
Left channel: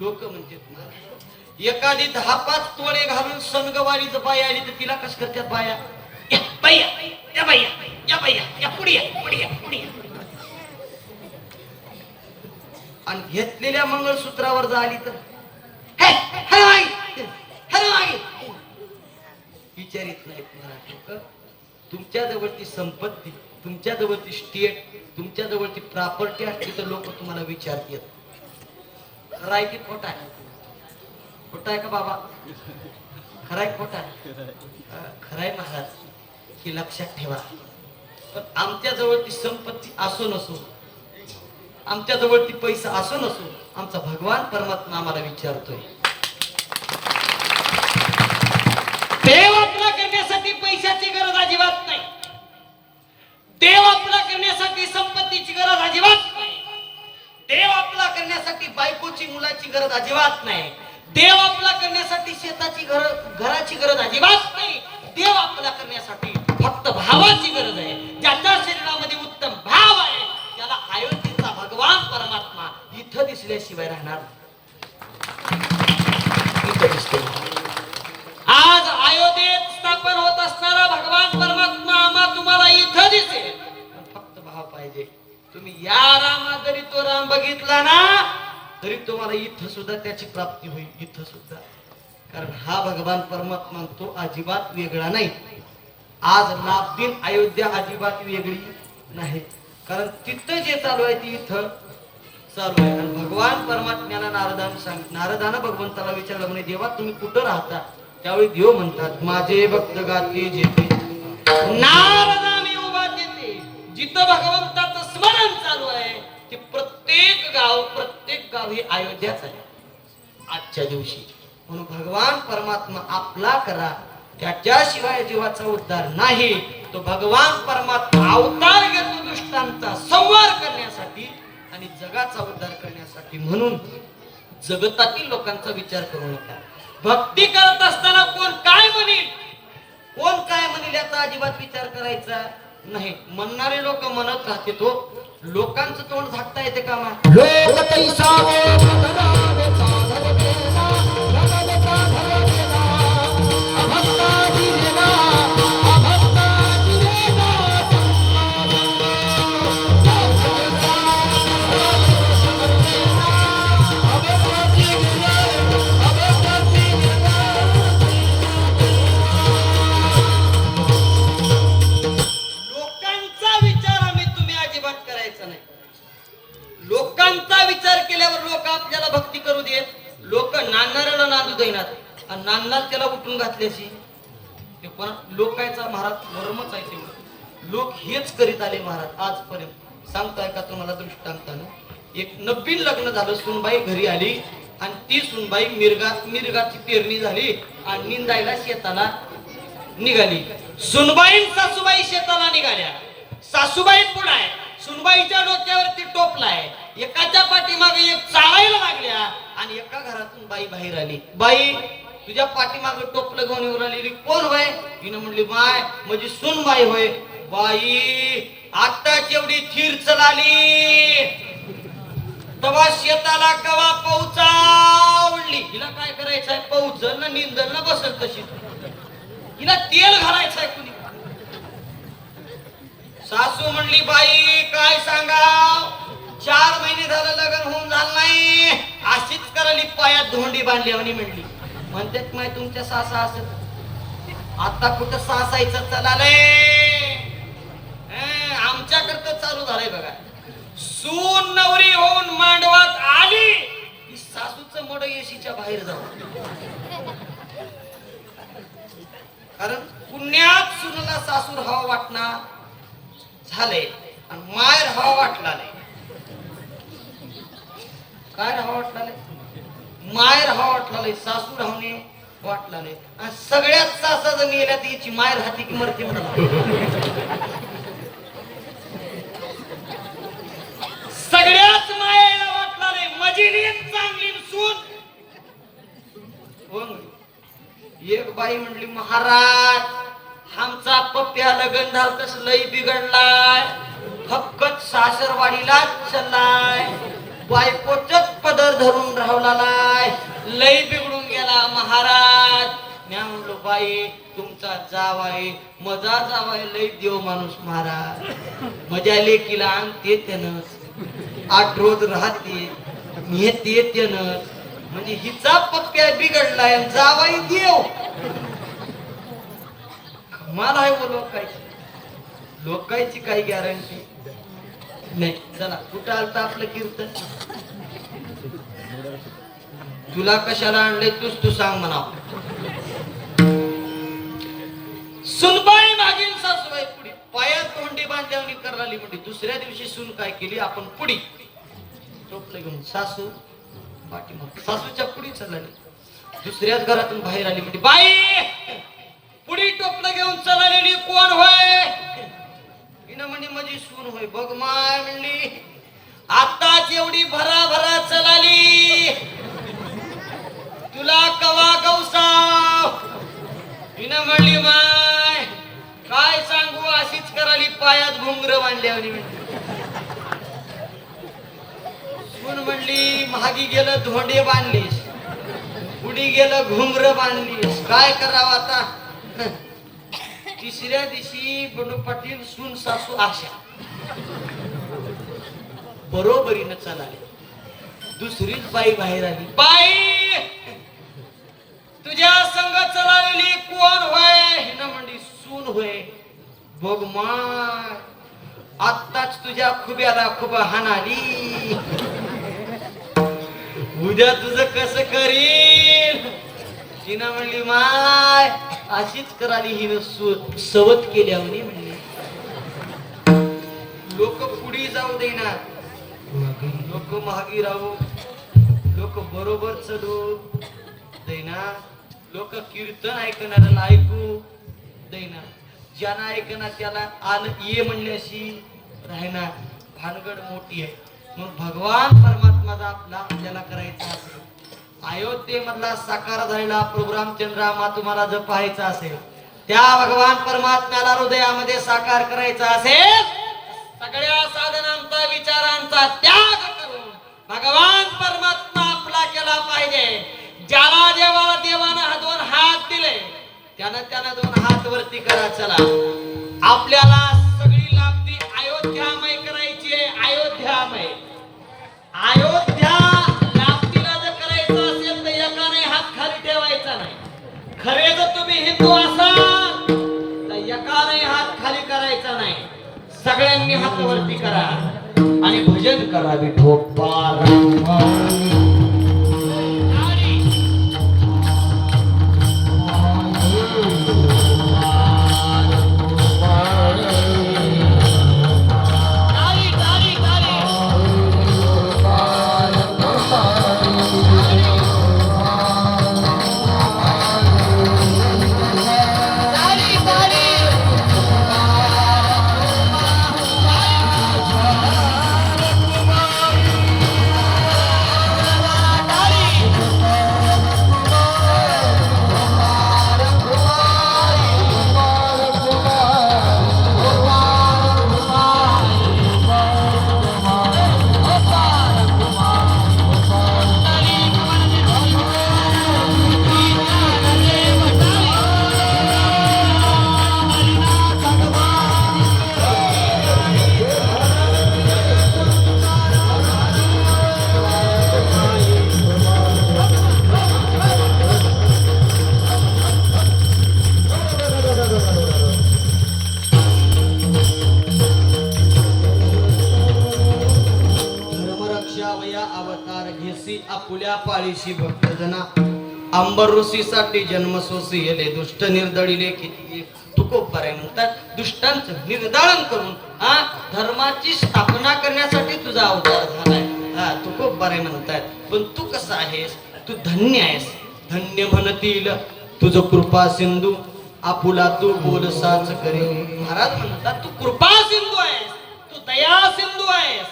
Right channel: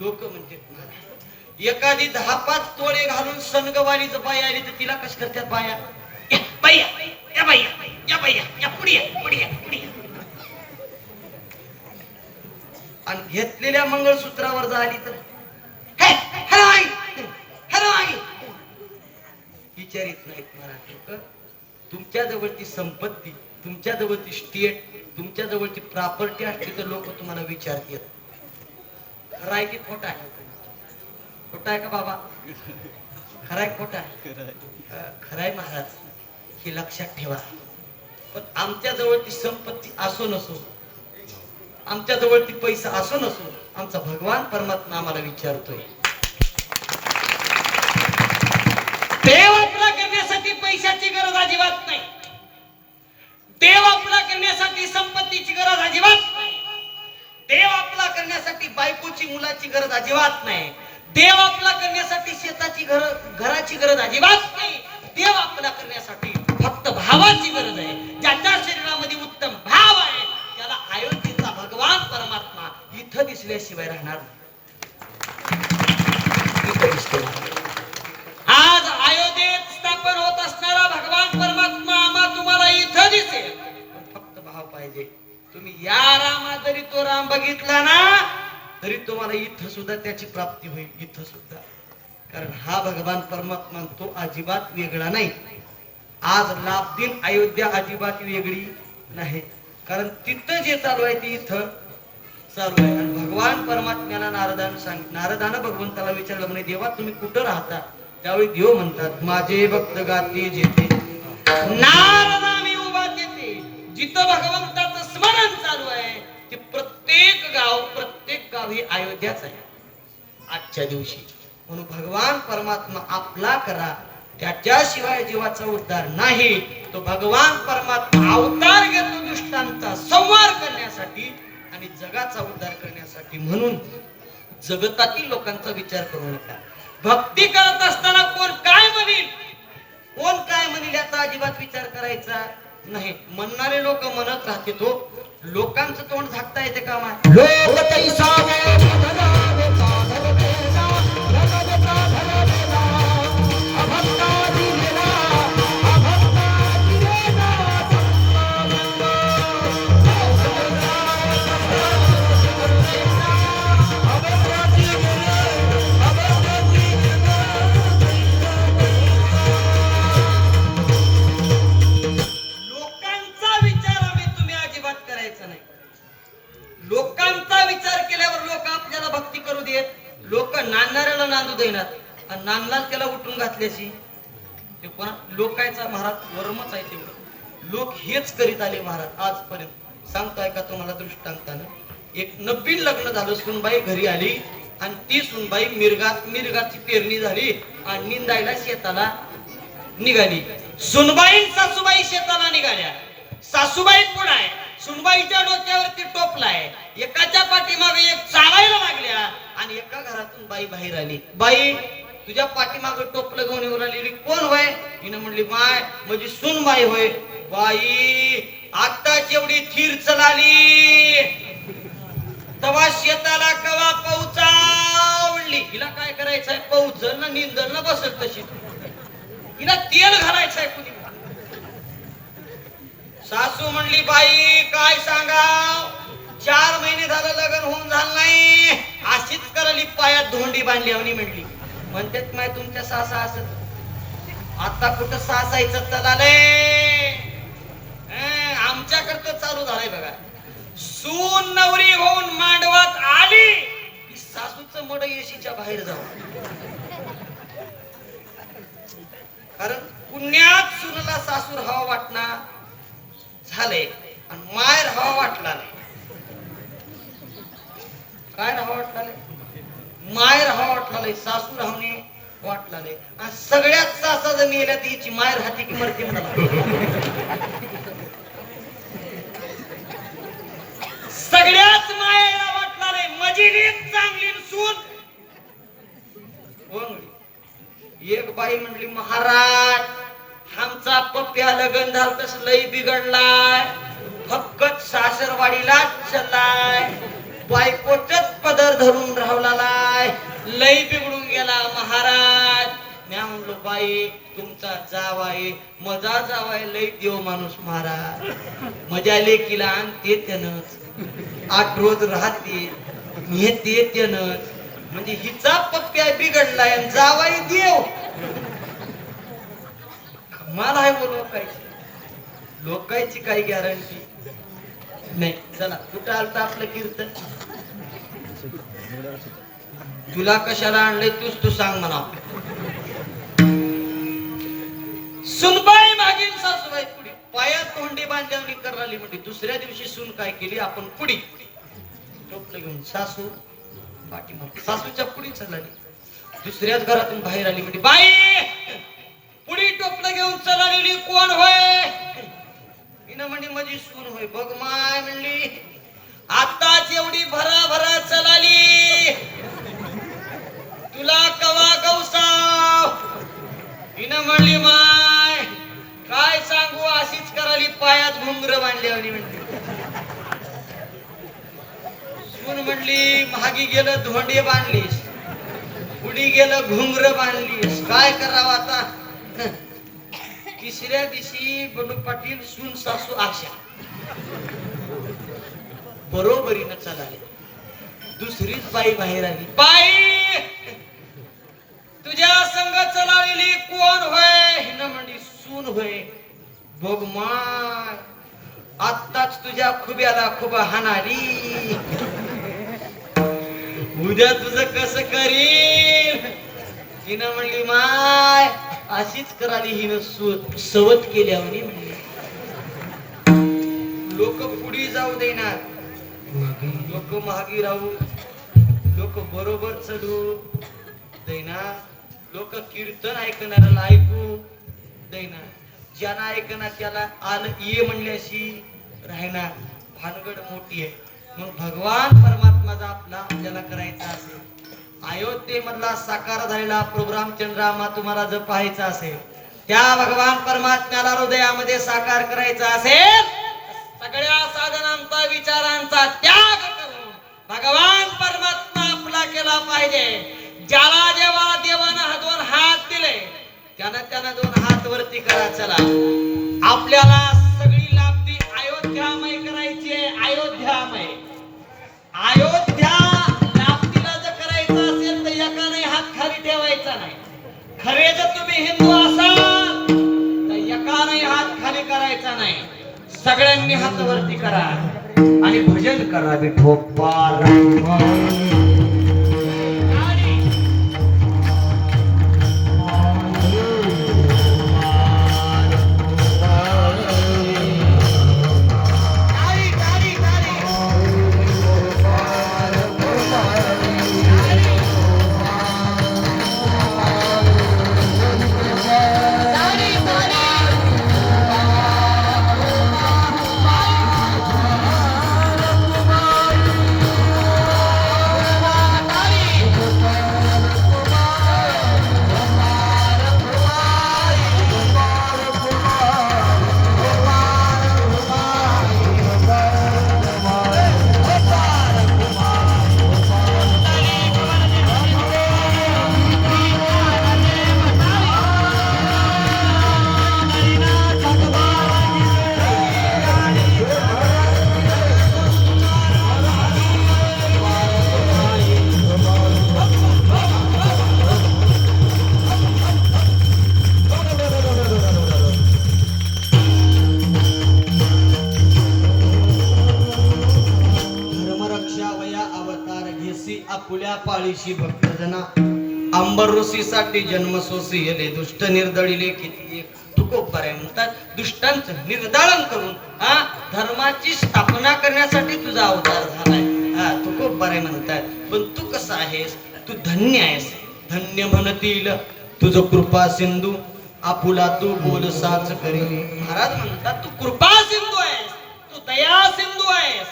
लोक म्हणते. एखादी 10-5 तोळे घालून सनगवाली जर बाई आली तर तिला कश करतात बाया? बाया या बाया या बाया या पुढे या पुढे या पुढे या. आणि घेतलेल्या मंगळसूत्रावर झाली तर विचारित नाहीत मराठी लोक. तुमच्या जवळची संपत्ती, तुमच्या जवळची स्टेट, तुमच्या जवळची प्रॉपर्टी असते तर लोक तुम्हाला विचारतात. खरं आहे की खोटा आहे? खोटा आहे का बाबा? खरं आहे खोटा आहे? खरं आहे महाराज. हे लक्षात ठेवा. पण आमच्या जवळची संपत्ती असो नसो, आमच्या जवळती पैसा असो नसो, आमचा भगवान परमात्मा आम्हाला विचारतोय. देव आपला करण्यासाठी पैशाची गरज अजिबात नाही. देव आपला करण्यासाठी संपत्तीची गरज अजिबात नाही. देव आपला करण्यासाठी बायकोची मुलाची गरज अजिबात नाही. देव आपला करण्यासाठी शेताची घराची गरज अजिबात नाही. देव आपला करण्यासाठी फक्त भावाची गरज आहे. ज्याच्या शरीरामध्ये उत्तम भाव आहे इथं दिसल्याशिवाय राहणार इथं दिसते आज अयोध्येत स्थापन होत असणारा भगवान परमात्मा आम्हा तुम्हाला इथं दिसेल पण फक्त भाव पाहिजे तुम्ही या रामा जरी तो राम बघितला ना तरी तुम्हाला इथं सुद्धा त्याची प्राप्ती होईल इथं सुद्धा कारण हा भगवान परमात्मा तो अजिबात वेगळा नाही आज लाभदीन अयोध्या अजिबात वेगळी नाही कारण तिथं जे चालू आहे ते इथं चालू आहे आणि भगवान परमात्म्याला नारदानं भगवंताला विचारलं म्हणे देवा तुम्ही कुठं राहता त्यावेळी देव म्हणतात माझे भक्त गाते जेते नारदा मी उभा जेते जिथं भगवंताचं स्मरण चालू आहे ते प्रत्येक गाव ही अयोध्याच आहे आजच्या दिवशी म्हणून भगवान परमात्मा आपला करा त्याच्याशिवाय जीवाचा उद्धार नाही तो भगवान परमात्मा अवतार घेतो दुष्टांचा संहार करण्यासाठी आणि जगाचा उद्धार करण्यासाठी म्हणून जगतातील लोकांचा विचार करू नका भक्ती करत असताना कोण काय म्हणेल याचा अजिबात विचार करायचा नाही म्हणणारे लोक म्हणत राहते तो लोकांचं तोंड झाकता येते का लोकांचा विचार केल्यावर लोक आपल्याला भक्ती करू देत लोक नांदणाऱ्याला नांदू देणार आणि नांदणार त्याला उठून घातल्याशी ते पण लोकांचा महाराज वर्मच आहे ते लोक हेच करीत आले महाराज आजपर्यंत सांगताय का तुम्हाला दृष्टांतानं एक नवीन लग्न झालं सुनबाई घरी आली आणि ती सुनबाई मिरगाची पेरणी झाली आणि निंदायला शेताला निघाली सुनबाई सासूबाई शेताला निघाल्या सासूबाई पुढे आहे सुनबाईच्या डोक्यावरती टोपलाय एकाच्या पाठीमागे एक चालायला लागल्या आणि एका घरातून बाई बाहेर आली बाई तुझ्या पाठीमागे टोपलं घेऊन येऊन आलेली कोण होय हिनं म्हणली माय म्हणजे सुनबाई होय बाई आताच एवढी थीर चलाली तवा शेताला कवा पौचावली हिला काय करायचंय पौचल ना निंदल ना बसत तशी हिला तेल घालायचंय कुणी सासू म्हणली बाई काय सांगा 4 महिने झालं लग्न होऊन झालं नाही अशीच करली पायात धोंडी बांधली आणि म्हणली म्हणतात माय तुमच्या सासा असत आता कुठं सासायचं चलाले आमच्याकडं चालू झालंय बघा सून नवरी होऊन मांडवात आली की सासूचं मड येशीच्या बाहेर जाऊ कारण पुण्यात सुनला सासूर हवा वाटणार झाले आणि मायर हवा वाटला नाही काय हवा वाटला नाही मायर हवा वाटला नाही सासू राहणे वाटला नाही आणि सगळ्यात सासा जर नेल्या तिची मायर हाती की मरती म्हणा सगळ्याच मायेला वाटला नाही मजिरी चांगली सून एक बाई म्हणली महाराज आमचा पप्प्या लगन झालं तस लई बिघडलाय फक्त सासरवाडीला चलाय बायकोचच पदर धरून राहलाय लई बिघडून गेला महाराज म्या म्हणलो बाई तुमचा जावाय मजा जावाय लई देव माणूस महाराज मजा लेकीला आणते त्यानंच 8 रोज राहते नेते त्यानंच म्हणजे हिचा पप्प्या बिघडलाय आणि जावाई देव मला आहे लोकांची काही गॅरंटी नाही चला कुठं आलता आपलं कीर्तन तुला कशाला आणलंय तू सांग म्हणा सुनबाई मागील सासूबाई पुढे पायात तोंडी बांधल्यावणी कराली म्हणजे दुसऱ्या दिवशी सून काय केली आपण पुढी टोपलं घेऊन सासू पाठीमागे सासूच्या पुढी चालली दुसऱ्याच घरातून बाहेर आली म्हणजे बाई पुढी टोपलं घेऊन चलालेली कोण होय हिनं म्हणजे माझी सून होय बघ माय म्हणली आताच एवढी भरा चलाली तुला कवा गौसाव हिनं म्हणली माय काय सांगू अशीच कराली पायात घुंगर बांधल्यावली म्हणली सून म्हणली महागी गेलं धोंडे बांधलीस, पुढी गेलं घुंगर बांधलीस, काय करावं आता. तिसऱ्या दिवशी बनू पाटील सून सासू आशा बरोबरीनं चालली. दुसरीच बाई बाहेर आली. बाई तुझ्या संग चलालेली कोण होय? हिनं म्हणली सून होय. बघ माय, आत्ताच तुझ्या खुब्याला खुब हाणाली, उद्या तुझं कसं करील. हिनं म्हणली माय अशीच कराली. हिनं सवत केल्या म्हणली. लोक पुढे जाऊ देणार, लोक महागी राहू, लोक बरोबर चढू देणार, लोक कीर्तन ऐकणाऱ्याला ऐकू देणार, ज्यांना ऐकणार त्याला आलं ये म्हणल्याशी राहणार. भानगड मोठी आहे. मग भगवान परमात्माचा आपल्याला करायचा असेल, अयोध्येमधला साकार झालेला प्रोग्राम चंद्रामा तुम्हाला जर पाहायचा असेल, त्या भगवान परमात्म्याला हृदयामध्ये साकार करायचा असेल, सगळ्या साधनांचा विचारांचा त्याग करून भगवान परमात्मा आपला केला पाहिजे. ज्याला जेव्हा देवानं 2 हात दिले त्यानं 2 हात वरती करा. चला आपल्याला सगळी लाभती अयोध्यामय करायची आहे. अयोध्या लाभतीला जर करायचं असेल तर एकाने हात खाली ठेवायचा नाही. खरे जर तुम्ही हिंदू असाल तर एकाने हात खाली करायचा नाही. सगळ्यांनी हात वरती करा आणि भजन करा. विठोबा आपुल्या पाळीशी भक्तजना अंबर ऋषीसाठी जन्म सोसी येले दुष्ट निर्दळीले किती तुकोबरे म्हणतात. दुष्टांचं निर्दालन करून धर्माची स्थापना करण्यासाठी तुझा अवतार झालाय. तुकोबरे म्हणतात. पण तू कसा आहेस? तू धन्य आहेस. धन्य म्हणतील तुझं कृपा सिंधू आपुला तू बोलसाच करी. महाराज म्हणतात तू कृपा सिंधू आहेस, तू दया सिंधू आहेस.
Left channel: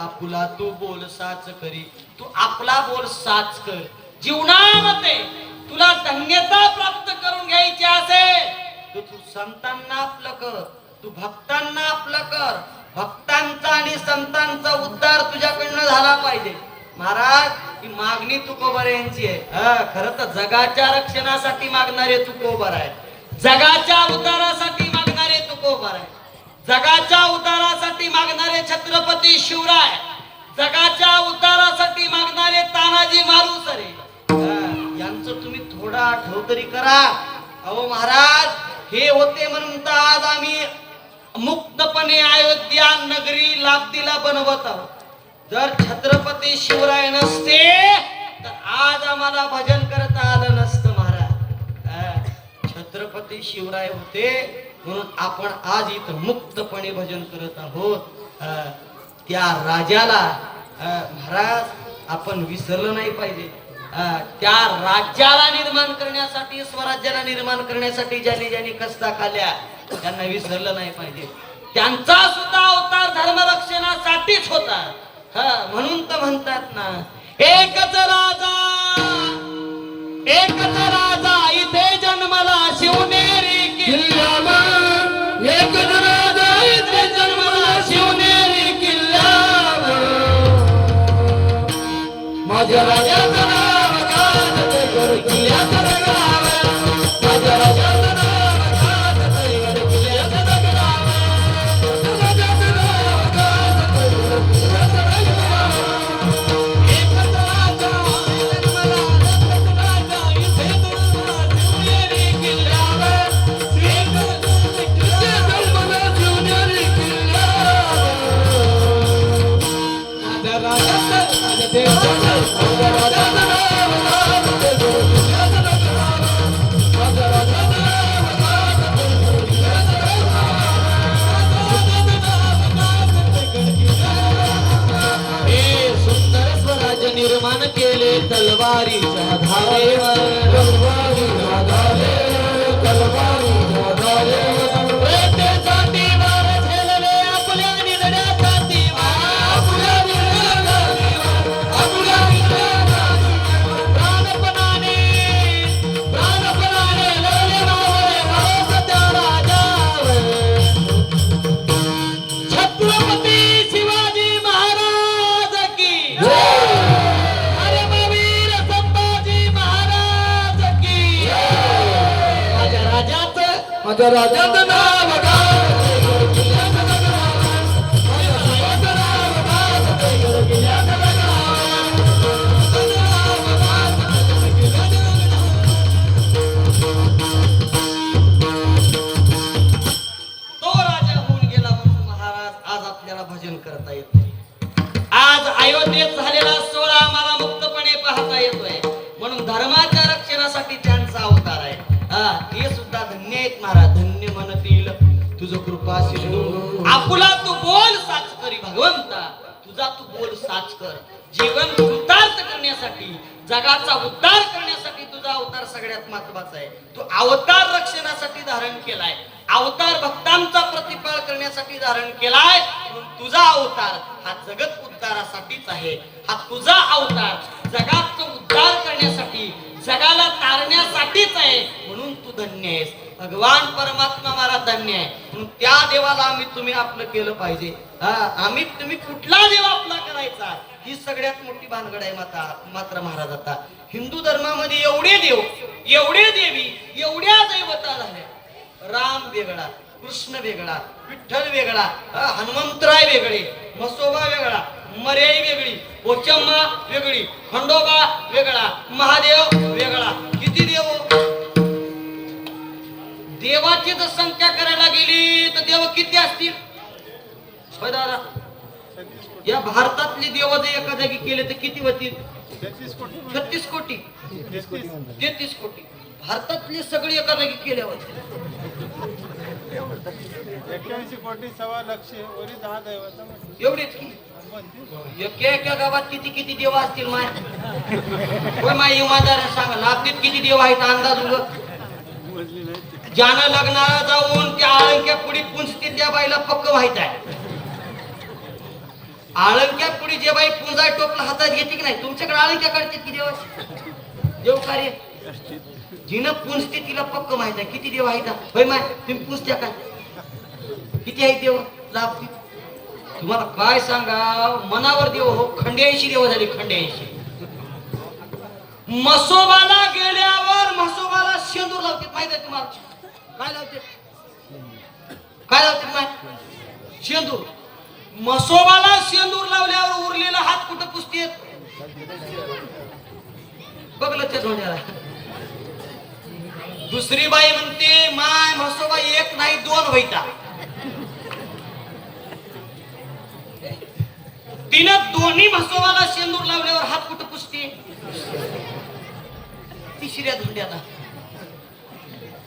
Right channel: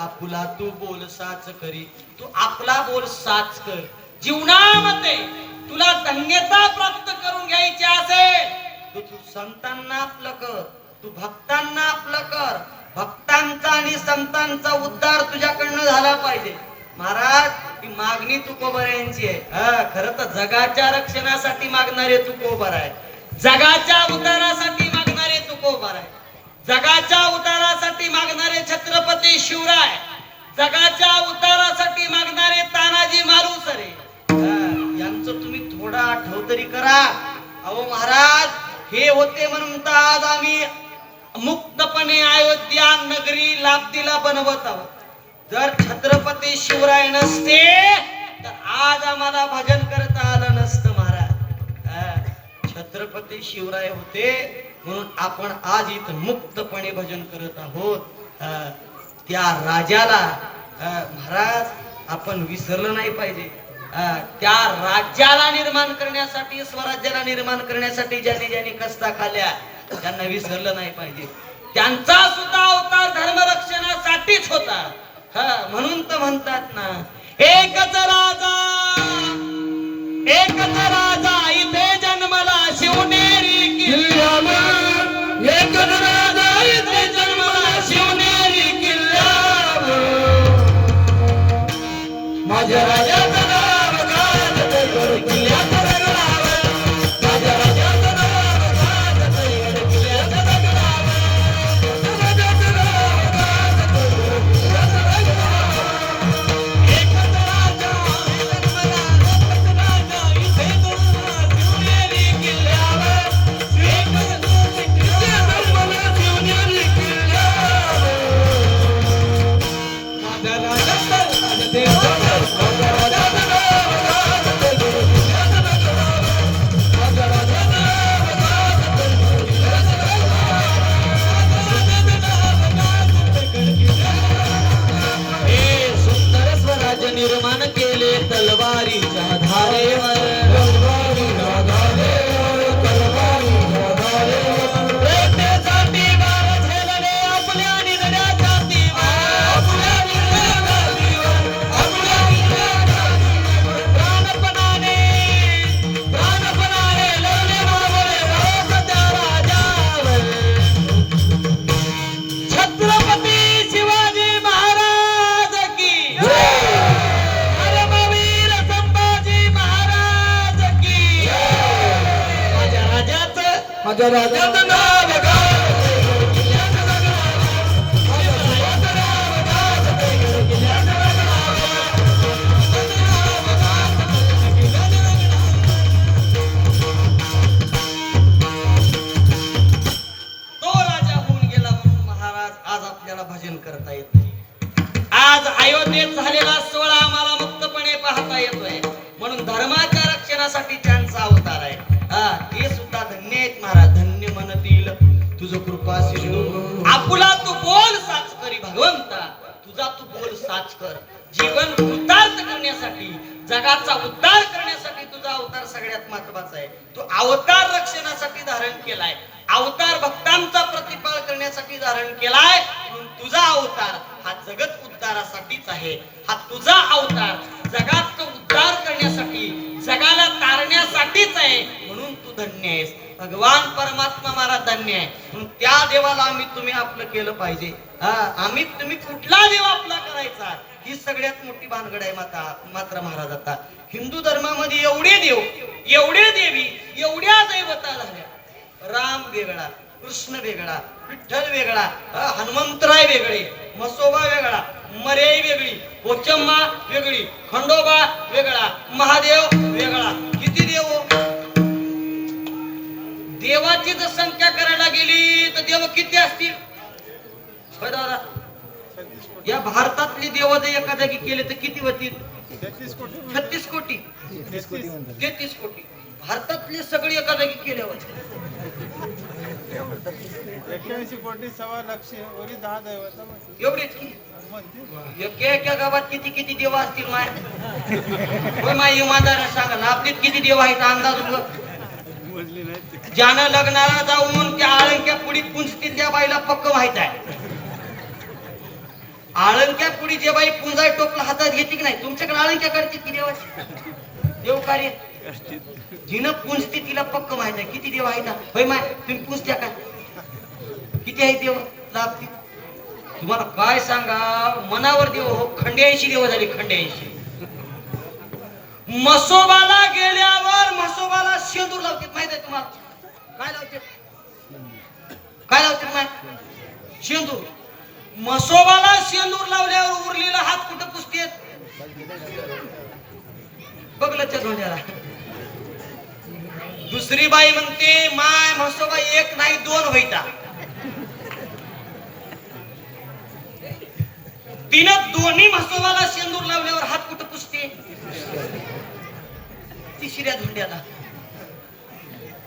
आपुला तू बोल साच करी. तू आपला बोल साच कर. जीवनामध्ये तुला धन्यता प्राप्त करून घ्यायची असेल तर तू संतांना आपलं कर, तू भक्तांना आपलं कर. भक्तांचा आणि संतांचा उद्धार तुझ्याकडनं झाला पाहिजे. महाराज ही मागणी तुकोबऱ्यांची आहे. खरं तर जगाच्या रक्षणासाठी मागणारे तुकोबर आहे, जगाच्या उद्धारासाठी मागणारे तुकोबर आहे, जगाच्या उद्धारासाठी मागणारे छत्रपती शिवराय, जगाच्या उद्धारासाठी मागणारे तानाजी मालुसरे. यांचं तुम्ही थोडा आठव तरी करा. अहो महाराज हे होते म्हणून तर आज आम्ही मुक्तपणे अयोध्या नगरी लाभतीला बनवत आहोत. जर छत्रपती शिवराय नसते तर आज आम्हाला भजन करता आलं नसतं. महाराज छत्रपती शिवराय होते म्हणून आपण आज इथं मुक्तपणे भजन करत आहोत. त्या राजाला महाराज आपण विसरलं नाही पाहिजे. त्या राज्याला निर्माण करण्यासाठी, स्वराज्याला निर्माण करण्यासाठी ज्यांनी ज्यांनी कष्टा खाल्ल्या त्यांना विसरलं नाही पाहिजे. त्यांचा सुद्धा अवतार धर्मरक्षणासाठीच होता. म्हणून तर म्हणतात ना, एकच राजा इथे जन्मला शिवनेरी किल्ल्यावर. एकच राजा इथे जन्मला शिवनेरी किल्ल्यावर. माझ्या राजाचं नाव गाजते गड किल्ल्याचं दगडावर. माझ्या राजाचं नाव गाजते गड किल्ल्याचं दगडावर. राजाचं नाव गाजते गड किल्ल्याचं दगडावर. एकच राजा जन्मला एकच राजा इथे जन्मला शिवनेरी किल्ल्यावर. एकच इथे जन्मला शिवनेरी किल्ल्यावर. माझ्या राजाचं माझ्या देवाचं माझ्या राजाचं नाव गाजते गड किल्ल्याचं दगडावर. माझ्या राजाचं नाव गाजते गड किल्ल्याचं दगडावर. हे सुंदर स्वराज्य निर्माण केले तलवारीच्या धारेवर. तलवारीच्या धारेवर. तलवारीच्या धारेवर. प्रेतेसाठी वार झेलले आपल्या निधड्यासाठी. आपल्या निधड्यासाठी. आपल्या निधड्यासाठी. प्राणपणाने प्राणपणाने लढले मावळे भारत त्या राजावर. छत्रपती शिवाजी महाराज की धर्मवीर संभाजी महाराज की. माझ्या राजाचं नाव गाजते गड किल्ल्याचं दगडावर. माझ्या राजाचं नाव गाजते गड किल्ल्याचं दगडावर. तो राजा होऊन गेला म्हणून महाराज आज आपल्याला भजन करता येत नाही. आज अयोध्येत झालेला सोहळा आम्हाला मुक्तपणे पाहता येतोय म्हणून धर्माच्या रक्षणासाठी त्यांचा अवतार आहे. हा हे सुद्धा धन्य आहेत महाराज. धन्य म्हणतील तुझं कृपा सिंधू. आपुला तू बोल साच करी भगवंता. तुझा तू बोल साच कर. जीवन कृतार्थ करण्यासाठी जगाचा उद्धार करण्यासाठी तुझा अवतार सगळ्यात महत्वाचा आहे. तू अवतार रक्षणासाठी धारण केलाय. अवतार भक्तांचा प्रतिपाळ करण्यासाठी धारण केलाय म्हणून तुझा अवतार हा जगत उद्धारासाठीच आहे. हा तुझा अवतार जगाचा उद्धार करण्यासाठी जगाला तारण्यासाठीच आहे म्हणून तू धन्य आहेस. भगवान परमात्मा महाराज धन्य आहे म्हणून त्या देवाला आम्ही तुम्ही आपलं केलं पाहिजे. हा आम्ही तुम्ही कुठला देव आपला करायचा ही सगळ्यात मोठी भानगड आहे. मात्र महाराज आता हिंदू धर्मामध्ये एवढे देव एवढे देवी एवढ्या दैवता झाल्या. राम वेगळा, कृष्ण वेगळा, विठ्ठल वेगळा, हनुमंतराय वेगळे, मसोबा वेगळा, मर्याई वेगळी, पोचम्मा वेगळी, खंडोबा वेगळा, महादेव वेगळा. किती देव. देवाची जर संख्या करायला गेली तर देव किती असतील. या भारतातले देव जर एका जागी केले तर किती होतील. 36 कोटी 33 कोटी. भारतातले सगळे एका जागी केल्यावर 81 कोटी 1.25 लाख वरी 10 दैवत एवढेच की. एका गावात किती किती देव असतील माय. होय माय इमानदार सांगा आपलीत किती देव आहेत अंदाज उग. ज्यानं लग्नाला जाऊन त्या आळंक्या पुढी पुंजती त्या बाईला पक्क माहित आहे. आळंक्या पुढी जे बाई पुंजा टोपला हातात घेते की नाही. तुमच्याकडे आळंक्या करते की देव देव कार्य जिनं पुंजते तिला पक्क माहित आहे किती देव आहेत. होय माय तुम्ही पुंजत्या काय किती आहे देव लाभतील. तुम्हाला काय सांगा मनावर देव हो. 88 देव झाली 88. मसोबाला गेल्यावर मसोबाला शेंदूर लावतात माहित आहे तुम्हाला. काय लावते काय लावतात माय शेंदूर. मसोबाला शेंदूर लावल्यावर उरलेला हात कुठं पुसतेत. बघलं त्या धोंड्याला. दुसरी बाई म्हणते माय म्हसोबा एक नाही 2 व्हायता. तिनं दोन्ही म्हसोबाला शेंदूर लावल्यावर हात कुठं पुसते. तिसऱ्या धुंड्याला.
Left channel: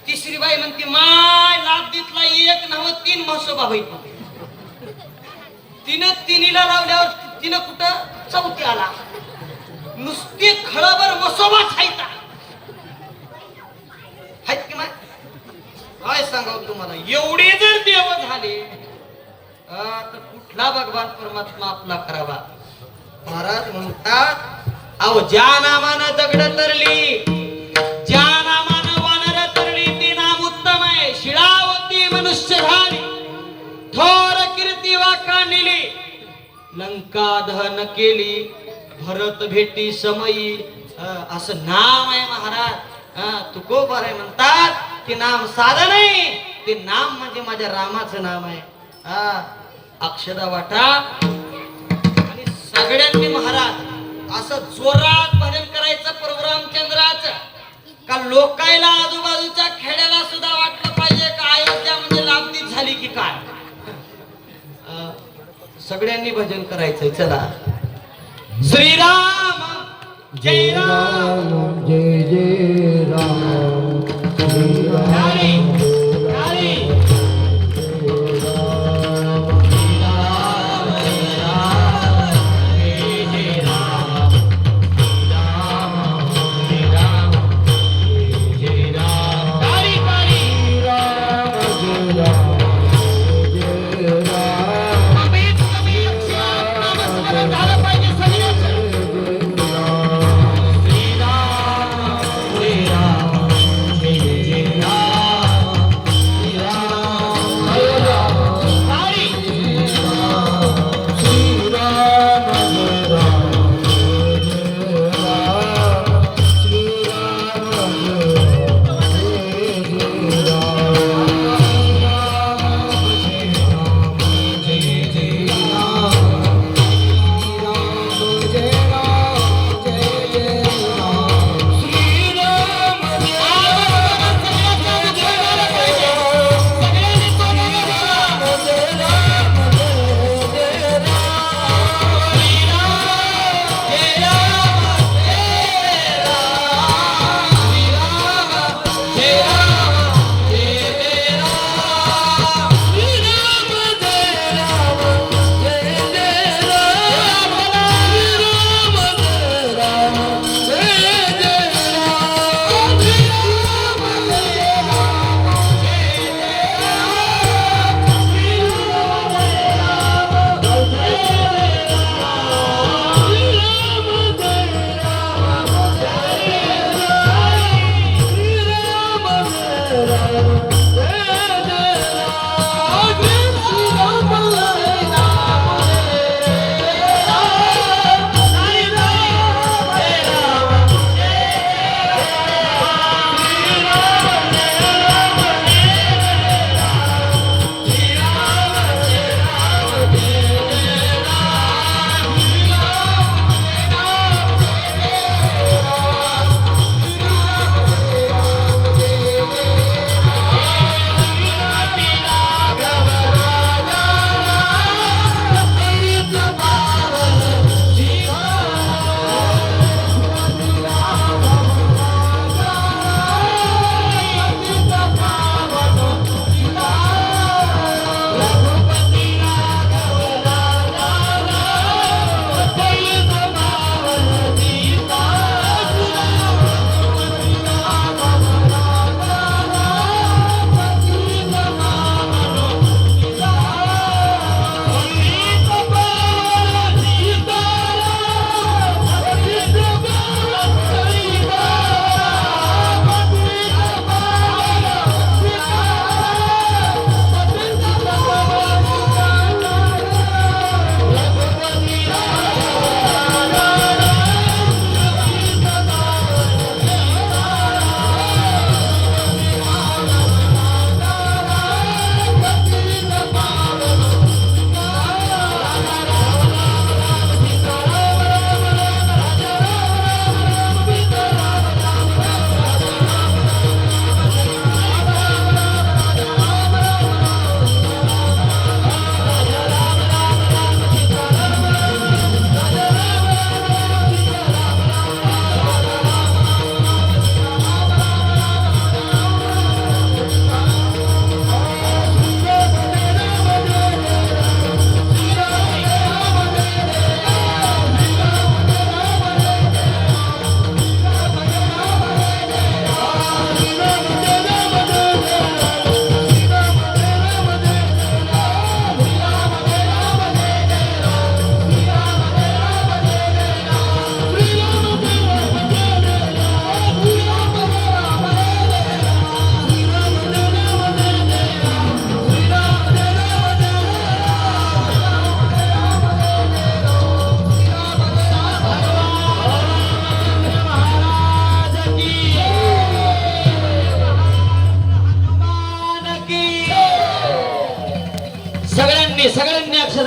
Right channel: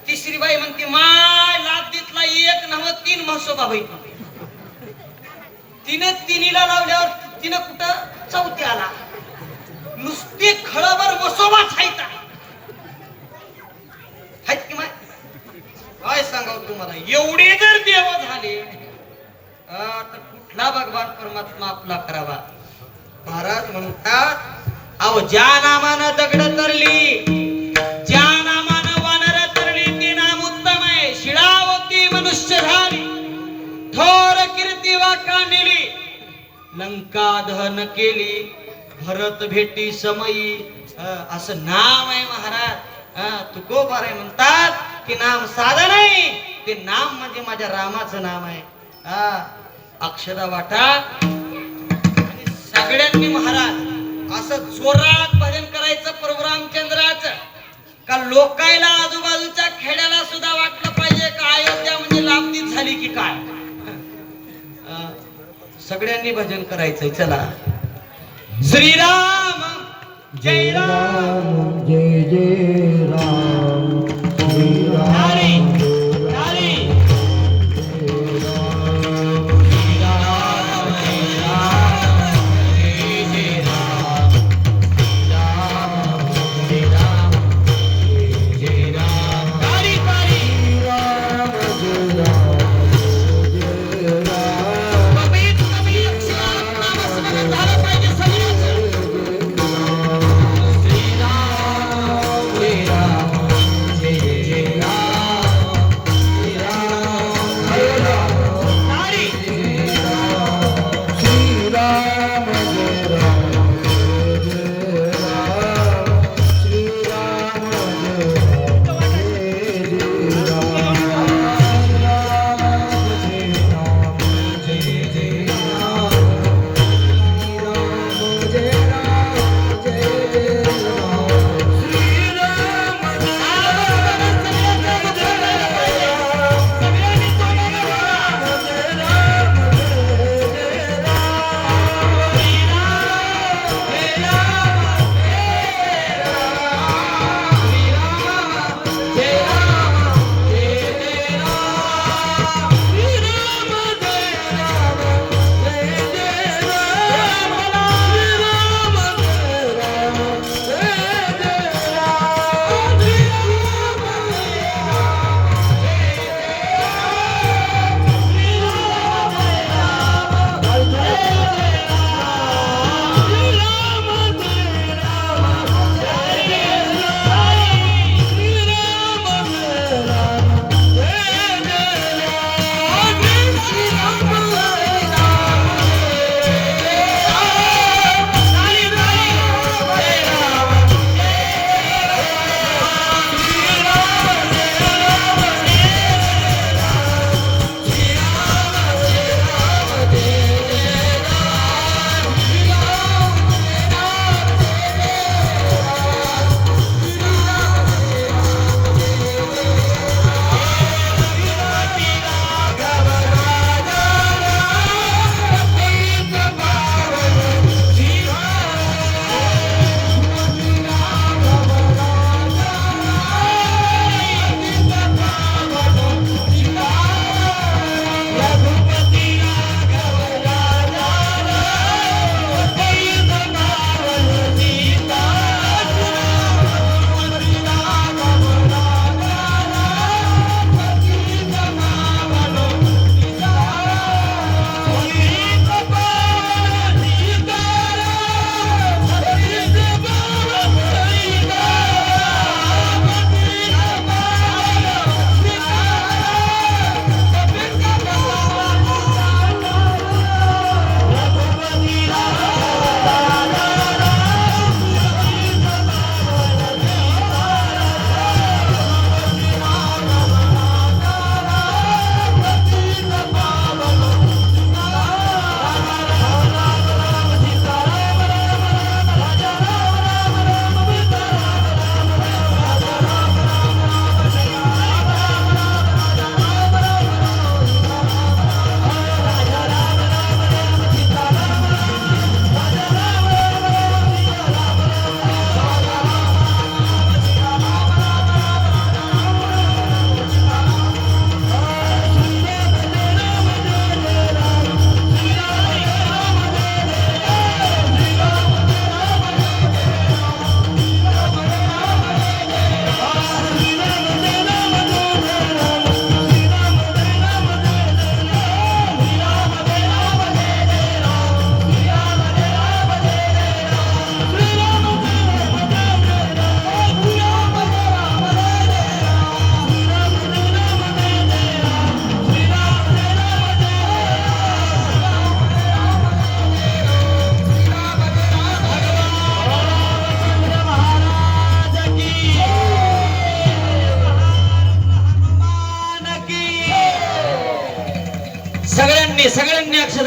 तिसरी बाई म्हणते माय लादीतला एक नव्ह 3 म्हसोबा व्हायचा. तिनं तिनीला लावल्यावर तिनं कुठं चौथ्याला. नुसते खळावर मसोबाच हायता. आहेत की माय. काय सांगावं तुम्हाला एवढे जर देव झाले तर कुठला भगवान परमात्मा आपला करावा. महाराज म्हणतात अहो ज्या नामानं दगड तरली ज्या नामानं वानर तरली ते नाम उत्तम आहे. शिळावती मनुष्य झाली थोर कीर्ती वाका नेली लंका दहन केली भरत भेटी समयी असं नाम आहे महाराज. तुकोबार आहे म्हणतात की नाम साधं नाही, ते नाम म्हणजे माझ्या रामाचं नाम आहे. अक्षदा वाटा आणि सगळ्यांनी महाराज असं जोरात भजन करायचं प्रोग्राम चंद्राचं, का लोकायला आजूबाजूच्या खेड्याला सुद्धा वाटलं पाहिजे का अयोध्या म्हणजे लाभदीत झाली की काय. सगळ्यांनी भजन करायचंय. चला. श्रीराम जय राम जय जय राम श्री राम श्रीराम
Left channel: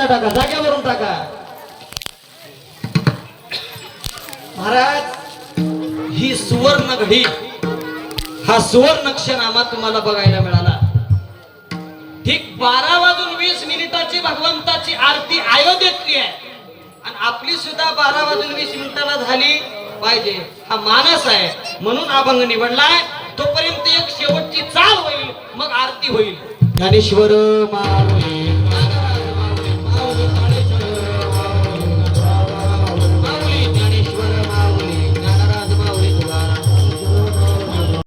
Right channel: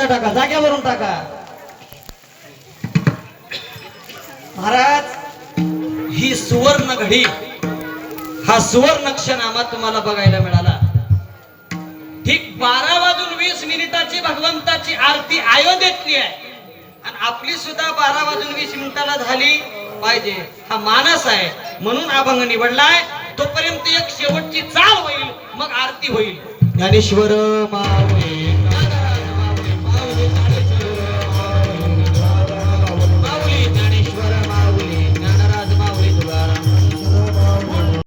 टाका जाग्यावरून टाका. महाराज ही सुवर्ण घडी, हा सुवर्ण क्षणामा तुम्हाला बघायला मिळाला. ठीक 12:20 भगवंताची आरती अयोध्येतली आहे आणि आपली सुद्धा 12:20 झाली पाहिजे हा मानस आहे. म्हणून अभंग निवडलाय. तोपर्यंत एक शेवटची चाल होईल, मग आरती होईल. ज्ञानेश्वर माऊली